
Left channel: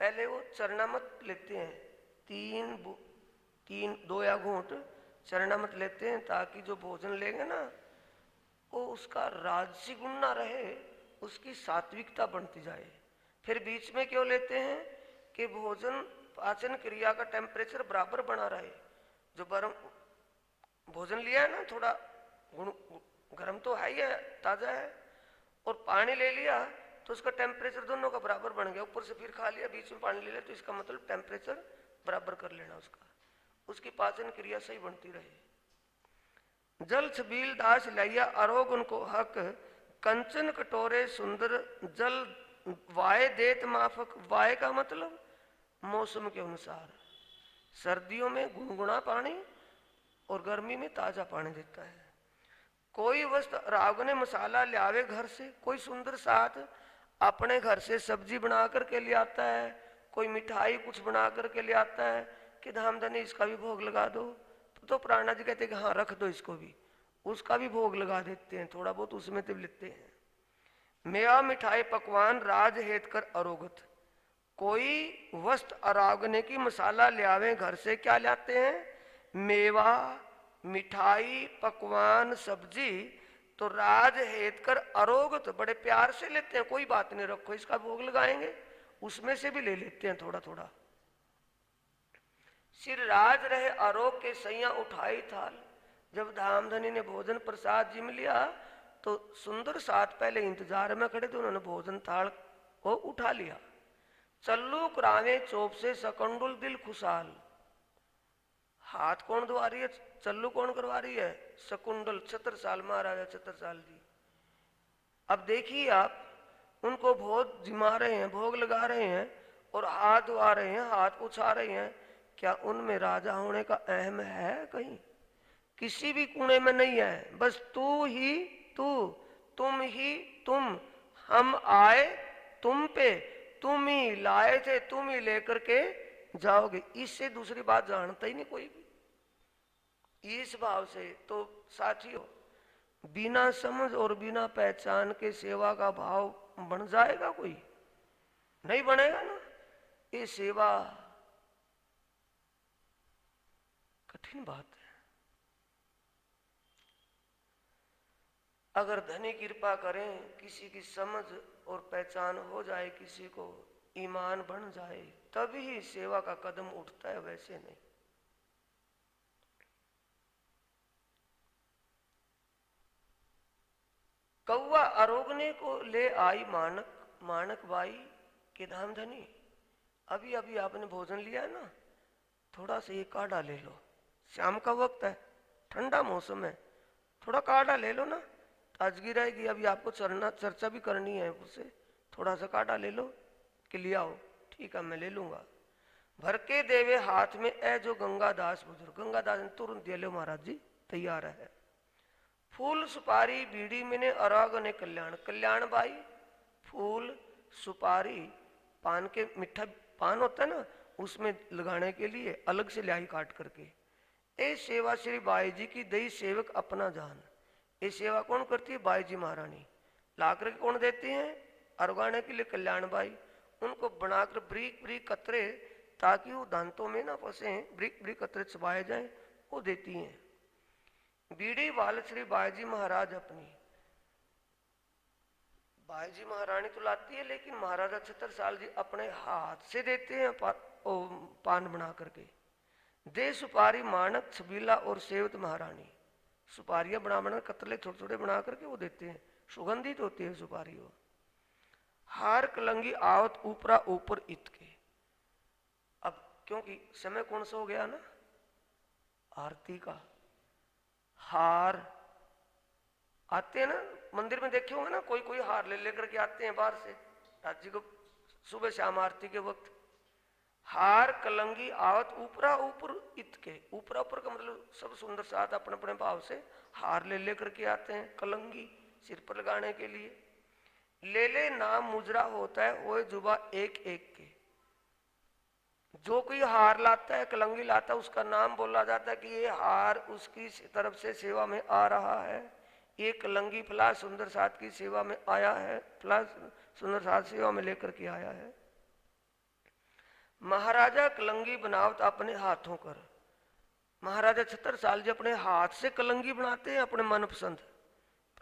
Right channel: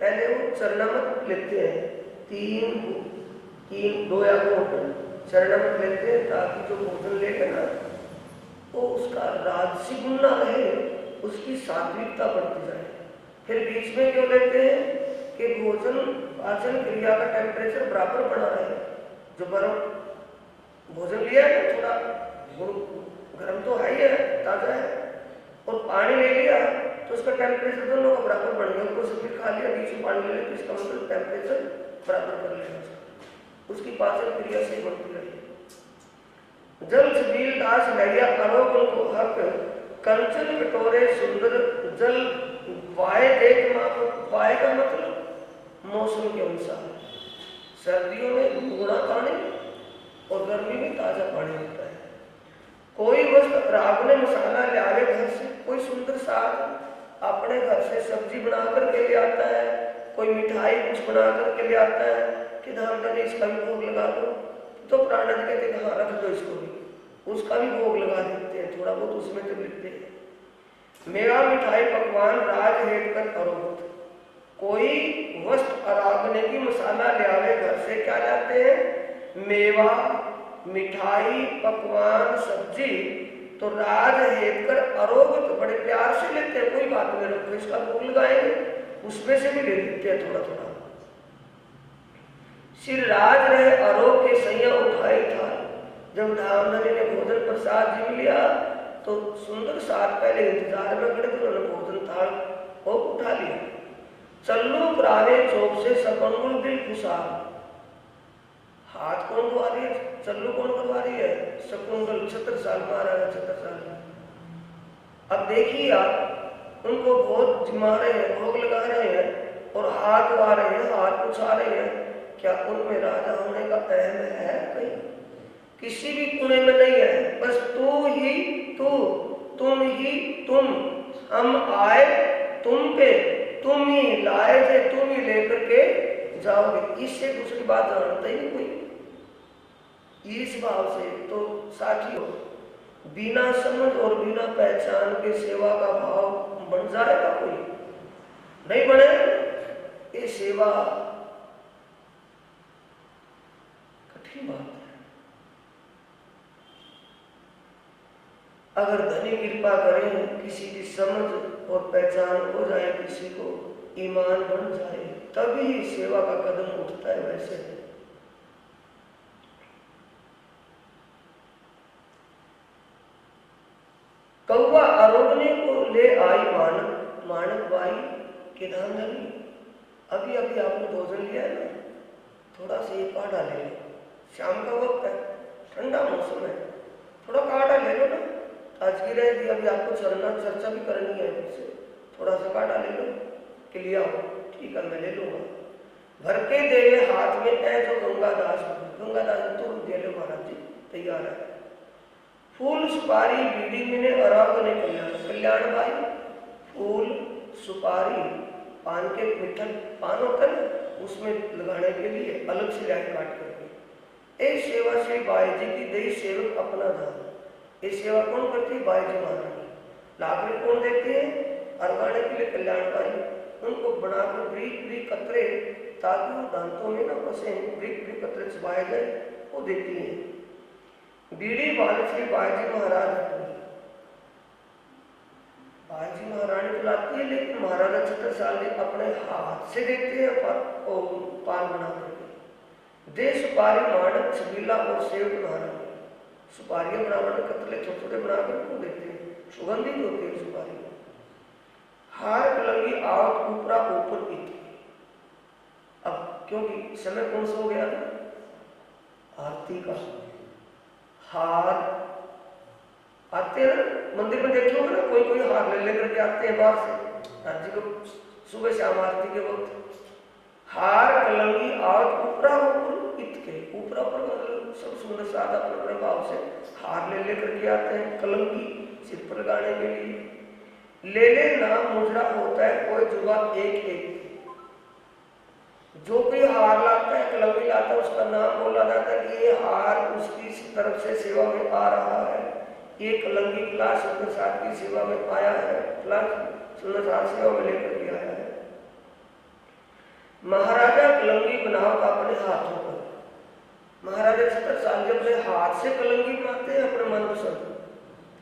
पहले वो चरणामृत लेते हैं, तीन दो या घूंट चरणामृत लेते हैं, ताकि जो भोजन लेगा ना वो उसका राजसी गुण ना रहे, उसकी सात्विकता बढ़ती जाए। फिर बीच में क्यों लेते हैं? कि भोजन पाचन क्रिया का टेम्परेचर बराबर बना रहे। जो बर्फ भोजन लिया है ना, थोड़ा गर्म तो है ही है, ताजा है, और पानी ले लिया तो उसका टेम्परेचर दोनों का बराबर बढ़ गया। ऊपर से फिर खा लिया, बीच में पानी ले लिया, तो इसका मतलब टेम्परेचर बराबर कर लेगा उसका, उसकी पाचन क्रिया से बढ़ती रही। जल छबील दास लैया अरोग उनको हक, कंचन कटोरे सुंदर जल वाय देख माप। वाय का मतलब मौसम के अनुसार, सर्दियों में गुणा पानी और गर्मी में ताजा पानी होता है। कोई वस्तु राग ने मसाला ले आवे घर से, कोई सुंदर साग अपने घर से सब्जी बना करके ले आता है, कोई मिठाई कुछ बना करके ले आता है कि धाम धनी इसका भी भोग लगा दो। तो प्राणनाथ जी कहते हैं हाँ रख दो इसको भी, उसका भी भोग लगा देते हैं, थोड़ा बहुत उसमें तो लिखते हैं। मेवा मिठाई पकवान राज हेत कर अरोगत। कोई वस्तु अरागने की मसाला ले आवे घर से, क्या लाते हैं? मेवा मिठाई पकवान सब्जी तो राज हेत कर आरोग तो बड़े प्यार से लेते हैं, कोई बात नहीं, रखो इसका भोग लगाएंगे, उसमें से भी ले लेते हैं थोड़ा थोड़ा। सिर राज रहे आरोग के सैया उठाए था। जब धामधनी ने भोजन प्रसाद जीव लिया तो सुंदर साथ पहले इंतजार में खड़े थे, उन्होंने भोजन थाल को उठा लिया। चल्लू पुराने चौक से सपंगुल दिल खुशाल। हाथ कौन धुआ रही है, चल्लू कौन करवा रही है, सकुंडल 76 साल महाराजा 76 साल। अब देखिए आप, उनको बहुत जिमा रहे हैं, भोग लगा रहे हैं और हाथ धुआ रहे हैं, हाथ उछा रहे हैं। क्या उनमें राजा होने का अहम है कहीं? किसी भी कुने में नहीं है, बस तू ही तू, तुम ही तुम, हम आए तुम पे, तुम ही लाए थे, तुम ही लेकर के जाओगे। इससे दूसरी बात जानता ही नहीं कोई। इस भाव से तो साथियों, बिना समझ और बिना पहचान के सेवा का भाव बन जाएगा कोई? नहीं बने। ये सेवा कठिन बात है। अगर धनी कृपा करें, किसी की समझ और पहचान हो जाए, किसी को ईमान बढ़ जाए, तभी सेवा का कदम उठता है। वैसे कौवा आरोगने को ले आई मानक, मानक बाई के धामधनी। अभी अभी आपने भोजन लिया है ना, थोड़ा सा ये काढ़ा ले लो, शाम का वक्त है, ठंडा मौसम है, थोड़ा काढ़ा ले लो ना, ताजगी रहेगी। अभी आपको चर्चा भी करनी है मुझसे, थोड़ा सा काढ़ा ले लो कि लिया हो। ठीक है, मैं ले लूंगा। भर के देवे हाथ में है जो गंगादास, गंगादास तो दे लो महाराज जी, तैयार है। फूल सुपारी बीड़ी मिने अराग ने कल्याण, कल्याण भाई फूल सुपारी पान के मीठा पान होता है ना, उसमें लगाने के लिए अलग से लाई काट करके। ए सेवा से बाई जी की दई सेवक अपना दान। ये सेवा कौन करती है? बाई जी महारानी। लाकड़ी कौन देती है? अरगाने के लिए कल्याण बाई। उनको बनाकर ब्रीक ब्रीक कतरे, ताकि वो दांतों में ना फंसे, ब्रीक ब्रीक कतरे चबाए जाए, वो देती है। बीड़ी बालश्री बाईजी महाराज, बाईजी महारानी तो लाती है, लेकिन महाराजा 76 साल जी अपने हाथ से देते हैं पान बना करके। दे सुपारी मानक छबीला और सेवक महारानी। सुपारियां बनाकर कतले छोटे छोटे बनाकर को देते हैं, सुगंधित होती है सुपारी। हार कलंगी आवत ऊपरा ऊपर इत। अब क्योंकि समय कौन सा हो गया ना, आरती का। हार आते हैं ना, मंदिर में देखे होंगे ना, कोई कोई हार ले लेकर के आते हैं बाहर से, राज्य को सुबह शाम आरती के वक्त। हार कलंगी आवत ऊपरा ऊपर इत के, ऊपरा ऊपर मतलब सब सुंदर साथ अपने अपने भाव से हार ले लेकर के आते हैं, कलंगी सिर पर लगाने के लिए। ले ले नाम मुजरा होता है कोई जुबा एक एक। जो कोई हार लाता है, कलंगी लाता है, उसका नाम बोला जाता है कि ये हार उसकी तरफ से सेवा में आ रहा है, ये कलंगी फला सुंदर साथ की सेवा में आया है, फला सुंदर साथ सेवा में लेकर के आया है। महाराजा कलंगी बनावत अपने हाथों पर। महाराजा 76 साल जब अपने हाथ से कलंगी बनाते हैं अपने मनपसंद,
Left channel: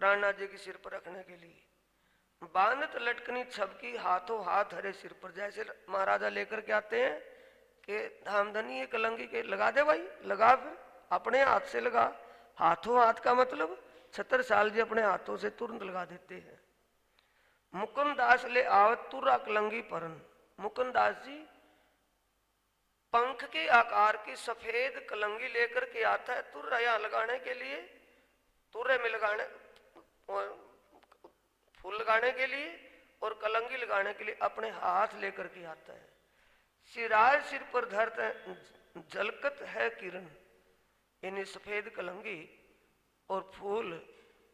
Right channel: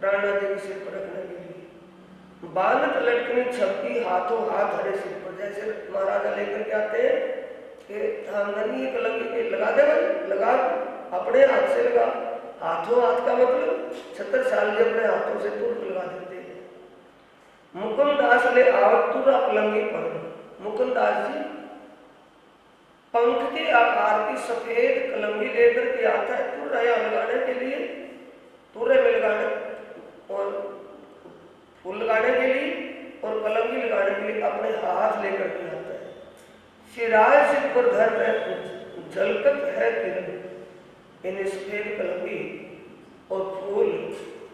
प्राणनाथ जी के सिर पर रखने के लिए। बांधत लटकनी छपकी हाथों हाथ हरे सिर पर। जैसे महाराजा लेकर के आते हैं कि धामधनी ये कलंगी पे लगा दे भाई, लगा, अपने हाथ से लगा। हाथों हाथ का मतलब 76 साल जी अपने हाथों से तुरंत लगा देते हैं। मुकुंद दास ले आवत तुरा कलंगी पर। मुकुंद दास जी पंख के आकार की सफेद कलंगी लेकर के आता है तुरया लगाने के लिए, तुरे में लगाने और फूल लगाने के लिए और कलंगी लगाने के लिए अपने हाथ लेकर के आता है। सिराज सिर पर धर झलकत है किरण, इन्हें सफेद कलंगी और फूल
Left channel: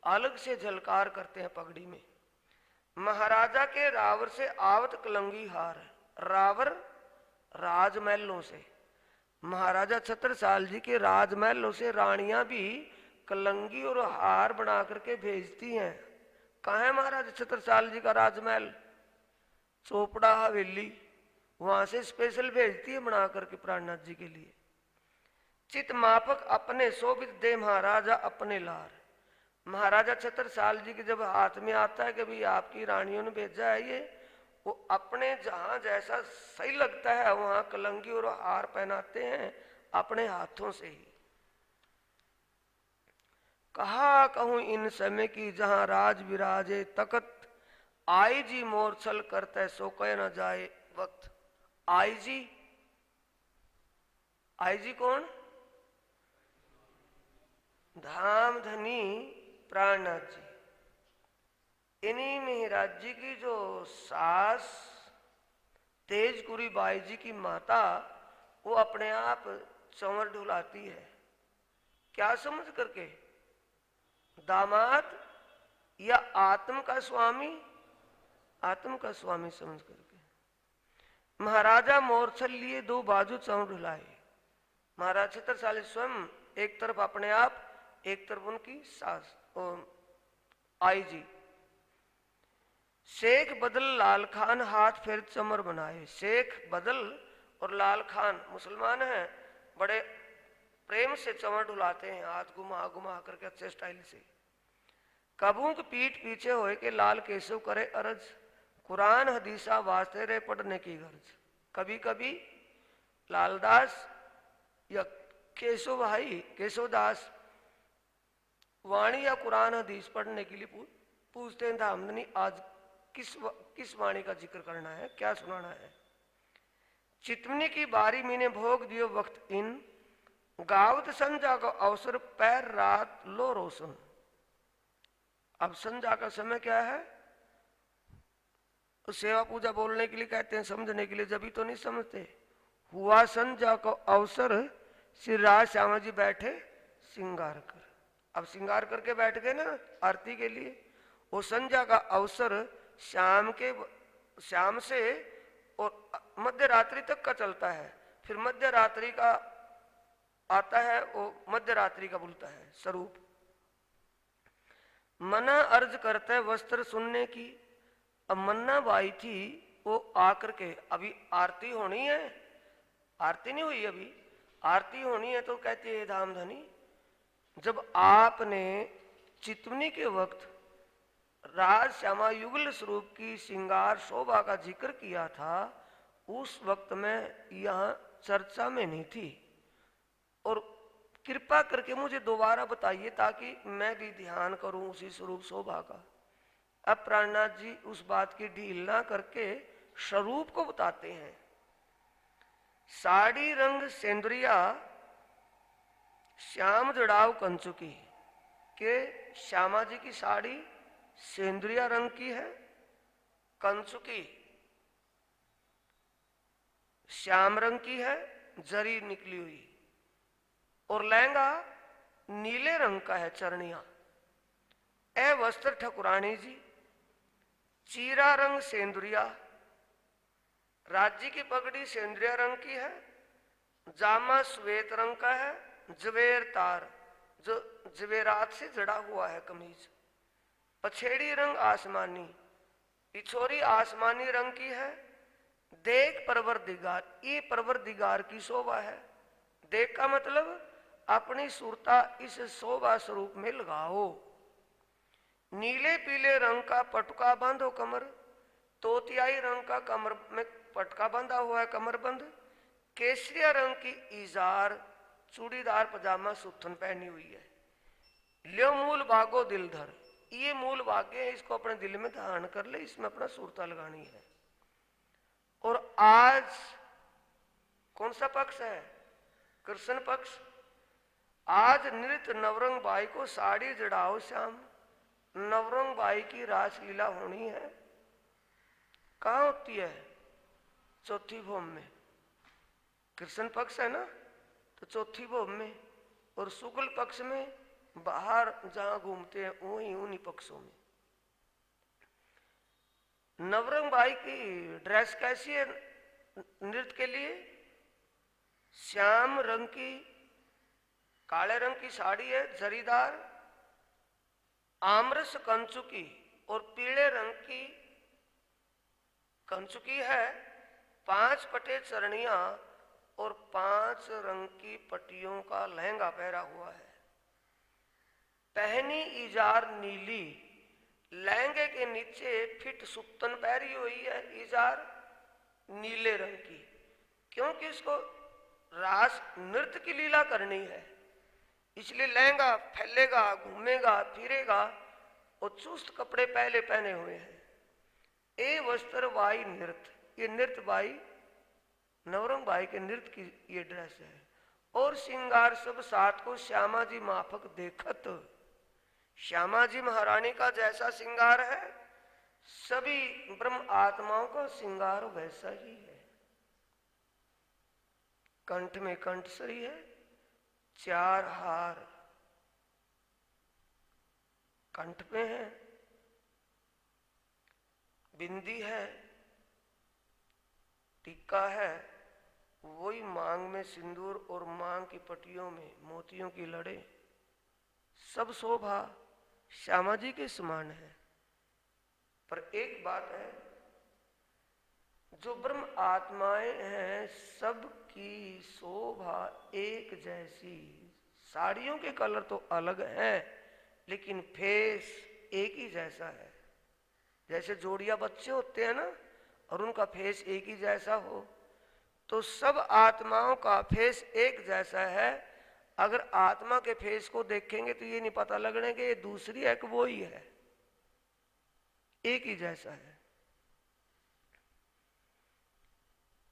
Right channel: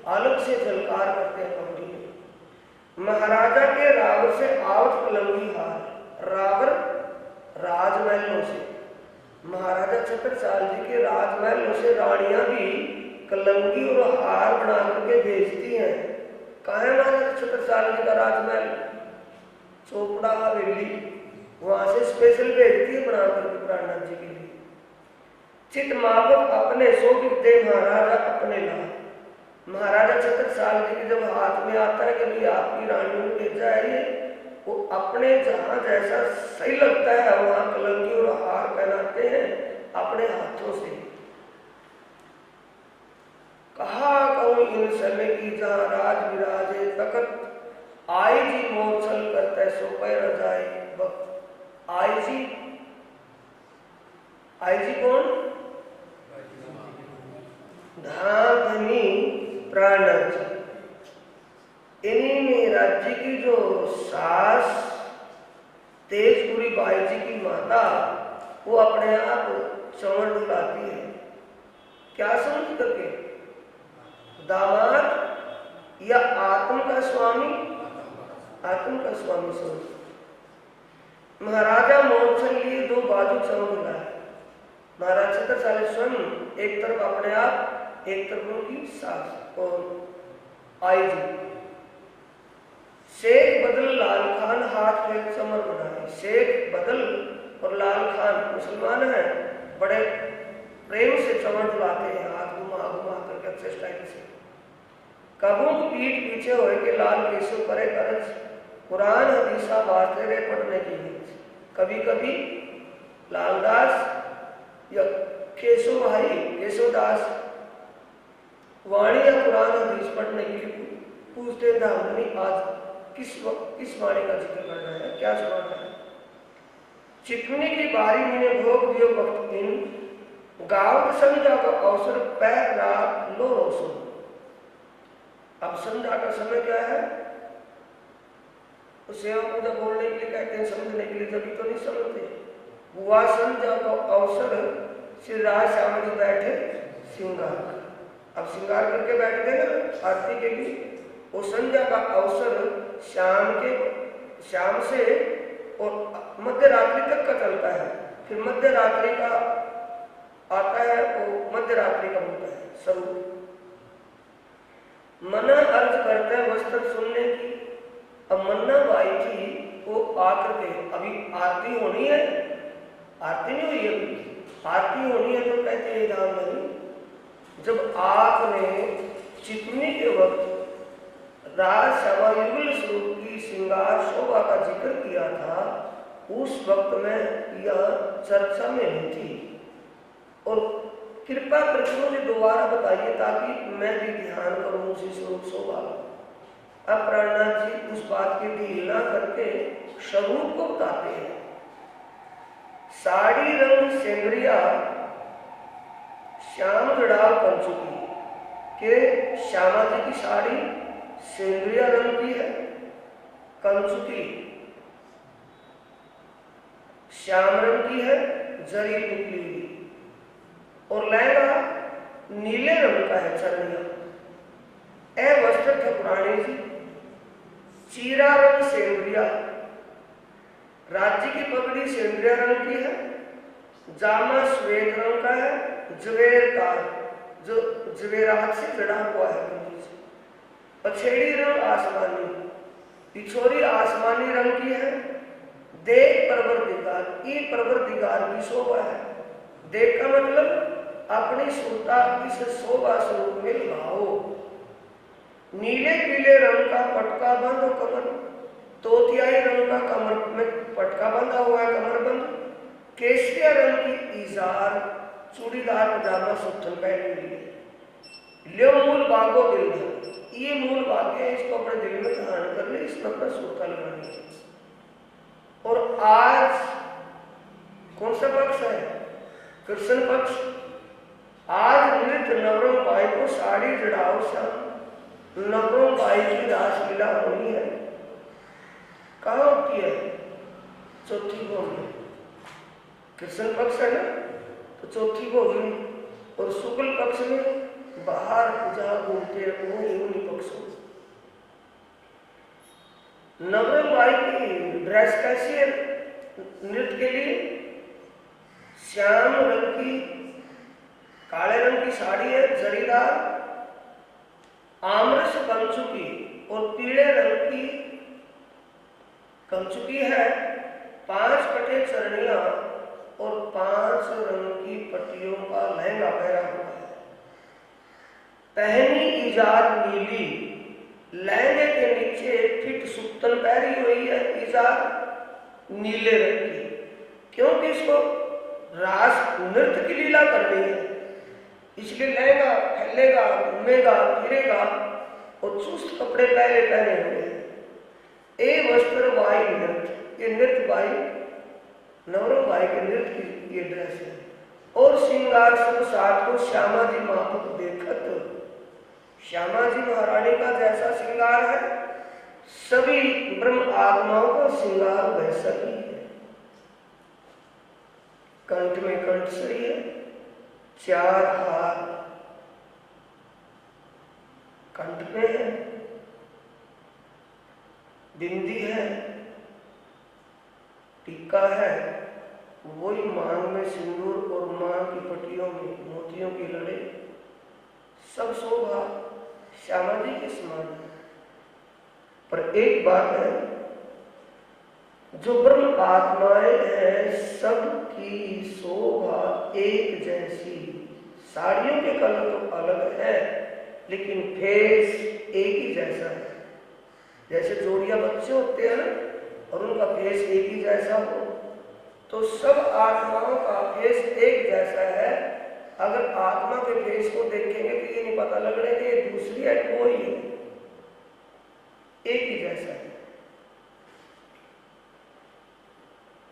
अलग से झलकार करते हैं पंक्ति में। महाराजा के रावर से आवत कलंगी हार। रावर राजमहलों से, महाराजा 76 साल जी के राजमहलों से रानियां भी कलंगी और हार बना करके भेजती हैं। कहाँ है महाराजा 76 साल जी का राजमहल? चोपड़ा हवेली, वहां से स्पेशल भेजती है बना करके प्राणनाथ जी के लिए। चित माफक अपने शोभित दे महाराजा अपने लाए। महाराजा छत्रसाल जी के जब हाथ में आता है कि भाई आपकी रानियों ने भेजा है ये, वो अपने जहां जैसा सही लगता है वहां कलंकी और हार पहनाते हैं अपने हाथों से। कहा कहूं इन समय की जहां राज विराजे तकत, आई जी मोरछल करते सो पैर जाए वक्त। आई जी कौन? धनी प्राणनाथ जी। इन्हीं में राज्य की जो सास तेजपुरी बाई जी की माता, वो अपने आप चमन डुलाती है। क्या समझ करके? दामाद या आत्म का स्वामी? आत्म का स्वामी समझ। महाराजा मोरछल लिए दो बाजू चमन डुलाए। महाराज छत्रसाल स्वयं एक तरफ अपने आप, एक तरफ उनकी सास और आई जी। शेख बदल लाल खान हाथ फेर चमर बनाए। शेख बदल और लाल खान मुसलमान हैं, बड़े प्रेम से चमर डुलाते हैं, हाथ घुमा घुमा करके अच्छे स्टाइल से। कबूक पीठ पीछे होए के लाल केशव करे करज, कुरान हदीसा वास्ते रे पढ़ने की गरज। कभी कभी लालदास या केशव भाई केशवदास वाणी या कुरान हदीस पढ़ने के लिए पूछते धामनी आज किस वाणी का जिक्र करना है, क्या सुनाना है। चितने की बारी मैंने भोग दियो वक्त इन, गावत समझा को अवसर पैर रात लो रोशन। अब संध्या का समय क्या है? तो सेवा पूजा बोलने के लिए कहते हैं, समझने के लिए जब तो नहीं समझते। हुआ संध्या को अवसर, श्री राज श्यामा जी बैठे श्रृंगार कर। अब श्रृंगार करके बैठ गए ना आरती के लिए। वो संध्या का अवसर शाम से और मध्य रात्रि तक का चलता है। फिर मध्य रात्रि का आता है, वो मध्य रात्रि का बोलता है स्वरूप। मना अर्ज करते हैं वस्त्र सुनने की। अब मन्ना बाई थी, वो आकर के अभी आरती होनी है, आरती नहीं हुई है अभी, आरती होनी है तो कहते हैं धाम धनी। जब आपने चितनी के वक्त राज श्यामा युगल स्वरूप की श्रृंगार शोभा का जिक्र किया था, उस वक्त में यह चर्चा में नहीं थी। और कृपया करके मुझे दोबारा बताइए ताकि मैं भी ध्यान करूं उसी स्वरूप शोभा। अब प्राणनाथ जी उस बात की ढील ना करके स्वरूप को बताते हैं। साड़ी रंग सेंद्रिया श्याम जड़ाव कंचुकी के, श्यामा जी की साड़ी सेंद्रिया रंग की है, कंचुकी श्याम रंग की है, जरी निकली हुई। और लहंगा नीले रंग का है, चरनिया। ए वस्त्र ठकुरानी जी चीरा रंग सेंद्रिया, राज्य की पगड़ी सेंद्रिया रंग की है, जामा श्वेत रंग का है, जवेर तार जो जवेरात से जड़ा हुआ है कमीज। पछेड़ी रंग आसमानी, पिछोरी आसमानी रंग की है। देख परवर दिगार, ये परवर दिगार की शोभा है। देख का मतलब अपनी सुरता इस शोभा स्वरूप में लगाओ। नीले पीले रंग का पटका बंद हो कमर, तोतियाई रंग का कमर में पटका बंधा हुआ है, कमर बंद। केसरिया रंग की इजार चूड़ीदार पजामा सुथन पहनी हुई है। ले मूल बागो दिल धर, ये मूल भाग्य है, इसको अपने दिल में धारण कर ले, इसमें अपना सूता लगानी है। और आज कौन सा पक्ष है? कृष्ण पक्ष। आज नृत्य नवरंग बाई को साड़ी जड़ाओ श्याम, नवरंग बाई की रासलीला होनी है। कहाँ होती है? चौथी भोग में। कृष्ण पक्ष है ना, तो चौथी भोग में। और शुक्ल पक्ष में बाहर जहां घूमते हैं उन्हीं पक्षों। नवरंग बाई की ड्रेस कैसी है नृत्य के लिए? श्याम रंग की, काले रंग की साड़ी है जरीदार, आम्रस कंचुकी और पीले रंग की कंचुकी है। 5 कटे चरणियां और 5 रंग की पट्टियों का लहंगा पहना हुआ है। पहनी इजार नीली, लहंगे के नीचे फिट सुतन पहनी हुई है इजार नीले रंग की, क्योंकि इसको रास नृत्य की लीला करनी है, इसलिए लहंगा फैलेगा, घूमेगा, फिरेगा और चुस्त कपड़े पहले पहने हुए हैं। ए वस्त्र बाई नृत्य, ये नृत्य बाई नवरंग बाई के नृत्य की ये ड्रेस है। और श्रृंगार सब साथ को श्यामा जी माफक देखत, श्यामा जी महारानी का जैसा श्रृंगार है, सभी ब्रह्म आत्माओं का श्रृंगार वैसा ही है। कंठ में कंठसरी है, 4 हार कंठ में है, बिंदी है, टीका है, वही मांग में सिंदूर और मांग की पट्टियों में मोतियों की लड़े, सब शोभा श्यामा जी के समान है। पर एक बात है, जो ब्रह्म आत्माएं हैं सबकी शोभा एक जैसी, साड़ियों के कलर तो अलग है लेकिन फेस एक ही जैसा है। जैसे जोड़िया बच्चे होते हैं और उनका फेस एक ही जैसा हो, तो सब आत्माओं का फेस एक जैसा है। अगर आत्मा के फेस को देखेंगे तो ये नहीं पता लगेगा कि ये दूसरी है कि वो ही है, एक ही जैसा है।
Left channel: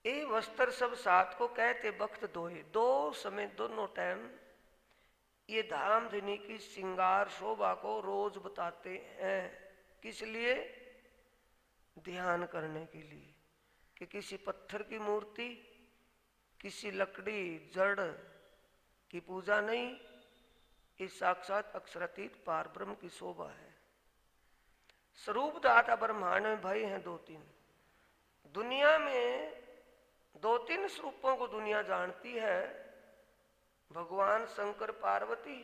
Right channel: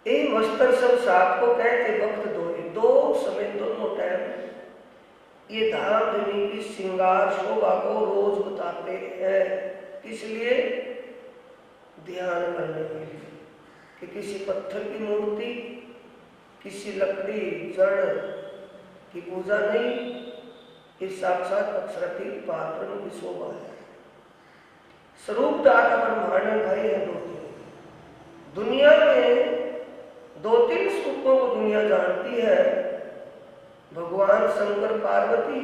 ए वस्त्र सब साथ को कहते वक्त दो समय दोनों टाइम ये धाम धनी की श्रृंगार शोभा को रोज बताते हैं। किस लिए? ध्यान करने के लिए कि किसी पत्थर की मूर्ति, किसी लकड़ी जड़ की पूजा नहीं, ये साक्षात अक्षरातीत पारब्रह्म की शोभा है। स्वरूप दाता ब्रह्मांड भाई है दो तीन, दुनिया में 2-3 स्वरूपों को दुनिया जानती है, भगवान शंकर पार्वती,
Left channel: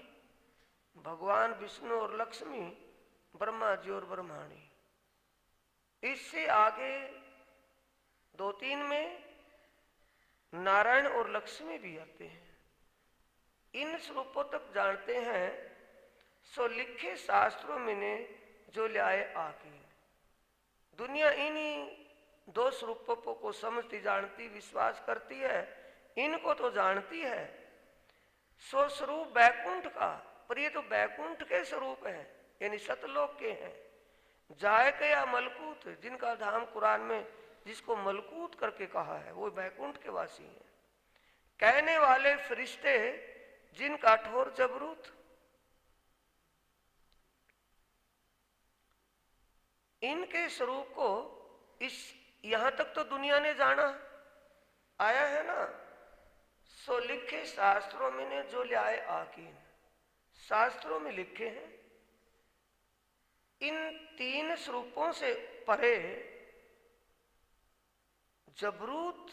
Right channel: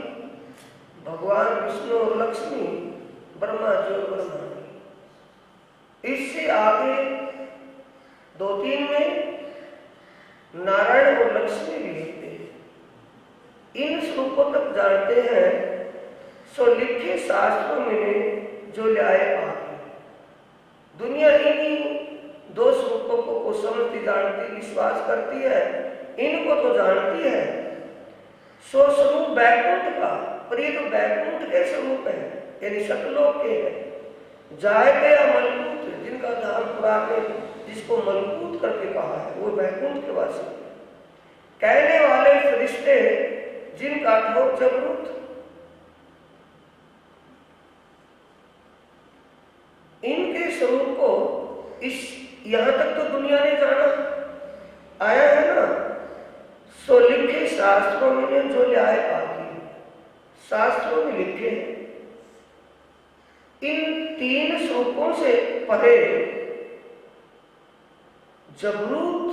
भगवान विष्णु और लक्ष्मी, ब्रह्मा जी और ब्रह्मांड। इससे आगे 2-3 में नारायण और लक्ष्मी भी होते हैं। इन स्वरूपों तक जानते हैं, सो लिखे शास्त्रों में जो लाए आगे। दुनिया इन्हीं 2 स्वरूपों को समझती, जानती, विश्वास करती है, इनको तो जानती है। सो स्वरूप बैकुंठ का, पर ये तो बैकुंठ के स्वरूप है, यानी सतलोक के हैं। जाए गया मलकूत, जिनका धाम पुराण में जिसको मलकूत करके कहा है, वो बैकुंठ के वासी। कहने वाले फरिश्ते जिनका ठोक जबरूत, इनके स्वरूप को इस यहां तक तो दुनिया ने जाना आया है ना। सो लिखे शास्त्रों में जो लाए आगे, शास्त्रों में लिखे इन 3 स्वरूपों से परे जबरूत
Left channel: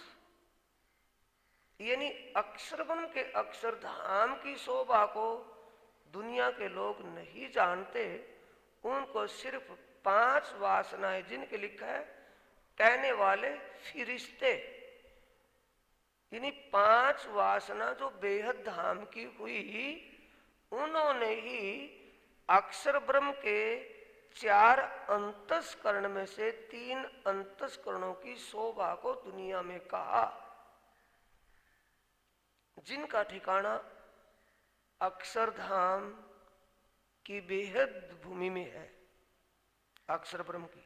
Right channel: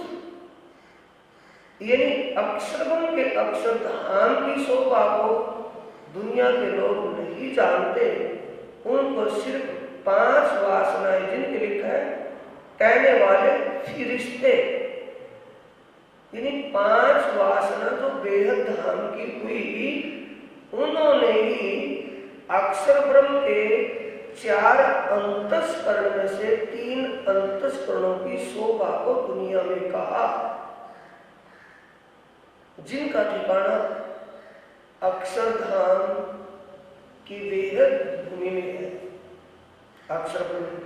यानी अक्षरगुण के अक्षरधाम की शोभा को दुनिया के लोग नहीं जानते। उनको सिर्फ 5 वासनाएं जिनके लिखा है, कहने वाले फिरिश्ते, यानी 5 वासना जो बेहद धाम की हुई, उन्होंने ही अक्षर ब्रह्म के 4 अंतस्करण में से 3 अंतस्करणों की शोभा को दुनिया में कहा, जिनका ठिकाना अक्षरधाम की बेहद भूमि में है। अक्षर ब्रह्म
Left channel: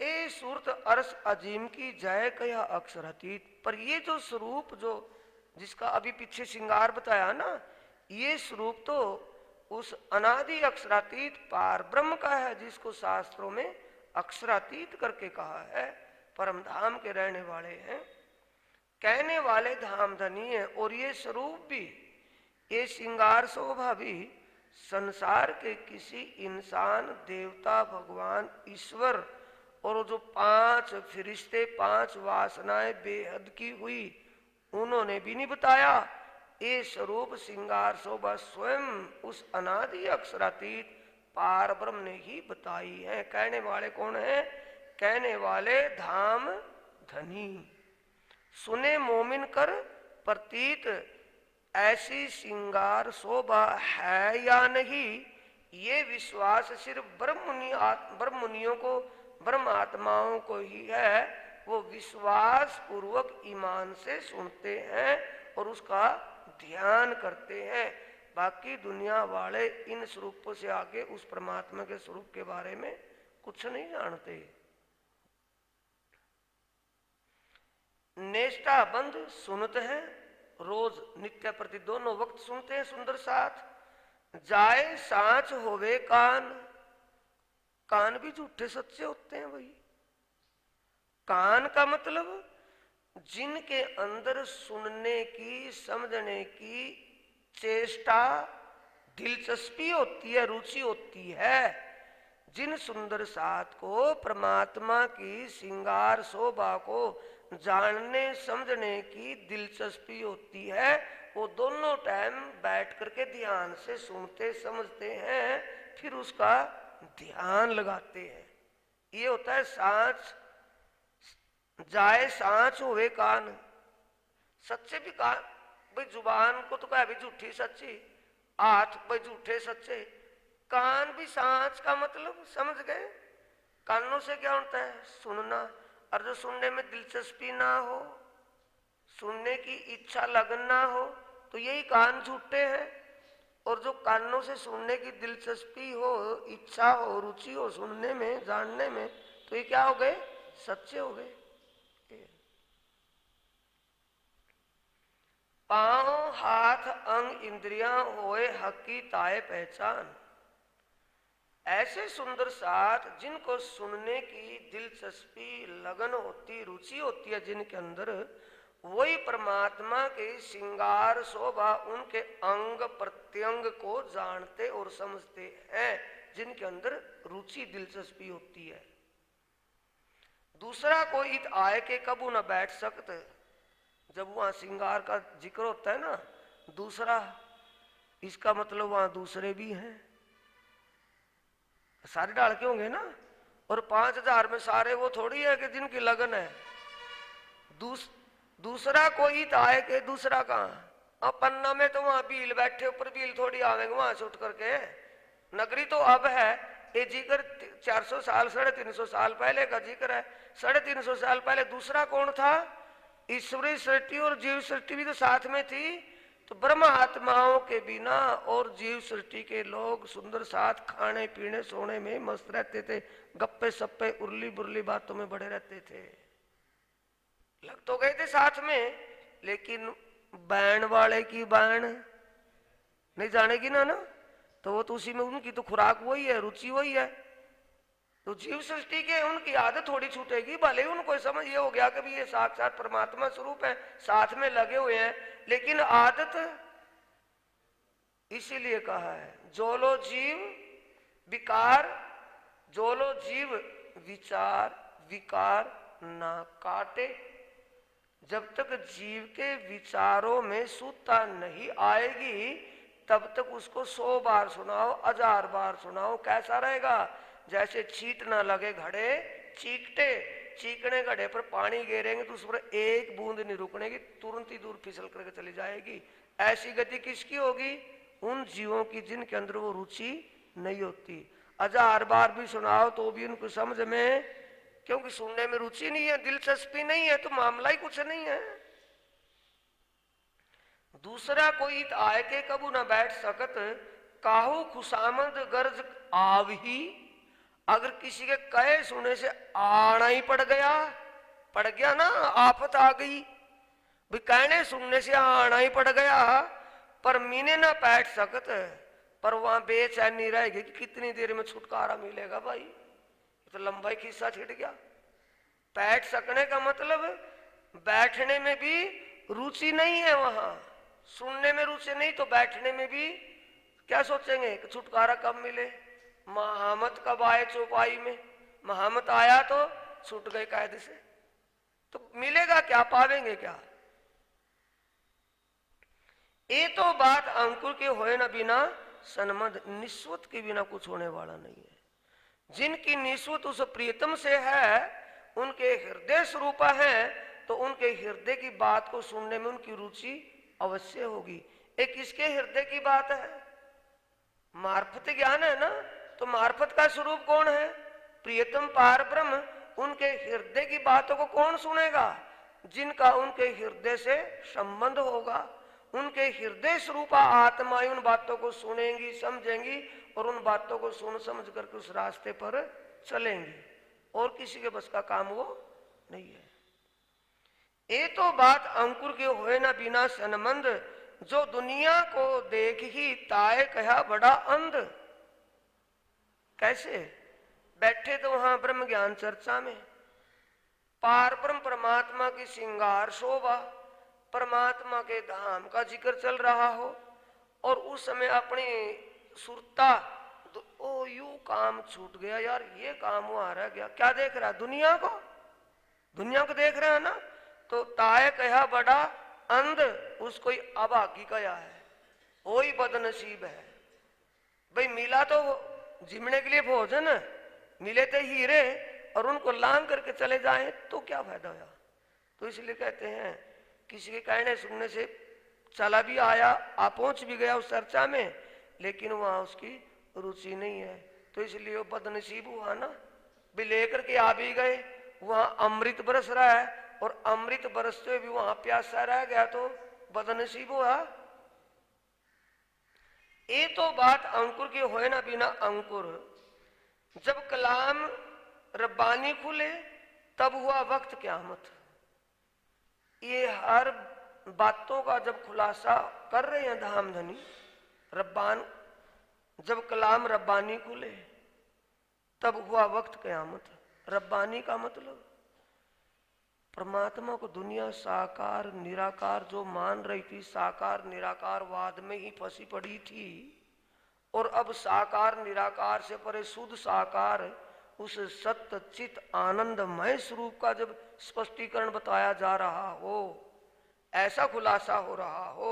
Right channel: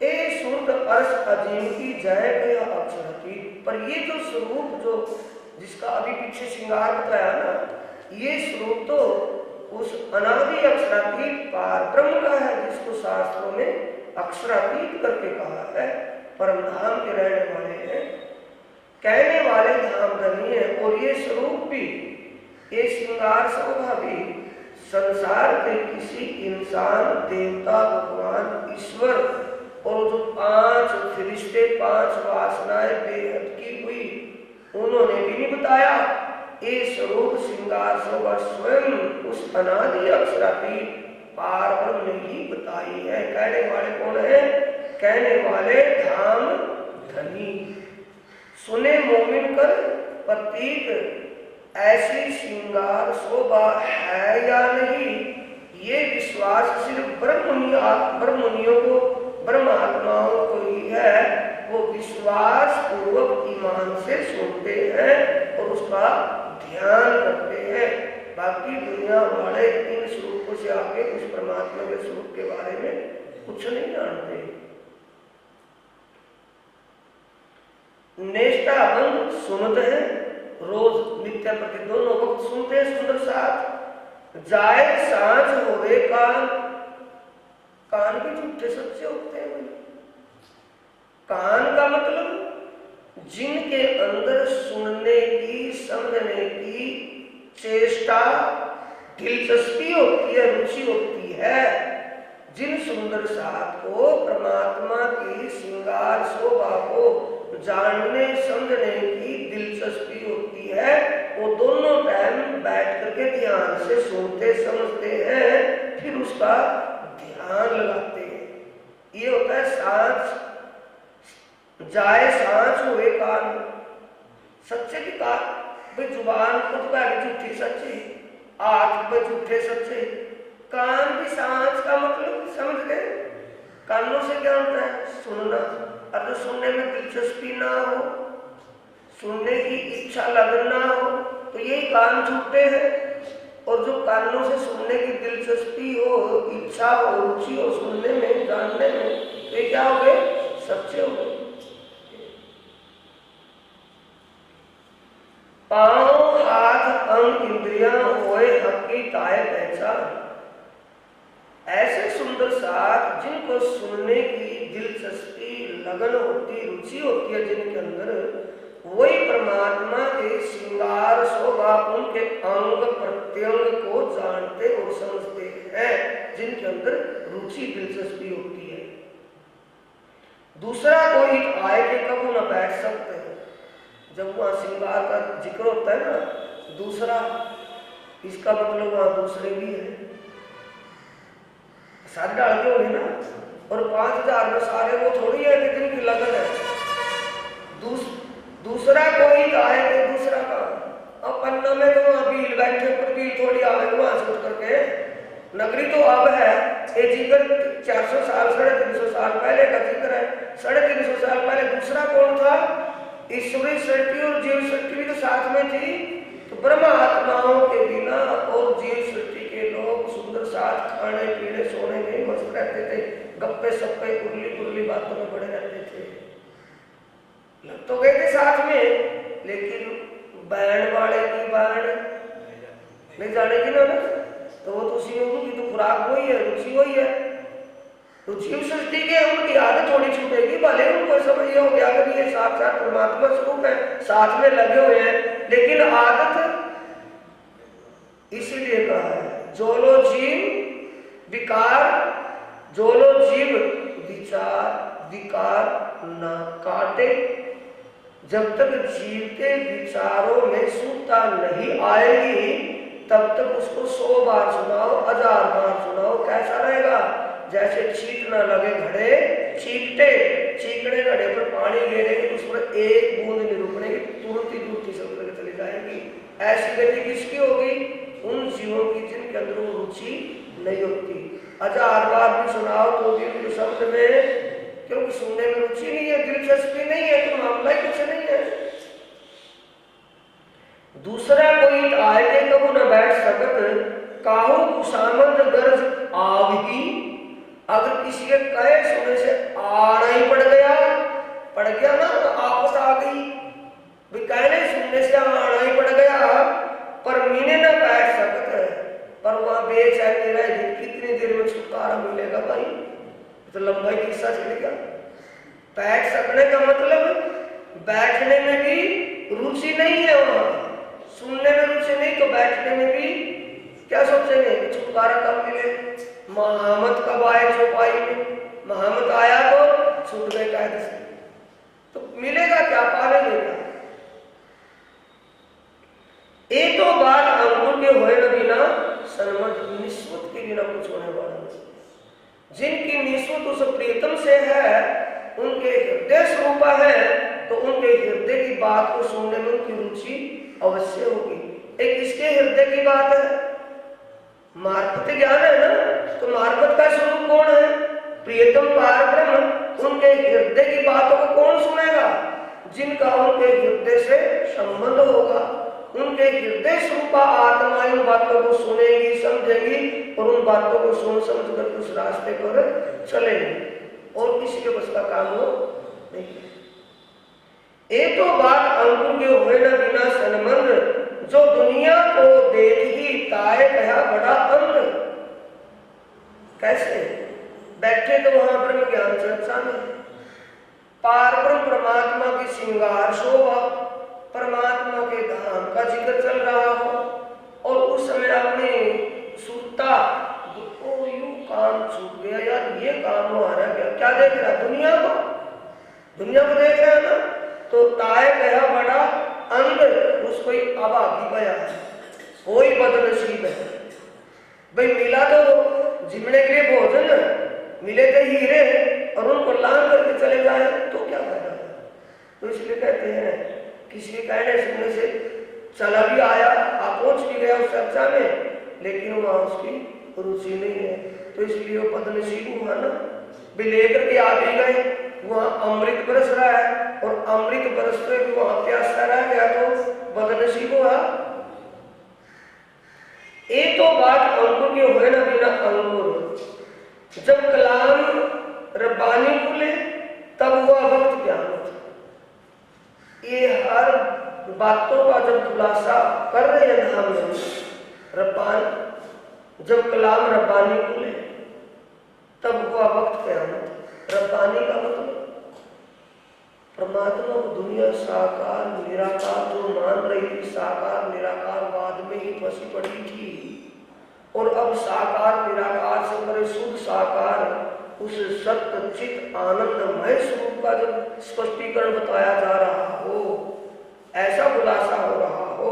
ए सूर्य अर्श अजीम की जय गया अक्षरातीत। पर ये जो स्वरूप जो जिसका अभी पीछे श्रृंगार बताया ना, ये स्वरूप तो उस अनादि अक्षरातीत पार ब्रह्म का है, जिसको शास्त्रों में अक्षरातीत करके कहा है। परम धाम के रहने वाले हैं, कहने वाले धाम धनी है। और ये स्वरूप भी, ये श्रृंगार शोभा भी संसार के किसी इंसान, देवता, भगवान, ईश्वर और जो 5 फरिश्ते, 5 वासनाएं बेहद की हुई, उन्होंने भी नहीं बताया। ये स्वरूप श्रृंगार शोभा स्वयं उस अनादि अक्षरातीत पार ब्रह्म ने ही बताई है। कहने वाले कौन है? कहने वाले धाम धनी। सुने मोमिन कर प्रतीक ऐसी श्रृंगार शोभा है या नहीं, ये विश्वास सिर्फ ब्रह्ममुनियों को, ब्रह्म आत्माओं को ही है। वो विश्वास पूर्वक ईमान से सुनते हैं और उसका ध्यान करते हैं। बाकी दुनिया वाले इन स्वरूपों से आगे उस परमात्मा के स्वरूप के बारे में कुछ नहीं जानते। निष्ठाबंध सुनते हैं, रोज नित्य प्रति दोनों वक्त सुनते हैं सुंदर साथ। जाए सांझ होवे कान, कान के झूठे सच्चे होते हैं भाई। कान का मतलब जिनके अंदर सुनने की, समझने की चेष्टा, दिलचस्पी होती है, रुचि होती है, जिन सुंदर साथ को, परमात्मा की श्रृंगार शोभा को जानने समझने की दिलचस्पी होती है, वो दोनों टाइम बैठ करके ध्यान से सुनते समझते हैं, फिर उसका ध्यान लगाते हैं। ये होता है सांझ। जाए सांझ हुए कान, सच्चे की कान भाई, जुबान खुद का झूठी सच्ची, हाथ पे झूठे सच्चे, कान भी सांझ का मतलब समझ गए। कानों से क्या होता है? सुनना। अगर सुनने में दिलचस्पी ना हो, सुनने की इच्छा लगना हो, तो यही कान झूठे हैं। और जो कानों से सुनने की दिलचस्पी हो, इच्छा हो, रुचि हो सुनने में, जानने में, तो ये क्या हो गए? सच्चे हो गए। पांव, हाथ, अंग, इंद्रियां होए हक की ताए पहचान। ऐसे सुंदर साथ जिनको सुनने की दिलचस्पी, लगन होती, रुचि होती है जिनके अंदर, वही परमात्मा के श्रृंगार शोभा, उनके अंग प्रत्यंग को जानते और समझते हैं, जिनके अंदर रुचि, दिलचस्पी होती है। दूसरा कोई आए के कबू न बैठ सकते हैं। जब वहां श्रृंगार का जिक्र होता है ना, दूसरा, इसका मतलब वहां दूसरे भी है, सारे डाल के होंगे ना। और 5000 में सारे वो थोड़ी है कि जिनकी लगन है। दूसरा कोई आए थे, दूसरा काम। अब पन्ना में तो वहां भील बैठे, पर भील थोड़ी आवे वहां से उठ करके। नगरी तो अब है, ये जिक्र 400 साल, 350 साल पहले का जिक्र है। 350 साल पहले दूसरा कौन था? ईश्वरी सृष्टि और जीव सृष्टि भी तो साथ में थी। तो ब्रह्म आत्माओं के बिना और जीव सृष्टि के लोग सुंदर साथ खाने पीने सोने में मस्त रहते थे, गप्पे सप्पे उर्ली पुर्ली बातों में पड़े रहते थे। लग तो गए थे साथ में, लेकिन बैंड वाले की बैंड नहीं जानेगी ना, तो वो तो उसी में उनकी तो खुराक वही है, रुचि वही है। तो जीव सृष्टि के उनकी आदत थोड़ी छूटेगी, भले उनको समझ ये हो गया कि ये साक्षात परमात्मा स्वरूप है, साथ में लगे हुए हैं, लेकिन आदत इसीलिए कहा है जो लो जीव विकार, जो लो जीव विचार विकार न काटे। जब तक जीव के विचारों में शुद्धता नहीं आएगी, तब तक उसको 100 बार सुनाओ, 1000 बार सुनाओ, कैसा रहेगा? जैसे छींट ना लगे घड़े चीकटे, चीकड़े घड़े पर पानी गिरेंगे तो उस पर एक बूंद नहीं रुकनेगी, तुरंत ही दूर तीसरे करके चली जाएगी। ऐसी गति किसकी होगी? उन जीवों की जिनके अंदर वो रुचि नहीं होती। 1000 बार भी सुनाओ तो भी उनकी समझ में, क्योंकि सुनने में रुचि नहीं है, दिलचस्पी नहीं है, तो मामला ही कुछ नहीं है। दूसरा कोई आए के कबू न बैठ सकत, काहू कुसामंद गर्ज आवही। अगर किसी के कहे सुने से आना ही पड़ गया ना, आपस आ गई, कहने सुनने से आना ही पड़ गया, पर मीने न बैठ सकते, पर वहां बेचैनी रहेगी, कितनी देर में छुटकारा मिलेगा भाई? तो लंबाई किस्सा चल गया। बैठ सकने का मतलब बैठने में भी रुचि नहीं है, वहां सुनने में रुचि नहीं, तो बैठने में भी क्या सोचेंगे कि छुटकारा कब मिले? महामत कब आए चौपाई में? महामत आया तो छूट गए कायदे से, तो मिलेगा क्या, पालेंगे क्या? एक तो बात अंकुर के होए न बिना सन्मत, निस्वत के बिना कुछ होने वाला नहीं। जिनकी निस्वत उस प्रीतम से है, उनके हृदय स्वरूपा है, तो उनके हृदय की बात को सुनने में उनकी रुचि अवश्य होगी। एक किसके हृदय की बात है? मार्फत ज्ञान है ना, तो मार्फत का स्वरूप कौन है? प्रियतम पारब्रह्म। उनके हृदय की बातों को कौन सुनेगा? जिनका उनके हृदय से संबंध होगा। उनके हृदय स्वरूपा आत्मा इन बातों को सुनेगी, समझेगी और उन बातों को सुन समझ कर उस रास्ते पर चलेगी। और किसी के बस का काम हो नहीं। एक तो बात अंकुर के हुए न बिना संबंध, जो दुनिया को देख ही ताए कहा बड़ा अंध। कैसे बैठे तो वहां ब्रह्म ज्ञान चर्चा में, पारब्रह्म परमात्मा की श्रृंगार शोभा, परमात्मा के धाम का जिक्र चल रहा हो और उस समय अपने सुनता तो यूं काम छूट गया यार, ये काम हमारा क्या देख रहा? दुनिया को देख रहा है ना, तो ताए कहा बड़ा अंध, उसको ही अभागी गया, कोई बदनसीब है भाई। मिला तो जिमने के लिए भोजन, मिले थे हीरे और उनको लांग करके चले जाए तो क्या फायदा? तो इसलिए कहते हैं किसी के कहने सुनने से चला भी आया, आप पहुंच भी गया उस चर्चा में, लेकिन वहां उसकी रुचि नहीं है, तो इसलिए वो बदनसीब हुआ ना। भी लेकर के आ भी गए, वहां अमृत बरस रहा है और अमृत बरसते भी वहां प्यासा रह गया, तो बदनसीब हो रहा। एक तो बात अंकुर के हुए न बिना अंकुर, जब कलाम रब्बानी खुले तब हुआ वक्त क़यामत। ये हर बातों का जब खुलासा कर रहे हैं हम रब्बान, जब कलाम रब्बानी खुले तब हुआ वक्त क़यामत। रब्बानी का मतलब परमात्मा को दुनिया साकार निराकार जो मान रही थी, साकार निराकार बाद में ही फंसी पड़ी थी, और अब साकार निराकार से परे शुद्ध साकार उस सत्य चित आनंदमय स्वरूप का जब स्पष्टीकरण बताया जा रहा हो, ऐसा खुलासा हो रहा हो,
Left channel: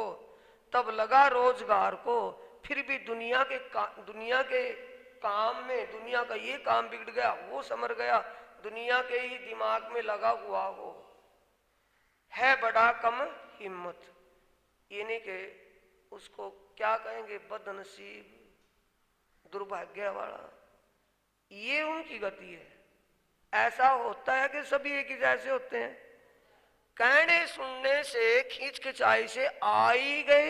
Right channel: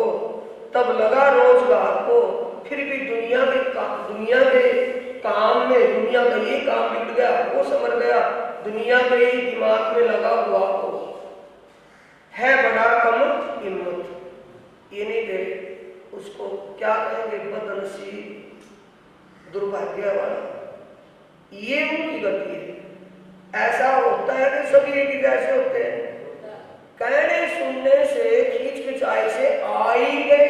तब लगा रोजगार को फिर भी दुनिया के काम में, दुनिया का ये काम बिगड़ गया, वो समझ गया, दुनिया के ही दिमाग में लगा हुआ हो, है बड़ा कम हिम्मत। ये नहीं दे उसको क्या कहेंगे? बदनसीब, दुर्भाग्य वाला, ये उनकी गति है। ऐसा होता है कि सभी एक ही जैसे होते हैं, कहने सुनने से खींच खिंचाई से आ ही गए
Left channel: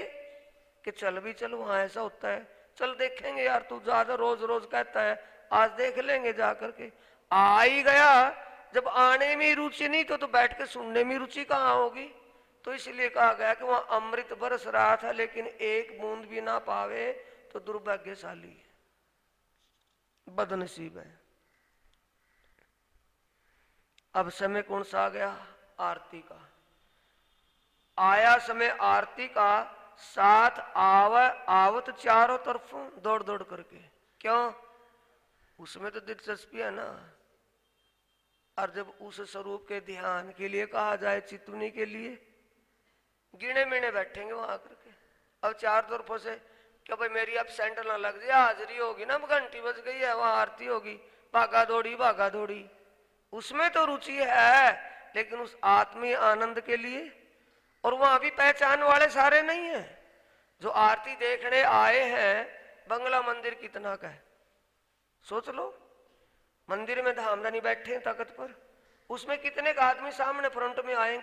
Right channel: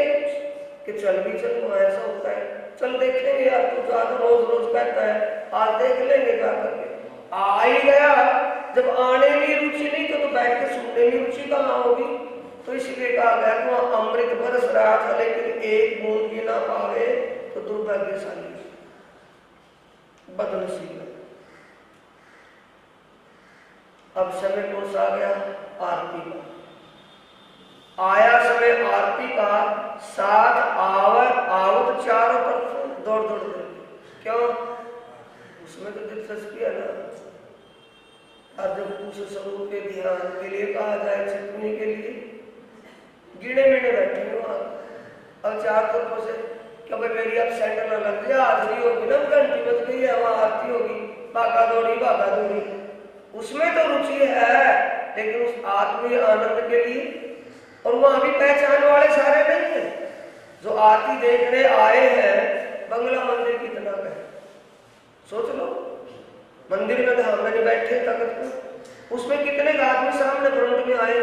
कि चल भी चलूंगा, ऐसा होता है। चल देखेंगे यार, तू ज्यादा रोज रोज कहता है, आज देख लेंगे जाकर के, आ ही गया। जब आने में रुचि नहीं तो बैठ के सुनने में रुचि कहाँ होगी? तो इसलिए कहा गया कि वहां अमृत बरस रहा था, लेकिन एक बूंद भी ना पावे तो दुर्भाग्यशाली, बदनसीब है। अब समय कौन सा आ गया? आरती का आया समय। आरती का साथ आवत चारों तरफ दौड़ दौड़ कर, क्यों? उसमें तो दिलचस्पी है ना। और जब उस स्वरूप के ध्यान के लिए कहा जाए, चिंतने के लिए गिने मिने बैठेंगे वहां। अब चार तरफों से क्योंकि मेरी अब सेंटर में लग गया, हाजरी होगी ना, घंटी बज गई है, वहां आरती होगी, भागा दौड़ी, उसमें तो रुचि है, लेकिन उस आत्मीय आनंद के लिए। और वहां भी पहचान वाले सारे नहीं है। जो आरती देखने आए हैं, बंगला मंदिर कितना का है सोच लो, मंदिर में धाम में नहीं बैठे तखत पर, उसमें कितने आदमी सामने फ्रंट में आए।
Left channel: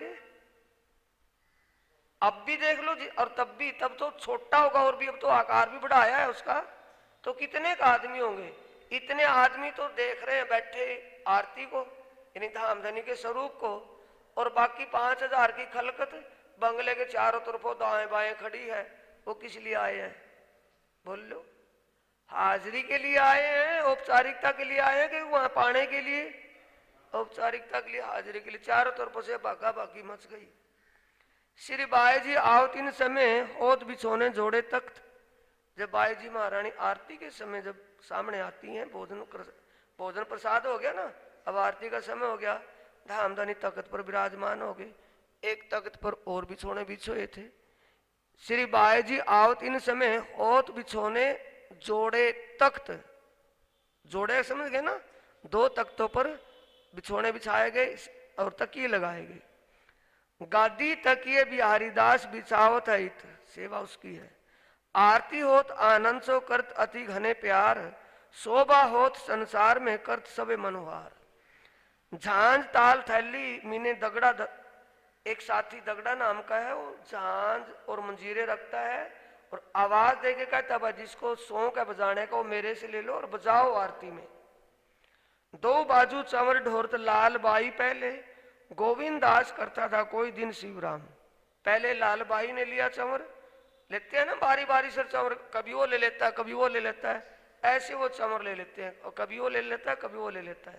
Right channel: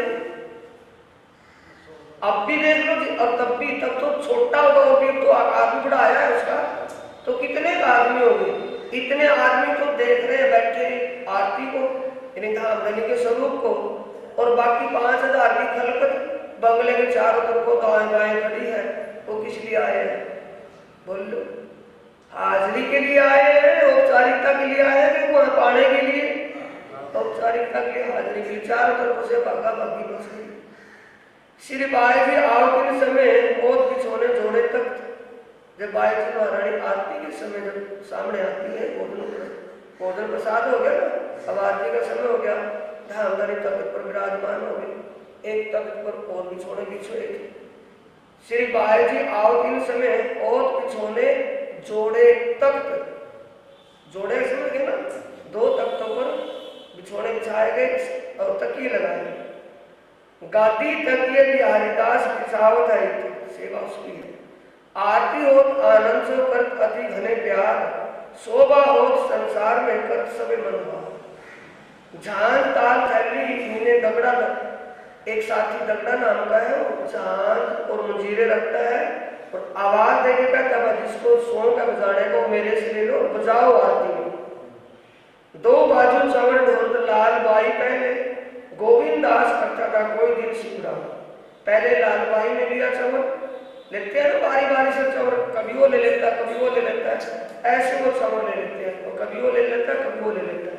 अब भी देख लो जी, और तब तो छोटा होगा, और भी तो आकार भी बढ़ाया है उसका, तो कितने आदमी होंगे? इतने आदमी तो देख रहे हैं बैठे आरती को, यानी धामधनी के स्वरूप को, और बाकी 5000 की खलकत बंगले के चारों तरफ दाएं बाएं खड़ी है। वो किस लिए आए हैं? बोल लो। हाजरी के लिए आए हैं, औपचारिकता के लिए आए हैं, कि वहां पाने के लिए? औपचारिकता के लिए, हाजरी के लिए। चारों तरफ से भागा भागी मच गई। श्री बाई जी आवती समय ओत बिछोने जोड़े तख्त। जब बाई जी महारानी आरती के समय जब सामने आती है, भोजन प्रसाद हो गया ना, अब आरती का समय हो गया, धामधनी तख्त पर विराजमान हो गए। एक तख्त पर और बिछोने बिछोए थे। श्री बाई जी आवती समय ओत बिछोने जोड़े तख्त, जोड़े समझ गए ना, 2 तख्तों पर बिछोने बिछाए गए और तकिए लगाए गए। गादी तक ये बिहारीदास बिछावत है, सेवा उसकी है। आरती होत आनंद सो करत अति घने प्यार, शोभा होत संसार में करत सबे मनोभार। झांझ ताल थैली मीने दगड़ा, एक साथी दगड़ा नाम का है, वो झांझ और मंजीरे रखता है और आवाज देके कहता है जिसको शौक है बजाने को मेरे से ले लो और बजाओ आरती में। दो बाजू चंवर ढोल लाल बाई पहले, गोविंद दास करता था कोई दिन शिवराम। पहले लाल बाई ने लिया चंवर, लेते हैं ना बारी बारी से चंवर, कभी वो ले लेता है कभी वो ले लेता है, ऐसे वो चंवर ले लेते हैं और कभी वो ले लेता है कभी वो ले लेता है।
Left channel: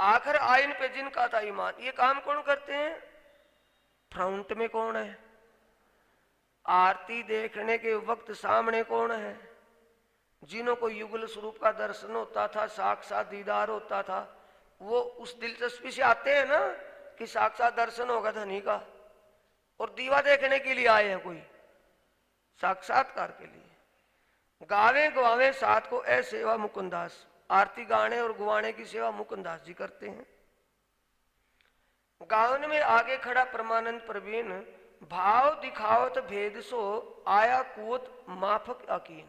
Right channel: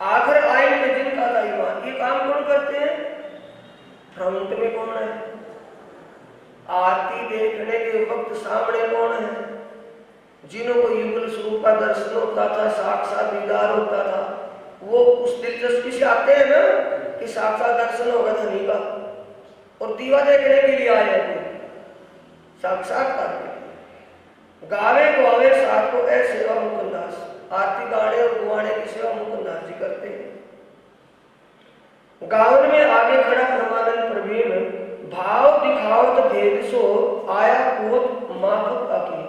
आखिर आयन में जिनका था ईमान, ये काम कौन करते हैं? फ्रंट में कौन है? आरती देखने के वक्त सामने कौन है? जिन्हों को युगल स्वरूप का दर्शन होता था, साक्षात दीदार होता था, वो उस दिलचस्पी से आते हैं ना कि साक्षात दर्शन होगा धनी का, और दीवा देखने के लिए आए हैं कोई साक्षात्कार के लिए। गावे गुआवे साथ को ऐ सेवा मुकुंदास, आरती गाने और गुआने की सेवा मुकुंदास जी करते हैं। गावन में आगे खड़ा परमानंद प्रवीण, भाव दिखावत भेद सो आया कुवत माफक आकी।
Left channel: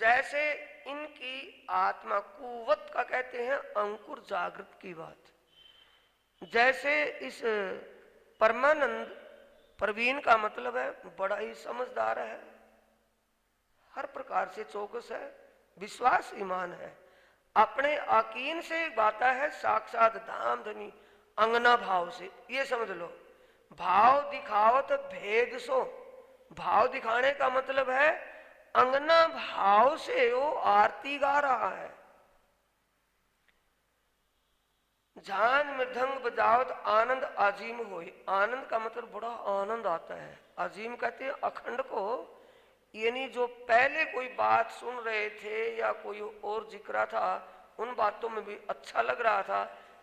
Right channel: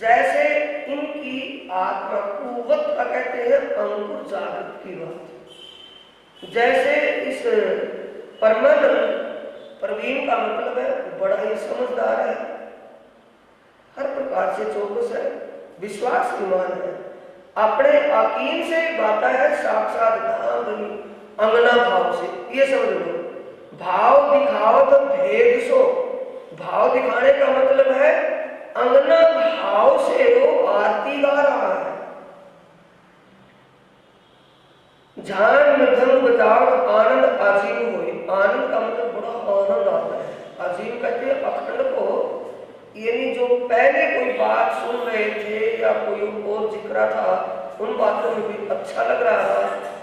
जैसे इनकी आत्मा कुवत का कहते हैं अंकुर जागृत की बात, जैसे इस परमानंद प्रवीण का मतलब है बड़ा ही समझदार है, हर प्रकार से चौकस है, विश्वास ईमान है, अपने आकीन से बाता है, साक्षात धाम धनी अंगना भाव से। ये समझ लो, भाव दिखावत भेद सो, भाव दिखाने का मतलब है अंगना भाव से वो आरती गा रहा है। झान मृदंग बजाओ आनंद आजीम होए, आनंद का मतलब बड़ा आनंद आता है। आजीम कहते हैं अखंड को, यानी जो पहले कोई बात सुन रहे थे या कोई और जिक्र था उन बातों में भी अच्छा लग रहा था,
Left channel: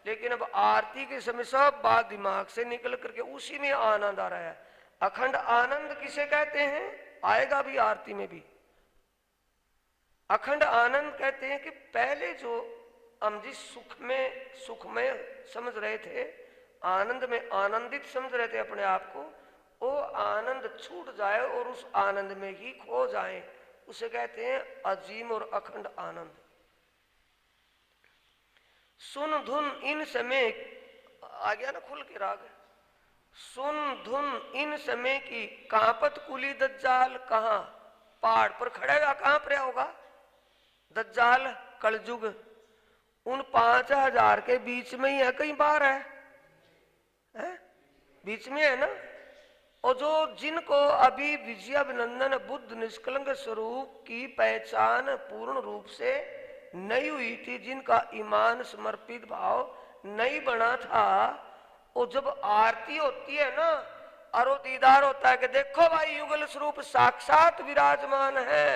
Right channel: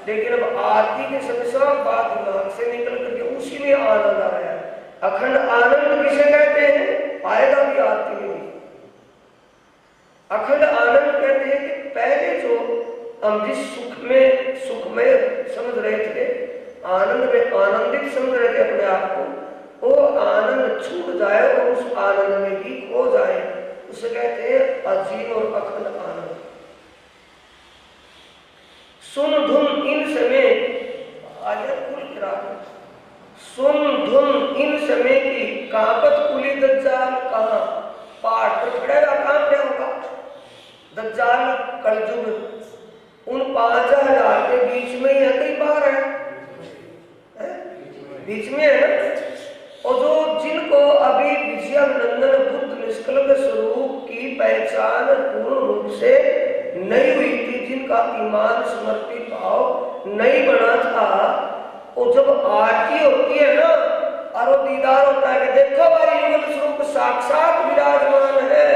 लेकिन अब आरती के समय सब बात दिमाग से निकल करके उसी में आनंद आ रहा है। अखंड आनंद किसे कहते हैं? आएगा भी आरती में भी। अखंड आनंद कहते हैं कि पहले जो हम जिस सुख में समझ रहे थे, आनंद में आनंदित समझ रहे थे अपने आप को, वो आनंद छूट जाए और उस आनंद में ही खो जाए, उसे कहते हैं अजीम और अखंड आनंद। सुन धुन इन समय, आगे कुल किरात, सुन धुन इन समय की कापत कुली दज्जाल, कहाँ पहाड़ पर खड़े हुआ कांप रहा होगा दज्जाल कलयुग, उन 5000 के बीच में ही है, कई बार है बीच में है ना। और जो जिनको अभी विजयानंदन बुद्ध निष्कलंक स्वरूप की पहचान पूर्ण रूप से नहीं हुई थी, जिनका ईमान समर्पित भाव नहीं बना था, और जब आरती होती है ना और वो दीदार होता है कि देखो भाई युगल स्वरूप साक्षात विराजमान है,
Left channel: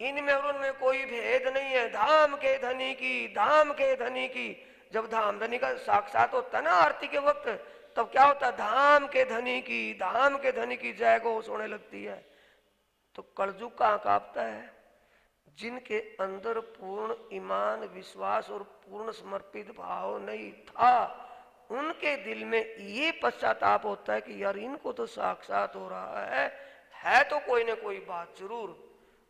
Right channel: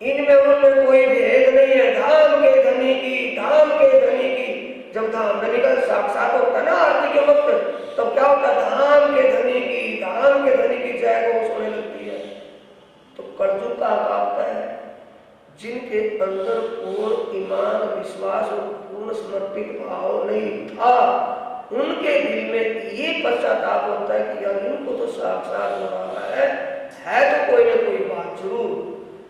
इनमें उनमें कोई भेद नहीं है, धाम के धनी की, धाम के धनी की। जब धाम धनी का साक्षात होता है ना आरती के वक्त, तो क्या होता है? धाम के धनी की, धाम के धनी की जय घोष होने लगती है। तो कलयुग का कांपता है, जिनके अंदर पूर्ण ईमान विश्वास और पूर्ण समर्पित भाव नहीं था, उनके दिल में ये पश्चाताप होता है कि यार इनको तो साक्षात हो रहा है तो कोई ना कोई बात जरूर,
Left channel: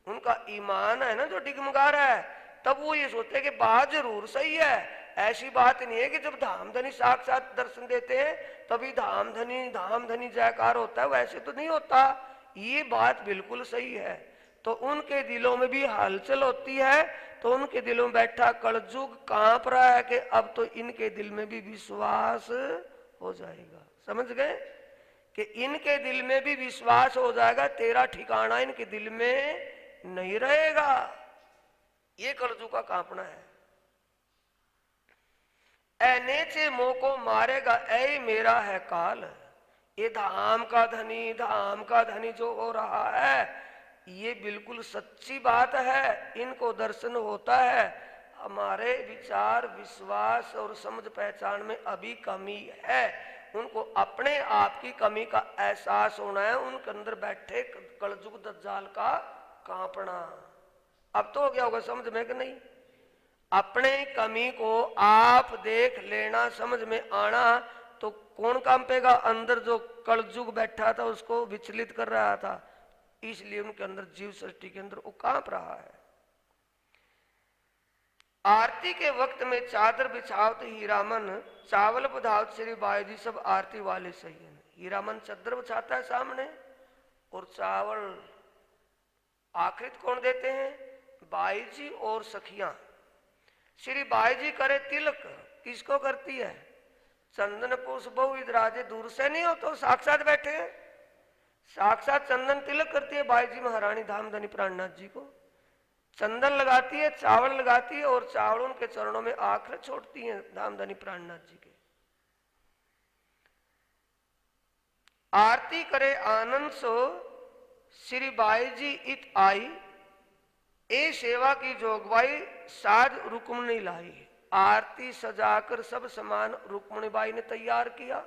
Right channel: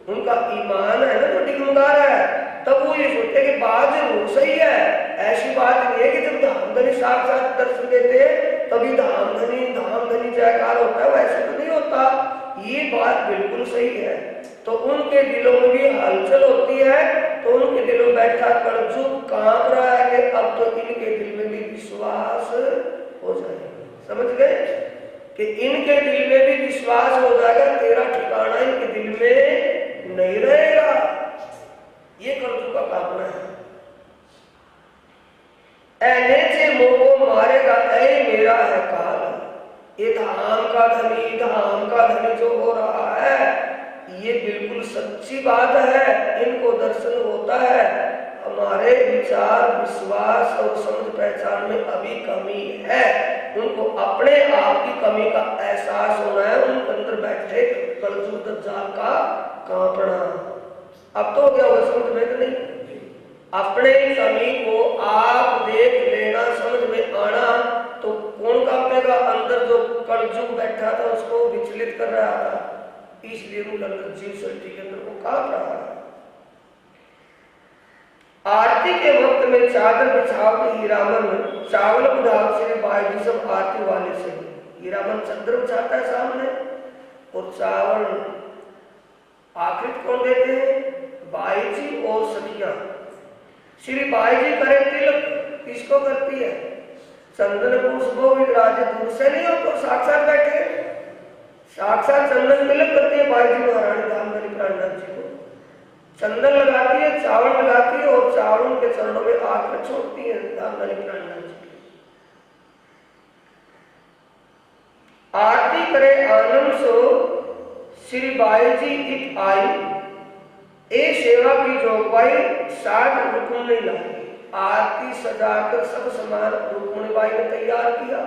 उनका ईमान है ना जो डिगमगा रहा है, तब वो ये सोचते कि बात जरूर सही है। ऐसी बात नहीं है कि जब धामधनी साक्षात दर्शन देते हैं तभी धामधनी जयकार होता है, वैसे तो नहीं होता। ये बात बिल्कुल सही है। तो उनके दिलों में भी हलचल होती है, तो उनके दिलों में बैठा कलयुग कांप रहा है कि अब तो इनके दिल में भी विश्वास हो जाएगा। समझ गए कि इनके दिल में भी विश्वास हो जाएगा, तेरा ठिकाना इनके दिल में नहीं रहेगा। ये कलयुग का कामना है। ऐने से मोह मारेगा ऐ मेरा है काल, ये धाम का धनी जो हो रहा है ये बिल्कुल सच्ची बात है, इनको दर्शन होता है। हमारे विचार विश्वास और समझ पहचान में अभी कमी है, उनको अपने आप की कमी का एहसास होना है। उनके अंदर बैठे कलयुग दज्जाल का कांपना अब तो हो गया, वो समझ में कि नहीं? अपने कमी को आप देख लेना, समझ में आना, तो कौन कांपेगा? अंदर जो कलजुग बैठा था उसको विचलित कर रहा था, इसलिए उनके अंदर जीव सृष्टि के अंदर वो कांप रहा है। आरती के वक्त में चादर बिछावत हीरामन, चावल बुढ़ावत श्री बाई सब आरती वाले से। हीरामन चादर बिछाता है सामने, और चावल आखिर कौन देते हैं? बाई जी और सखियां। श्री बाई जी करे तिलक, किसको करती है? चंदन पुष्पो विराजे, दूर से नहीं हो तो साक्षात बैठे, साक्षात चंदन तिलक करती है बाई जी महारानी धामधनी प्राणनाथ जी को। चंदन लगाती है, चावल लगाती है, और चावल के चरणों में आकर छोड़ती है धामधनी प्राणनाथ जी। आरती करे आनंद सो श्री बाई जी इत आई, ए सेवा की जोगवाई साठ रुकम नहीं लाई। आरती सजाकर सब सामान रुक्मिणी बाई ने तैयार किया।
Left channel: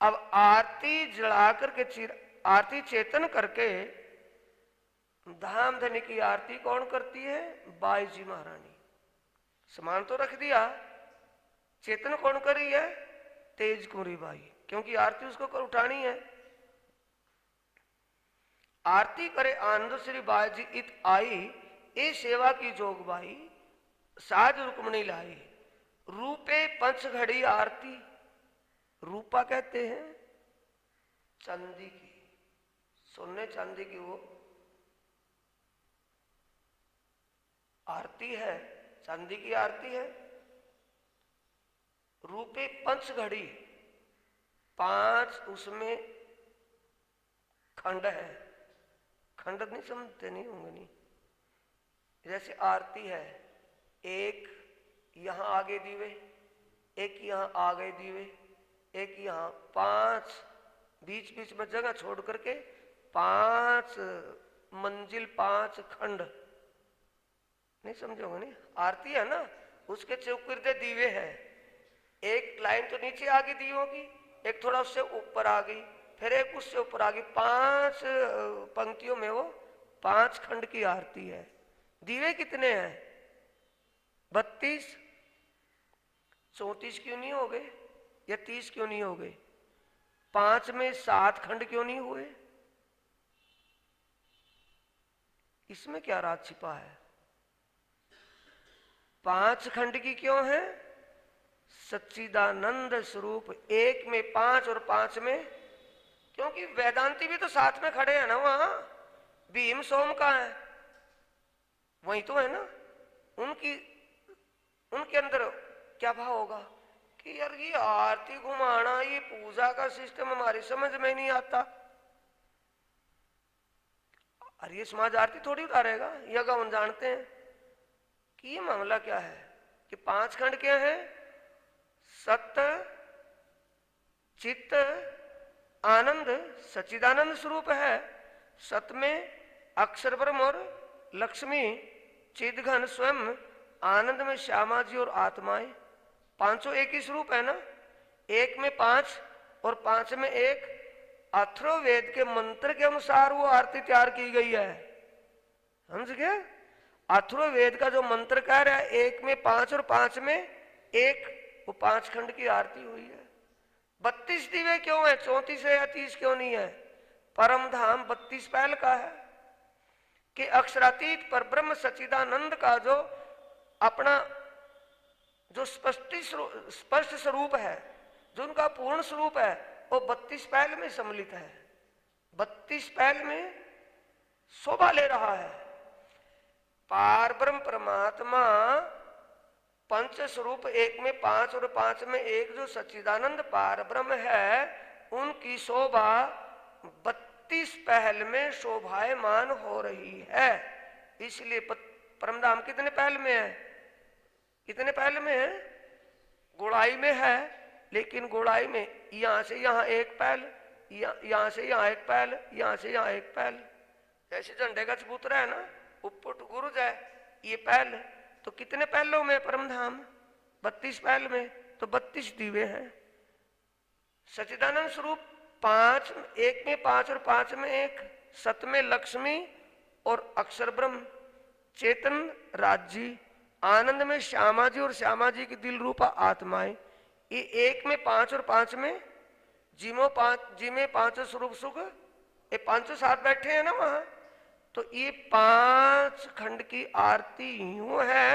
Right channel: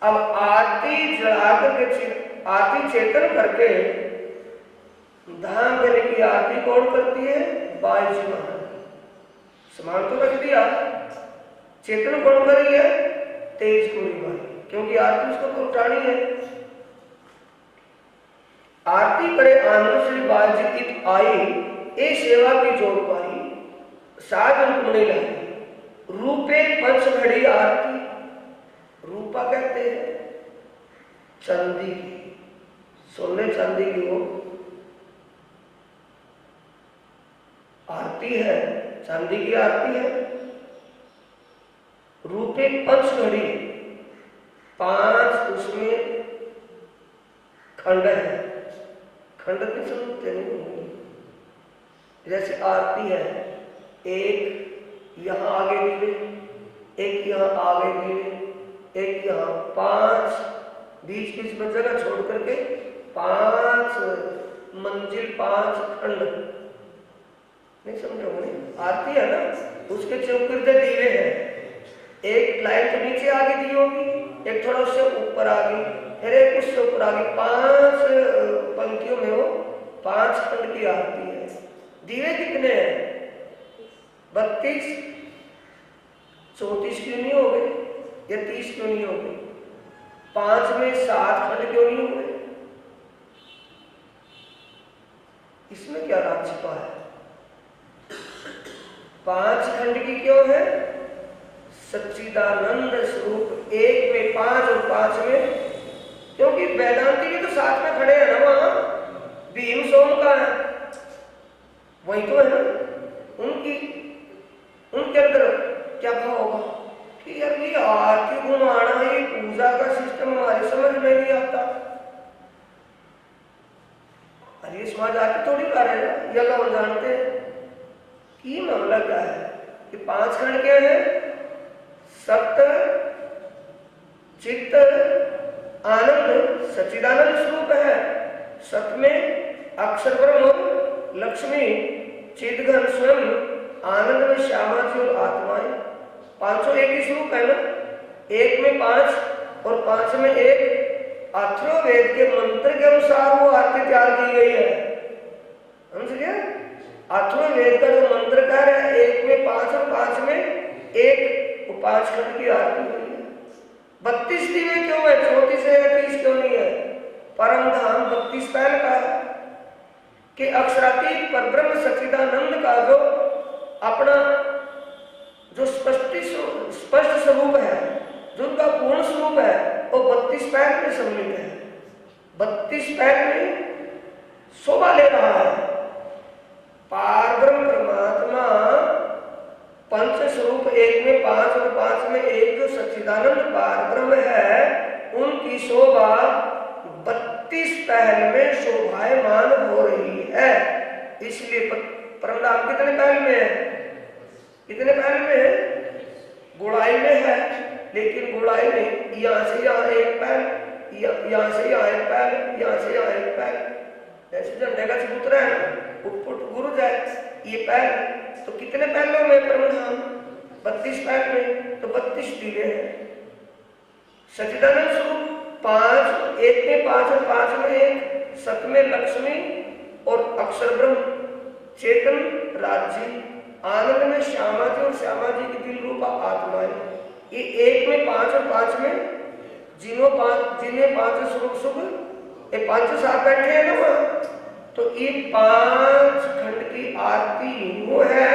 अब आरती जलाकर के आरती चेतन करके धाम देने की आरती कौन करती है? बाई जी महारानी। सामान तो रख दिया, चेतन कौन कर रही है? तेज कोरी बाई, क्योंकि आरती उसको तो उठानी है। आरती करे आनंद श्री बाई जी की आई, ए सेवा की जोग पाई, साध रुक्मिणी लाई। रूपे पंच घड़ी आरती, रूपा कहते हैं चांदी की, सोने चांदी की वो आरती है, चांदी की आरती है। रूपे पंच घड़ी, 5 उसमें खंड है, खंड नहीं समझते नहीं, जैसे आरती है, एक यहाँ आगे दीवे, एक यहाँ आगे दीवे, एक यहाँ, 5 बीच बीच में जगह छोड़ करके 5 मंजिल, 5 खंड, नहीं समझोगे? आरती है ना, उसके चौकिर्दे दीवे हैं, एक लाइन तो नीचे आगे दी होगी, एक थोड़ा उससे ऊपर आ गई, फिर एक उससे ऊपर आ गई, 5 पंक्तियों में वो 5 खंड की आरती है। दीवे कितने हैं? 32, 34 क्यों नहीं हो गए, या 30 क्यों नहीं हो गए? 5 में 7 खंड क्यों नहीं हो गए? इसमें क्या राज छिपा है? 5 खंड की क्यों है? सच्चिदानंद स्वरूप, एक में 5 और 5 में, क्योंकि वेदांती भी तो साथ में खड़े हैं ना, वहां भीम सोम का है, वही तो है ना, उनके अंदर क्या भाव होगा कि यार ये आरती घुमाना, ये पूजा का सिस्टम हमारे समझ में नहीं आता। अरे समाज आरती थोड़ी उठा रहेगा, यह हम जानते हैं कि ये मामला क्या है कि 5 खंड क्या है? सत्य, चित्त, आनंद, सच्चिदानंद स्वरूप है। सत में अक्षर ब्रह्म, लक्ष्मी, चिदघन स्वयं, आनंद में श्यामा जी और आत्माएं, 500 एक ही स्वरूप है ना। एक में 5 और 5 में 1, अथर्ववेद के मंत्र के अनुसार वो आरती तैयार की गई है, समझ गया? अथर्ववेद का जो मंत्र कह रहा है, 1 में 5 और 5 में 1, वो 5 खंड की आरती हुई है। 32 दीवे क्यों है? 34 है या 30 क्यों नहीं है? परम धाम 32 पहल का है कि अक्षरातीत पर ब्रह्म सच्चिदानंद का जो अपना जो स्पष्ट स्वरूप है, जो उनका पूर्ण स्वरूप है, वो 32 पहल में सम्मिलित है। 32 पहल में शोभा ले रहा है। पारब्रह्म परमात्मा पंच स्वरूप, 1 में 5 और 5 में 1 जो सच्चिदानंद पारब्रह्म है, उनकी शोभा 32 पहल में शोभायमान हो रही है। इसलिए परमधाम कितने पहल में है? कितने पहल में है? गुड़ाई में है, लेकिन गुड़ाई में यहां से यहां एक पहल, यहां से यहां एक पहल, यहां से यहां एक पहल, ऐसे झंडे का चबूतरा है ना, ऊपर गुरु जाए ये पहल, तो कितने पहलों में परमधाम? 32 पहल में, तो 32 दीवे हैं। सच्चिदानंद स्वरूप 5, 1 में 5 और 5 में 1, सत में लक्ष्मी और अक्षर ब्रह्म, चेतन राज्य, आनंद में श्यामा जी और श्यामा जी की दिल रूपा आत्माएं, ये एक में पांच और पांच में जिन्हें पांच सुख ये पांचों साथ बैठे हैं ना वहां, तो ये 5 खंड की आरती वो है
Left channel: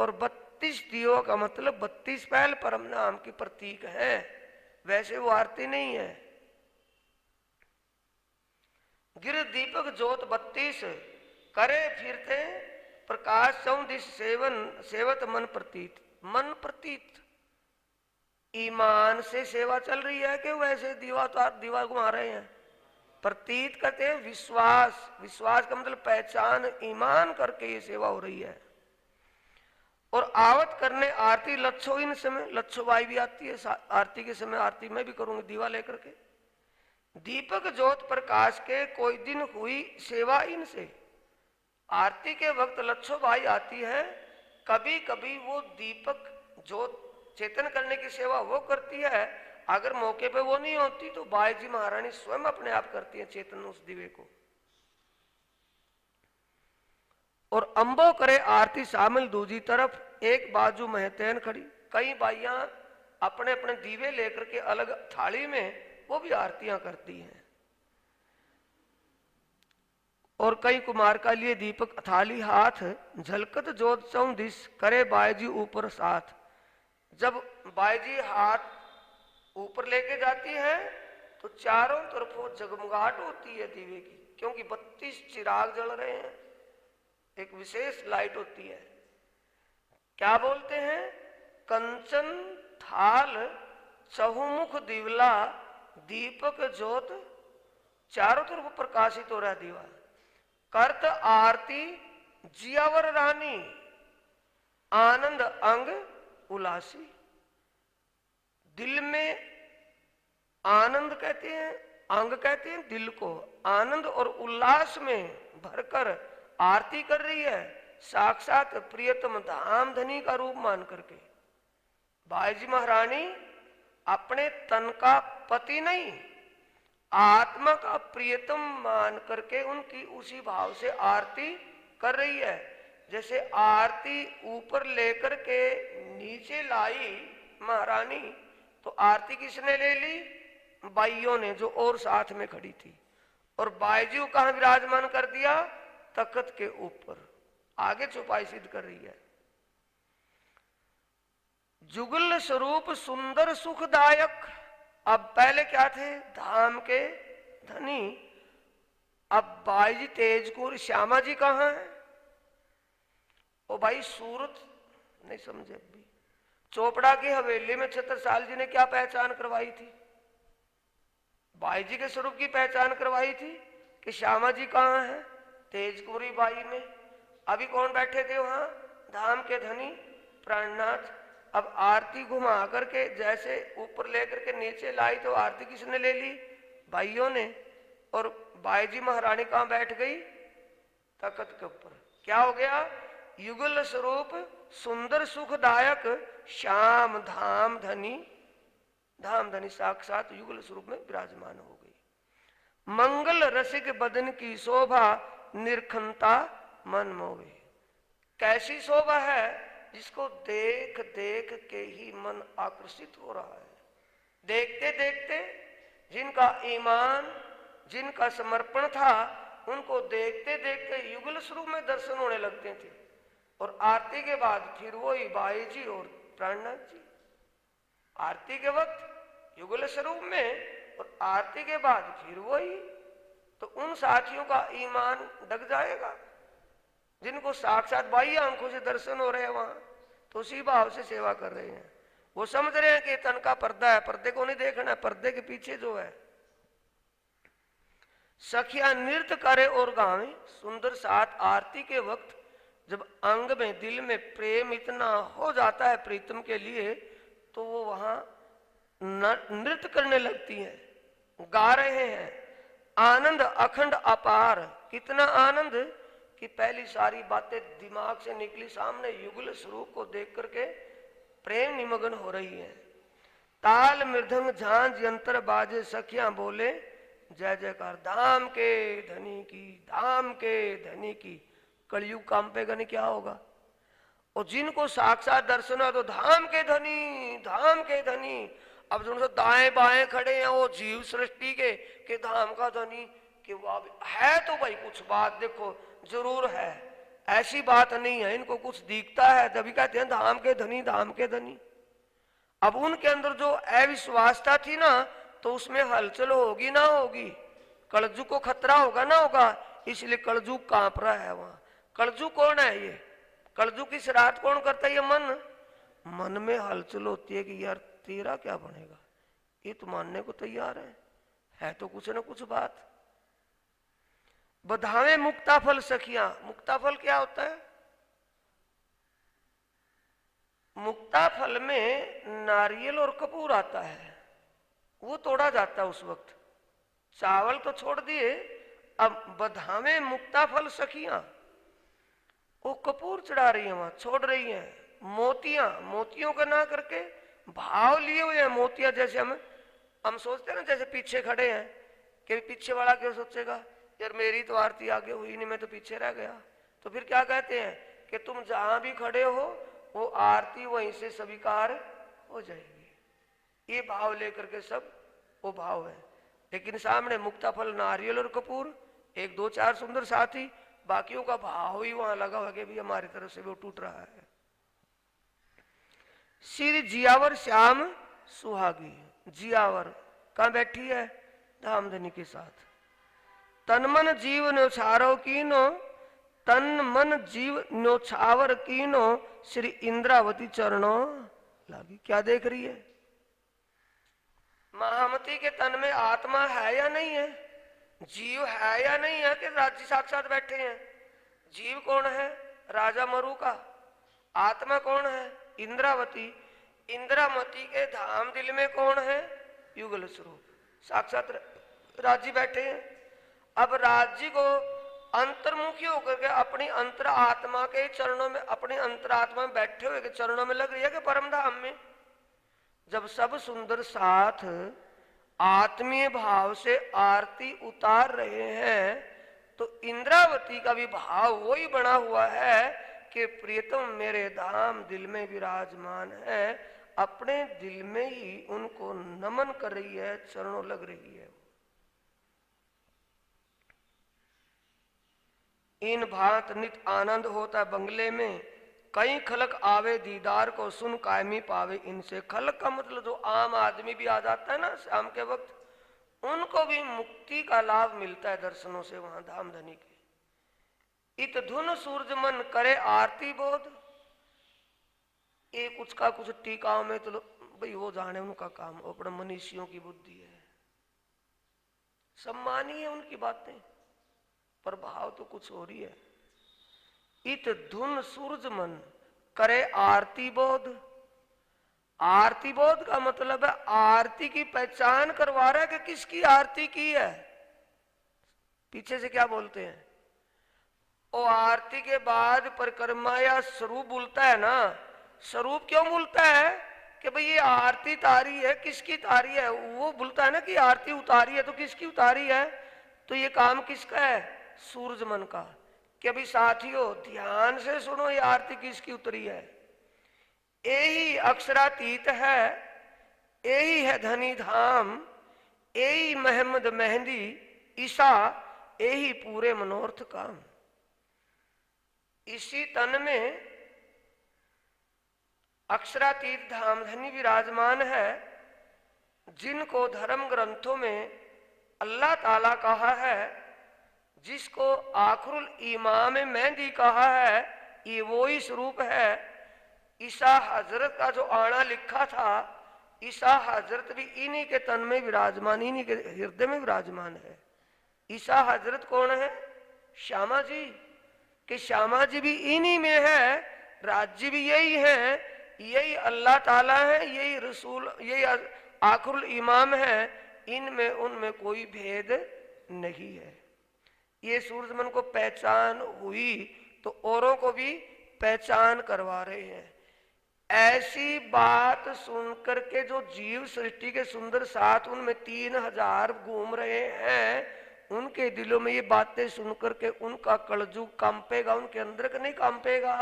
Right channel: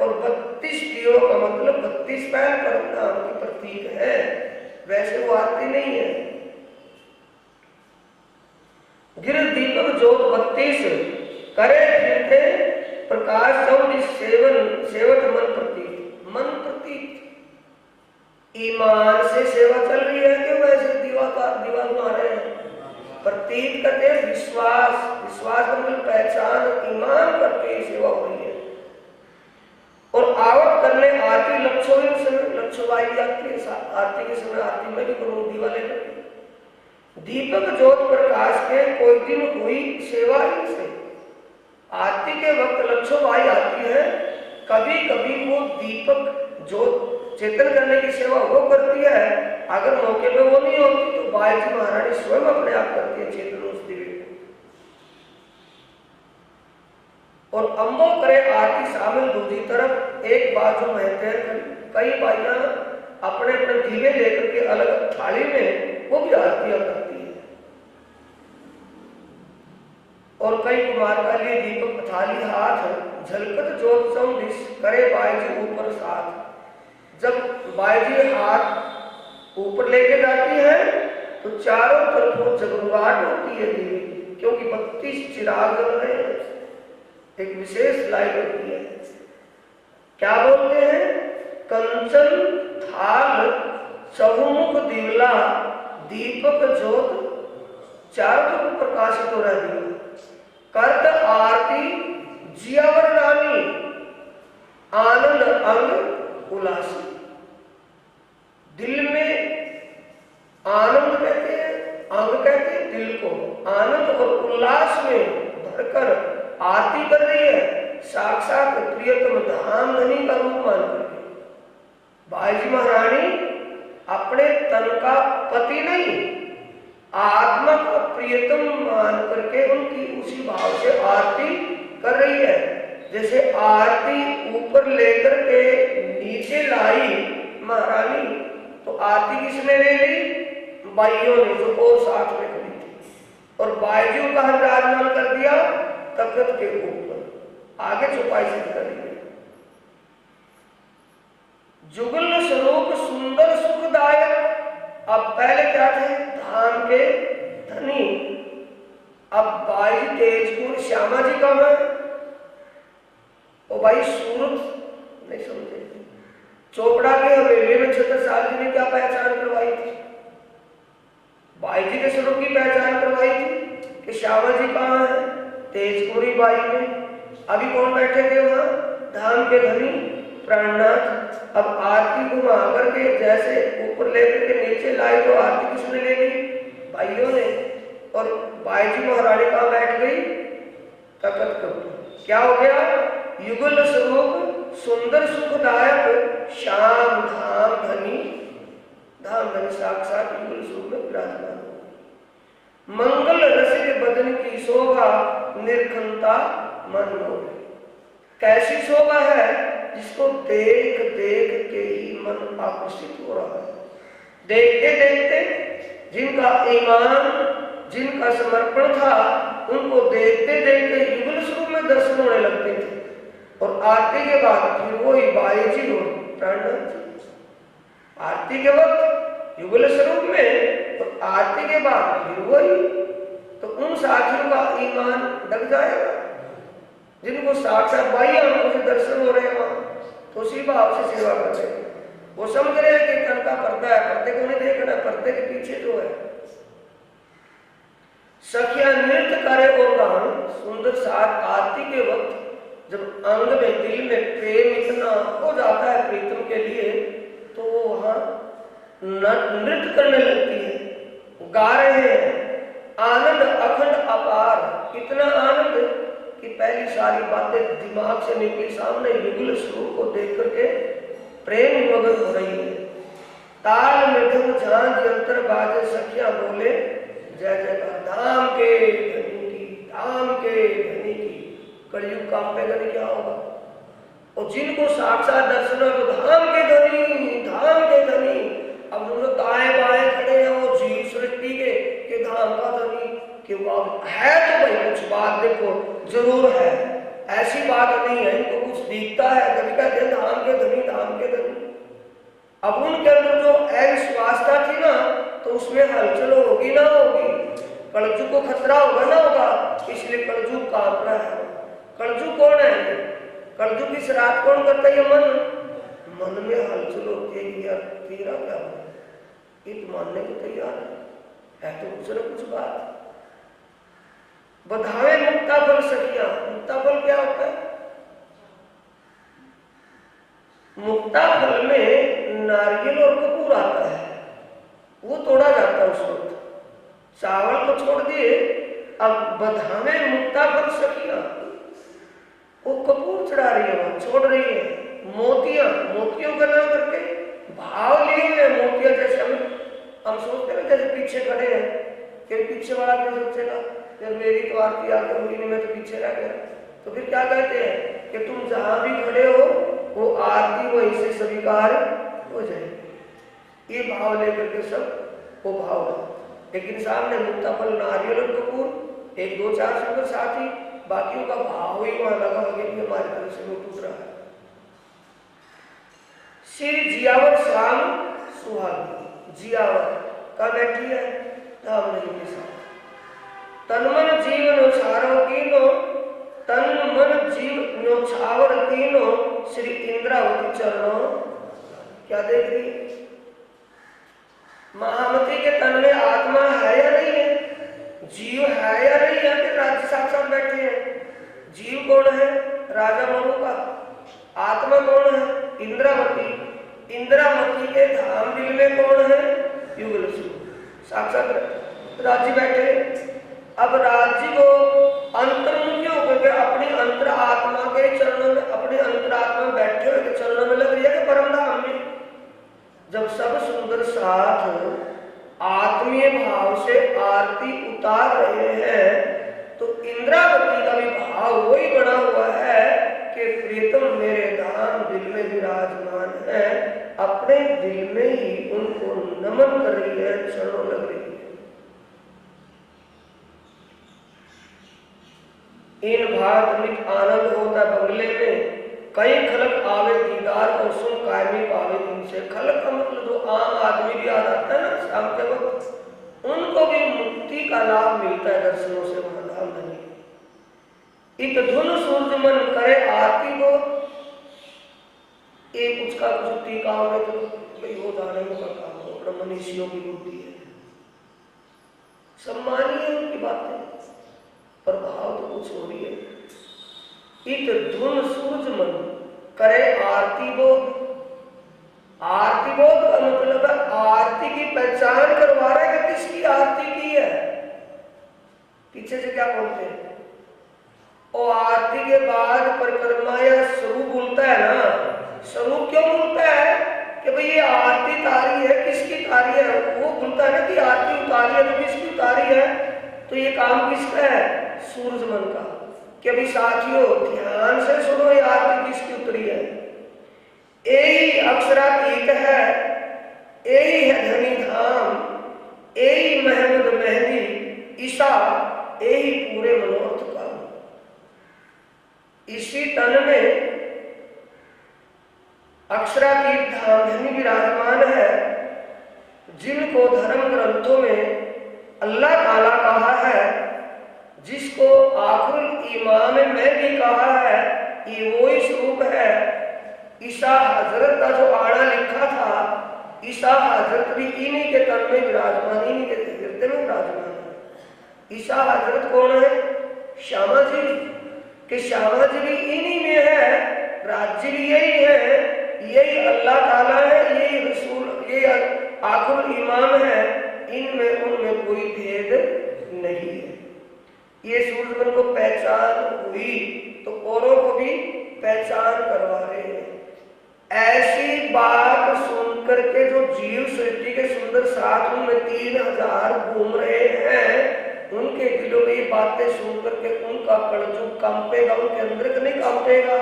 और 32 दियो का मतलब 32 पैल परम नाम की प्रतीक है, वैसे वो आरती नहीं है। गिर दीपक जोत 32 करे फिरते प्रकाश चौदिश सेवत मन प्रतीत ईमान से सेवा चल रही है कि वैसे दीवा घुमा रहे हैं। प्रतीत करते विश्वास का मतलब पहचान, ईमान करके सेवा हो रही है। और आवत करने आरती लक्षोवाई भी आती है, आरती के समय आरती में भी करूँ दीवा लेकर के। दीपक ज्योत प्रकाश के कोई दिन हुई सेवा इनसे, आरती के वक्त लक्षोवाई आती है, कभी कभी वो दीपक ज्योत चेतन करने की सेवा वो करती है, अगर मौके पे वो नहीं होती तो बायजी महारानी स्वयं अपने आप करती है चेतन उस दिव्य को। और अंबो करे आरती शामिल दूसरी तरफ एक बाजू में तैर खड़ी, कई बाइयां अपने अपने दीवे लेकर के अलग थाली में वो भी आरतियां करती है। और कई कुमार का लिए दीपक थाली हाथ झलकत ज्योत चौदिश करे बायजी ऊपर साथ। जब बायजी हाथ ऊपर लेके जाती है तो चारों तरफ वो जगमगाहट होती है दीवे की, क्योंकि 32 चिराग जल रहे हैं, एक विशेष लाइट होती है। क्या बोलते हैं? कंचन थाल चहुमुख दिवला दीपक ज्योत चारों तरफ प्रकाशित हो रहा है। कर्त आरती जियावर रानी आनंद अंग उल्लासी। दिल में आनंद कहते हैं, अंग कहते हैं दिल को, आनंद और उल्लास में भरकर आरती कर रही है, साक्षात प्रियतम धाम धनी का रूप मान करके। बायजी महारानी अपने तन का पति नहीं, आत्मा का प्रियतम मान करके उनकी उसी भाव से आरती कर रही है। जैसे आरती ऊपर लेकर के नीचे लाई महारानी, तो आरती किसने ले ली? बाइयों ने, जो और साथ में खड़ी थी, और बायजियों का विराजमान कर दिया तख्त के ऊपर, आगे चौपाई सिद्ध कर रही है। जुगल स्वरूप सुंदर सुखदायक। अब पहले क्या थे? धाम के धनी। अब बाई तेजपुर श्यामा जी कौन है? ओ भाई सूरत नहीं समझे। चोपड़ा के हवेली में छत्रसाल जी ने क्या पहचान करवाई थी? बाई जी के स्वरूप की पहचान करवाई थी कि श्यामा जी कहाँ है? तेजपुरी बाई में। अभी कौन बैठे थे वहां? धाम के धनी प्राणनाथ। अब आरती घुमा करके जैसे ऊपर लेकर के नीचे लाई, तो आरती किसने ले ली? भाइयों ने। और बाईजी महारानी कहाँ बैठ गई? तख्त के ऊपर। क्या हो गया? युगल स्वरूप सुंदर सुखदायक श्याम धाम धनी, धाम धनी साक्षात युगल स्वरूप में विराजमान हो। मंगल रसिक बदन की शोभा निर्खनता मन मोह। कैसी शोभा है जिसको देख देख के ही मन आकर्षित हो रहा है। देखते देखते जिनका ईमान, जिनका समर्पण था, उनको देखते देखते युगल स्वरूप में दर्शन होने लगते थे। और आरती के बाद फिर वही बाईजी और प्राणनाथ जी। आरती के वक्त युगल स्वरूप में और आरती के बाद फिर वही। तो उन साथियों का ईमान डग जाएगा जिनको साक्षात बाह्य आंखों से दर्शन हो रहे हैं वहां, तो उसी भाव से सेवा कर रहे हैं। वो समझ रहे हैं कि तन का पर्दा है, पर्दे को नहीं देखना, पर्दे के पीछे जो है। सखिया नृत्य करे और गान सुंदर साथ। आरती के वक्त जब अंग में, दिल में प्रेम इतना हो जाता है प्रीतम के लिए, तो वो वहां नृत्य करने लगती है, गा रहे हैं। आनंद अखंड अपार। कितना आनंद कि पहली सारी बातें दिमाग से निकली सामने, युगल स्वरूप को देख करके प्रेम निमग्न हो रही है। ताल मृदंग झांझ अंतर बाजे सखिया बोले जय जयकार। धाम के धनी की, धाम के धनी की। कलयुग काम पे गने क्या होगा? और जिनको साक्षात दर्शन है तो धाम के धनी, धाम के धनी। अब जो दाएं बाएं खड़े हैं वो जीव सृष्टि के धाम का धनी कि वो है। तो भाई कुछ बात देखो जरूर है, ऐसी बात नहीं है, इनको कुछ दिखता है, कभी कहते हैं धाम के धनी, धाम के धनी। अब उनके अंदर जो अविश्वासता थी ना, तो उसमें हलचल होगी ना होगी, कलजुग को खतरा होगा ना होगा, इसलिए कलजुग कांप रहा है। कलजुग कौन है? कलजुग की श्राद्ध कौन करता है? मन। मन में हलचल होती है कि यार तेरा क्या बने, ये तो मानने को तैयार है तो कुछ ना कुछ बात। बधावे मुक्ता फल सखिया। मुक्ता फल क्या होता है? मुक्ता फल में नारियल और कपूर आता है, वो तोड़ा जाता है उस वक्त। चावल को छोड़ दिए, अब बधावे मुक्ता फल सखिया, वो कपूर चढ़ा रही है, वो छोड़ रही है। मोतियां, मोतियों का नाम करके भाव लिए हुए हैं। मोतियां जैसे हम सोचते हैं जैसे पीछे खड़े हैं कि पीछे वाला क्या सोचेगा, जब मेरी तो आरती आगे हुई नहीं, मैं तो पीछे रह गया। तो फिर क्या कहते हैं कि तुम जहां भी खड़े हो वो आरती वहीं से स्वीकार हो जाएगी। ये भाव लेकर के सब वो भाव है। लेकिन सामने मुक्ता फल नारियल और कपूर, एक दो चार सुंदर साथी, बाकियों का भाव ही वहां लगा हो कि हमारी तरफ से वो टूट रहा है। श्री जियावर श्याम सुहागी, जियावर का बैठी है धाम देने के साथ। तन मन जीव न्योछारो कीनो, तन मन जीव न्योछावर कीनो, श्री इंद्रावती चरणों। क्या देख रही है? महामती के तन में आत्मा है या नहीं है? जीव है या नहीं है? कि राज्य साक्षात बैठे हैं। जीव कौन है? राजा मनु का। आत्मा कौन है? इंद्रावती। इंद्रावती के धाम दिल में कौन है? युगल साक्षात राज्य बैठे। अब राज्य को अंतर्मुखी होकर के अपनी अंतर आत्मा के चरणों में, अपनी अंतर आत्मा में बैठे हुए के चरणों में लग रही है कि परम धाम में। जब सब सुंदर साथ आत्मीय भाव से आरती उतार रहे हैं तो इंद्रावती का भी भाव वही बना हुआ है कि प्रीतम मेरे धाम दिल में विराजमान है। अपने दिल में ही उनको नमन कर रही है, चरणों लग रही है। इन भात नित आनंद होता बंगले में, कई खलक आवे दीदार और सुन कायमी पावे इनसे। खलक का मतलब जो आम आदमी भी आ जाता है ना शाम के वक्त, उनको भी मुक्ति का लाभ मिलता है दर्शनों से वहां धाम धनी के। इत धुन सूर्य मन करे आरती को, एक कुछ का कुछ टीकाओं में तो भाई हो जाने का काम हो, अपना मनीषियों की बुद्धि है, सम्मानीय उनकी बातें, पर भाव तो कुछ हो रही है। इत धुन सूर्य मन करे आरती बोध। आरती बोध का मतलब है आरती की पहचान करवा रहा है कि किसकी आरती की है। पीछे से क्या बोलते हैं? और आरती के बाद परिक्रमा या स्वरूप बोलता है ना। स्वरूप क्यों बोलता है कि भाई ये आरती तारी है, किसकी तारी है? वो बोलता है ना कि आरती उतारी है तो किसकी उतारी है? तो ये काम किसका है? सूर्य मन का। कि अभी साथियों ध्यान से सुनो, ये आरती किसकी उतरी है? यही अक्षरातीत है, यही है धनी धाम, यही महमद मेहंदी ईशा, यही पूरे मनोरथ का। इसी तन में अक्षरातीत धाम धनी विराजमान है, जिनको धर्म ग्रंथों में अल्लाह ताला कहा है, जिसको आखिरुल ईमान में भी कहा है, ये वो ही स्वरूप है। ईसा हजरत का जो आड़ा लिखा था, ईसा हजरत भी इन्हीं के तन में विराजमान, इन्हीं के हृदय में विराजमान है। ईसा हजरत कौन है? श्यामा जी। कि श्यामा जी भी इन्हीं में है, राज्य भी यही है, यही अल्लाह ताला है, यही रसूल, यही आखिरुल ईमान है। इनमें उनमें कोई भेद नहीं है। ये सूर्यमन को पहचान हुई तो औरों को भी पहचान करवा रहे हैं। ऐसी बात सुनकर के जो जीव सृष्टि के सुंदर साथ उनमें 3000 घूम रहे हैं, उनके दिलों में ये बातें सुनकर के उनका कलजुग कंपेगा, उनके अंदर का नहीं कंपेगा।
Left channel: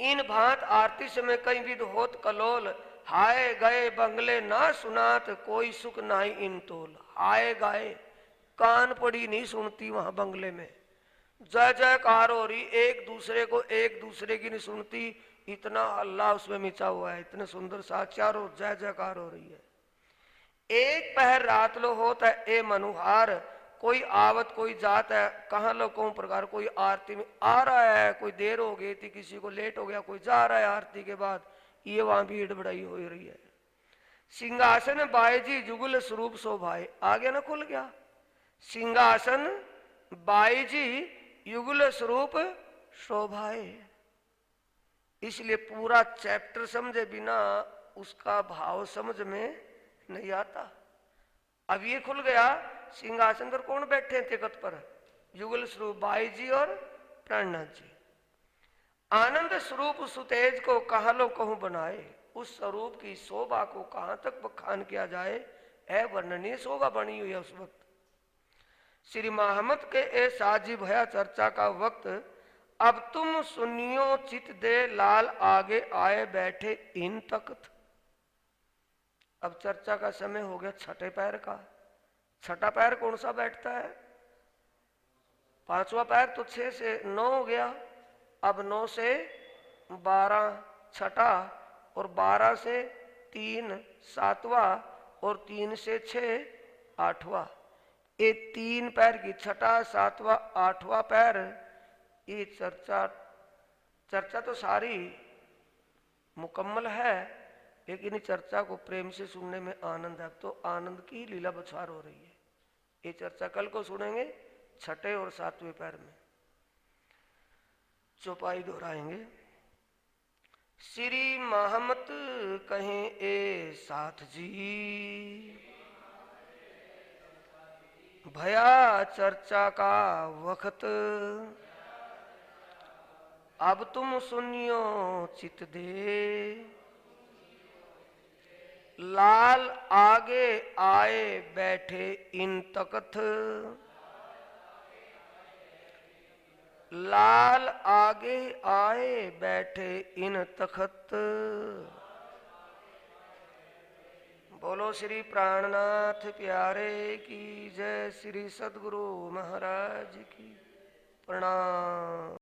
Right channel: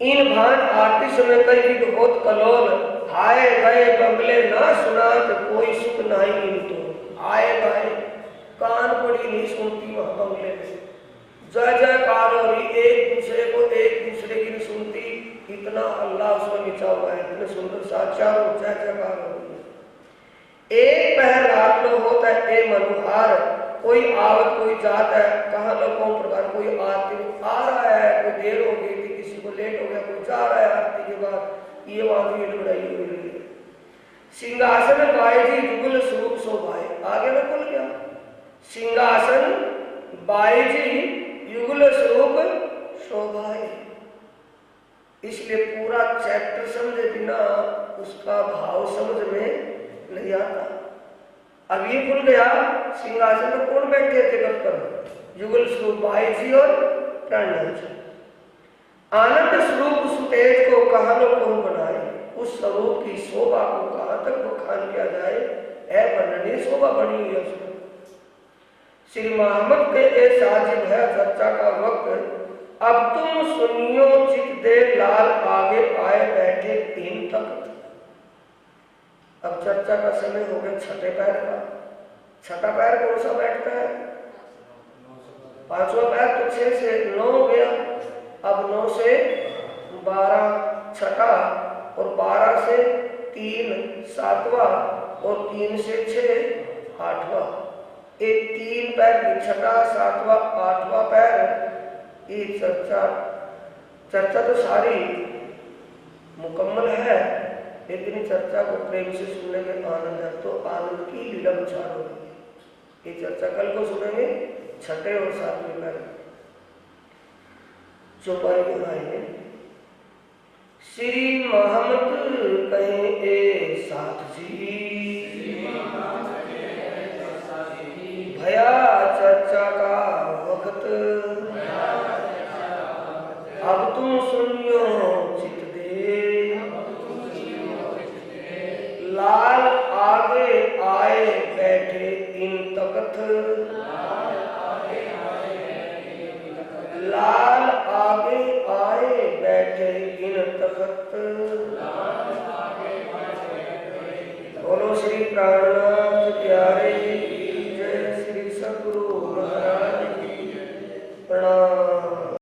इन भांत आरती समय कई विघ होत कलोल, हाय गए बंगले ना सुनात कोई सुख नहीं इन तो। आए गए कान पड़ी नहीं सुनती वहां बंगले में, जय जयकार हो रही, एक दूसरे को एक दूसरे की नहीं सुनती, इतना अल्लाह उसमें मिचा हुआ है, इतने सुंदर साचार और जय जयकार हो रही है। एक पहर रात में होता है ए मनोहार, कोई आवत कोई जात है, कहाँ लोगों प्रकार कोई आरती आ रहा है, कोई देर हो गई थी, किसी को लेट हो गया, कोई जा रहा है आरती के बाद, ये वहां भी बढ़ाई हुई रही है। सिंहासन बाई जी युगल स्वरूप शोभाए, आगे में बोल गया सिंहासन बाई जी युगल स्वरूप शोभाए। इसलिए पूरा चैप्टर समझे बिना उसका भाव समझ में नहीं आता। अब ये खुल गया सिंहासन पर कौन बैठे थे बचपन, युगल स्वरूप बाई जी और प्रणव जी। आनंद स्वरूप उस तेज को कहाँ लो कहूं बनाए, उस स्वरूप की शोभा को कहां तक बखान किया जाए, वर्णनीय शोभा बनी हुई है उसमें। श्री मोहम्मद के ए साजी भया चर्चा का वक्त, अब तुम सुनियो चित दे लाल आगे आए बैठे तीन तख्त। अब चर्चा का समय हो गया छठे पैर का। छठा पैर कौन सा बैठता है, पांचवा पैर तो 6 से 9 हो गया, अब 9 से 12 छठा, और 12 से 3 सातवां, और 3 से 6 आठवां। एक 3 पैर की छठा सातवां आठवां पैर, ये चर्चा तो सारी मुकम्मल है, लेकिन चर्चा को प्रेम से सुनने में आनंद है, तो आनंद की लीला उछाल हो रही है। ये चर्चा कल को सुनेंगे छठे और सातवें पैर चौपाई बोलाएंगे। श्री मोहम्मद कहें ए साथ जी, भया चर्चा का वक्त, अब तुम सुनियो चित दे, लाल आगे आए बैठे इन तख्त, लाल आगे आए बैठे इन तख्त। बोलो श्री प्राण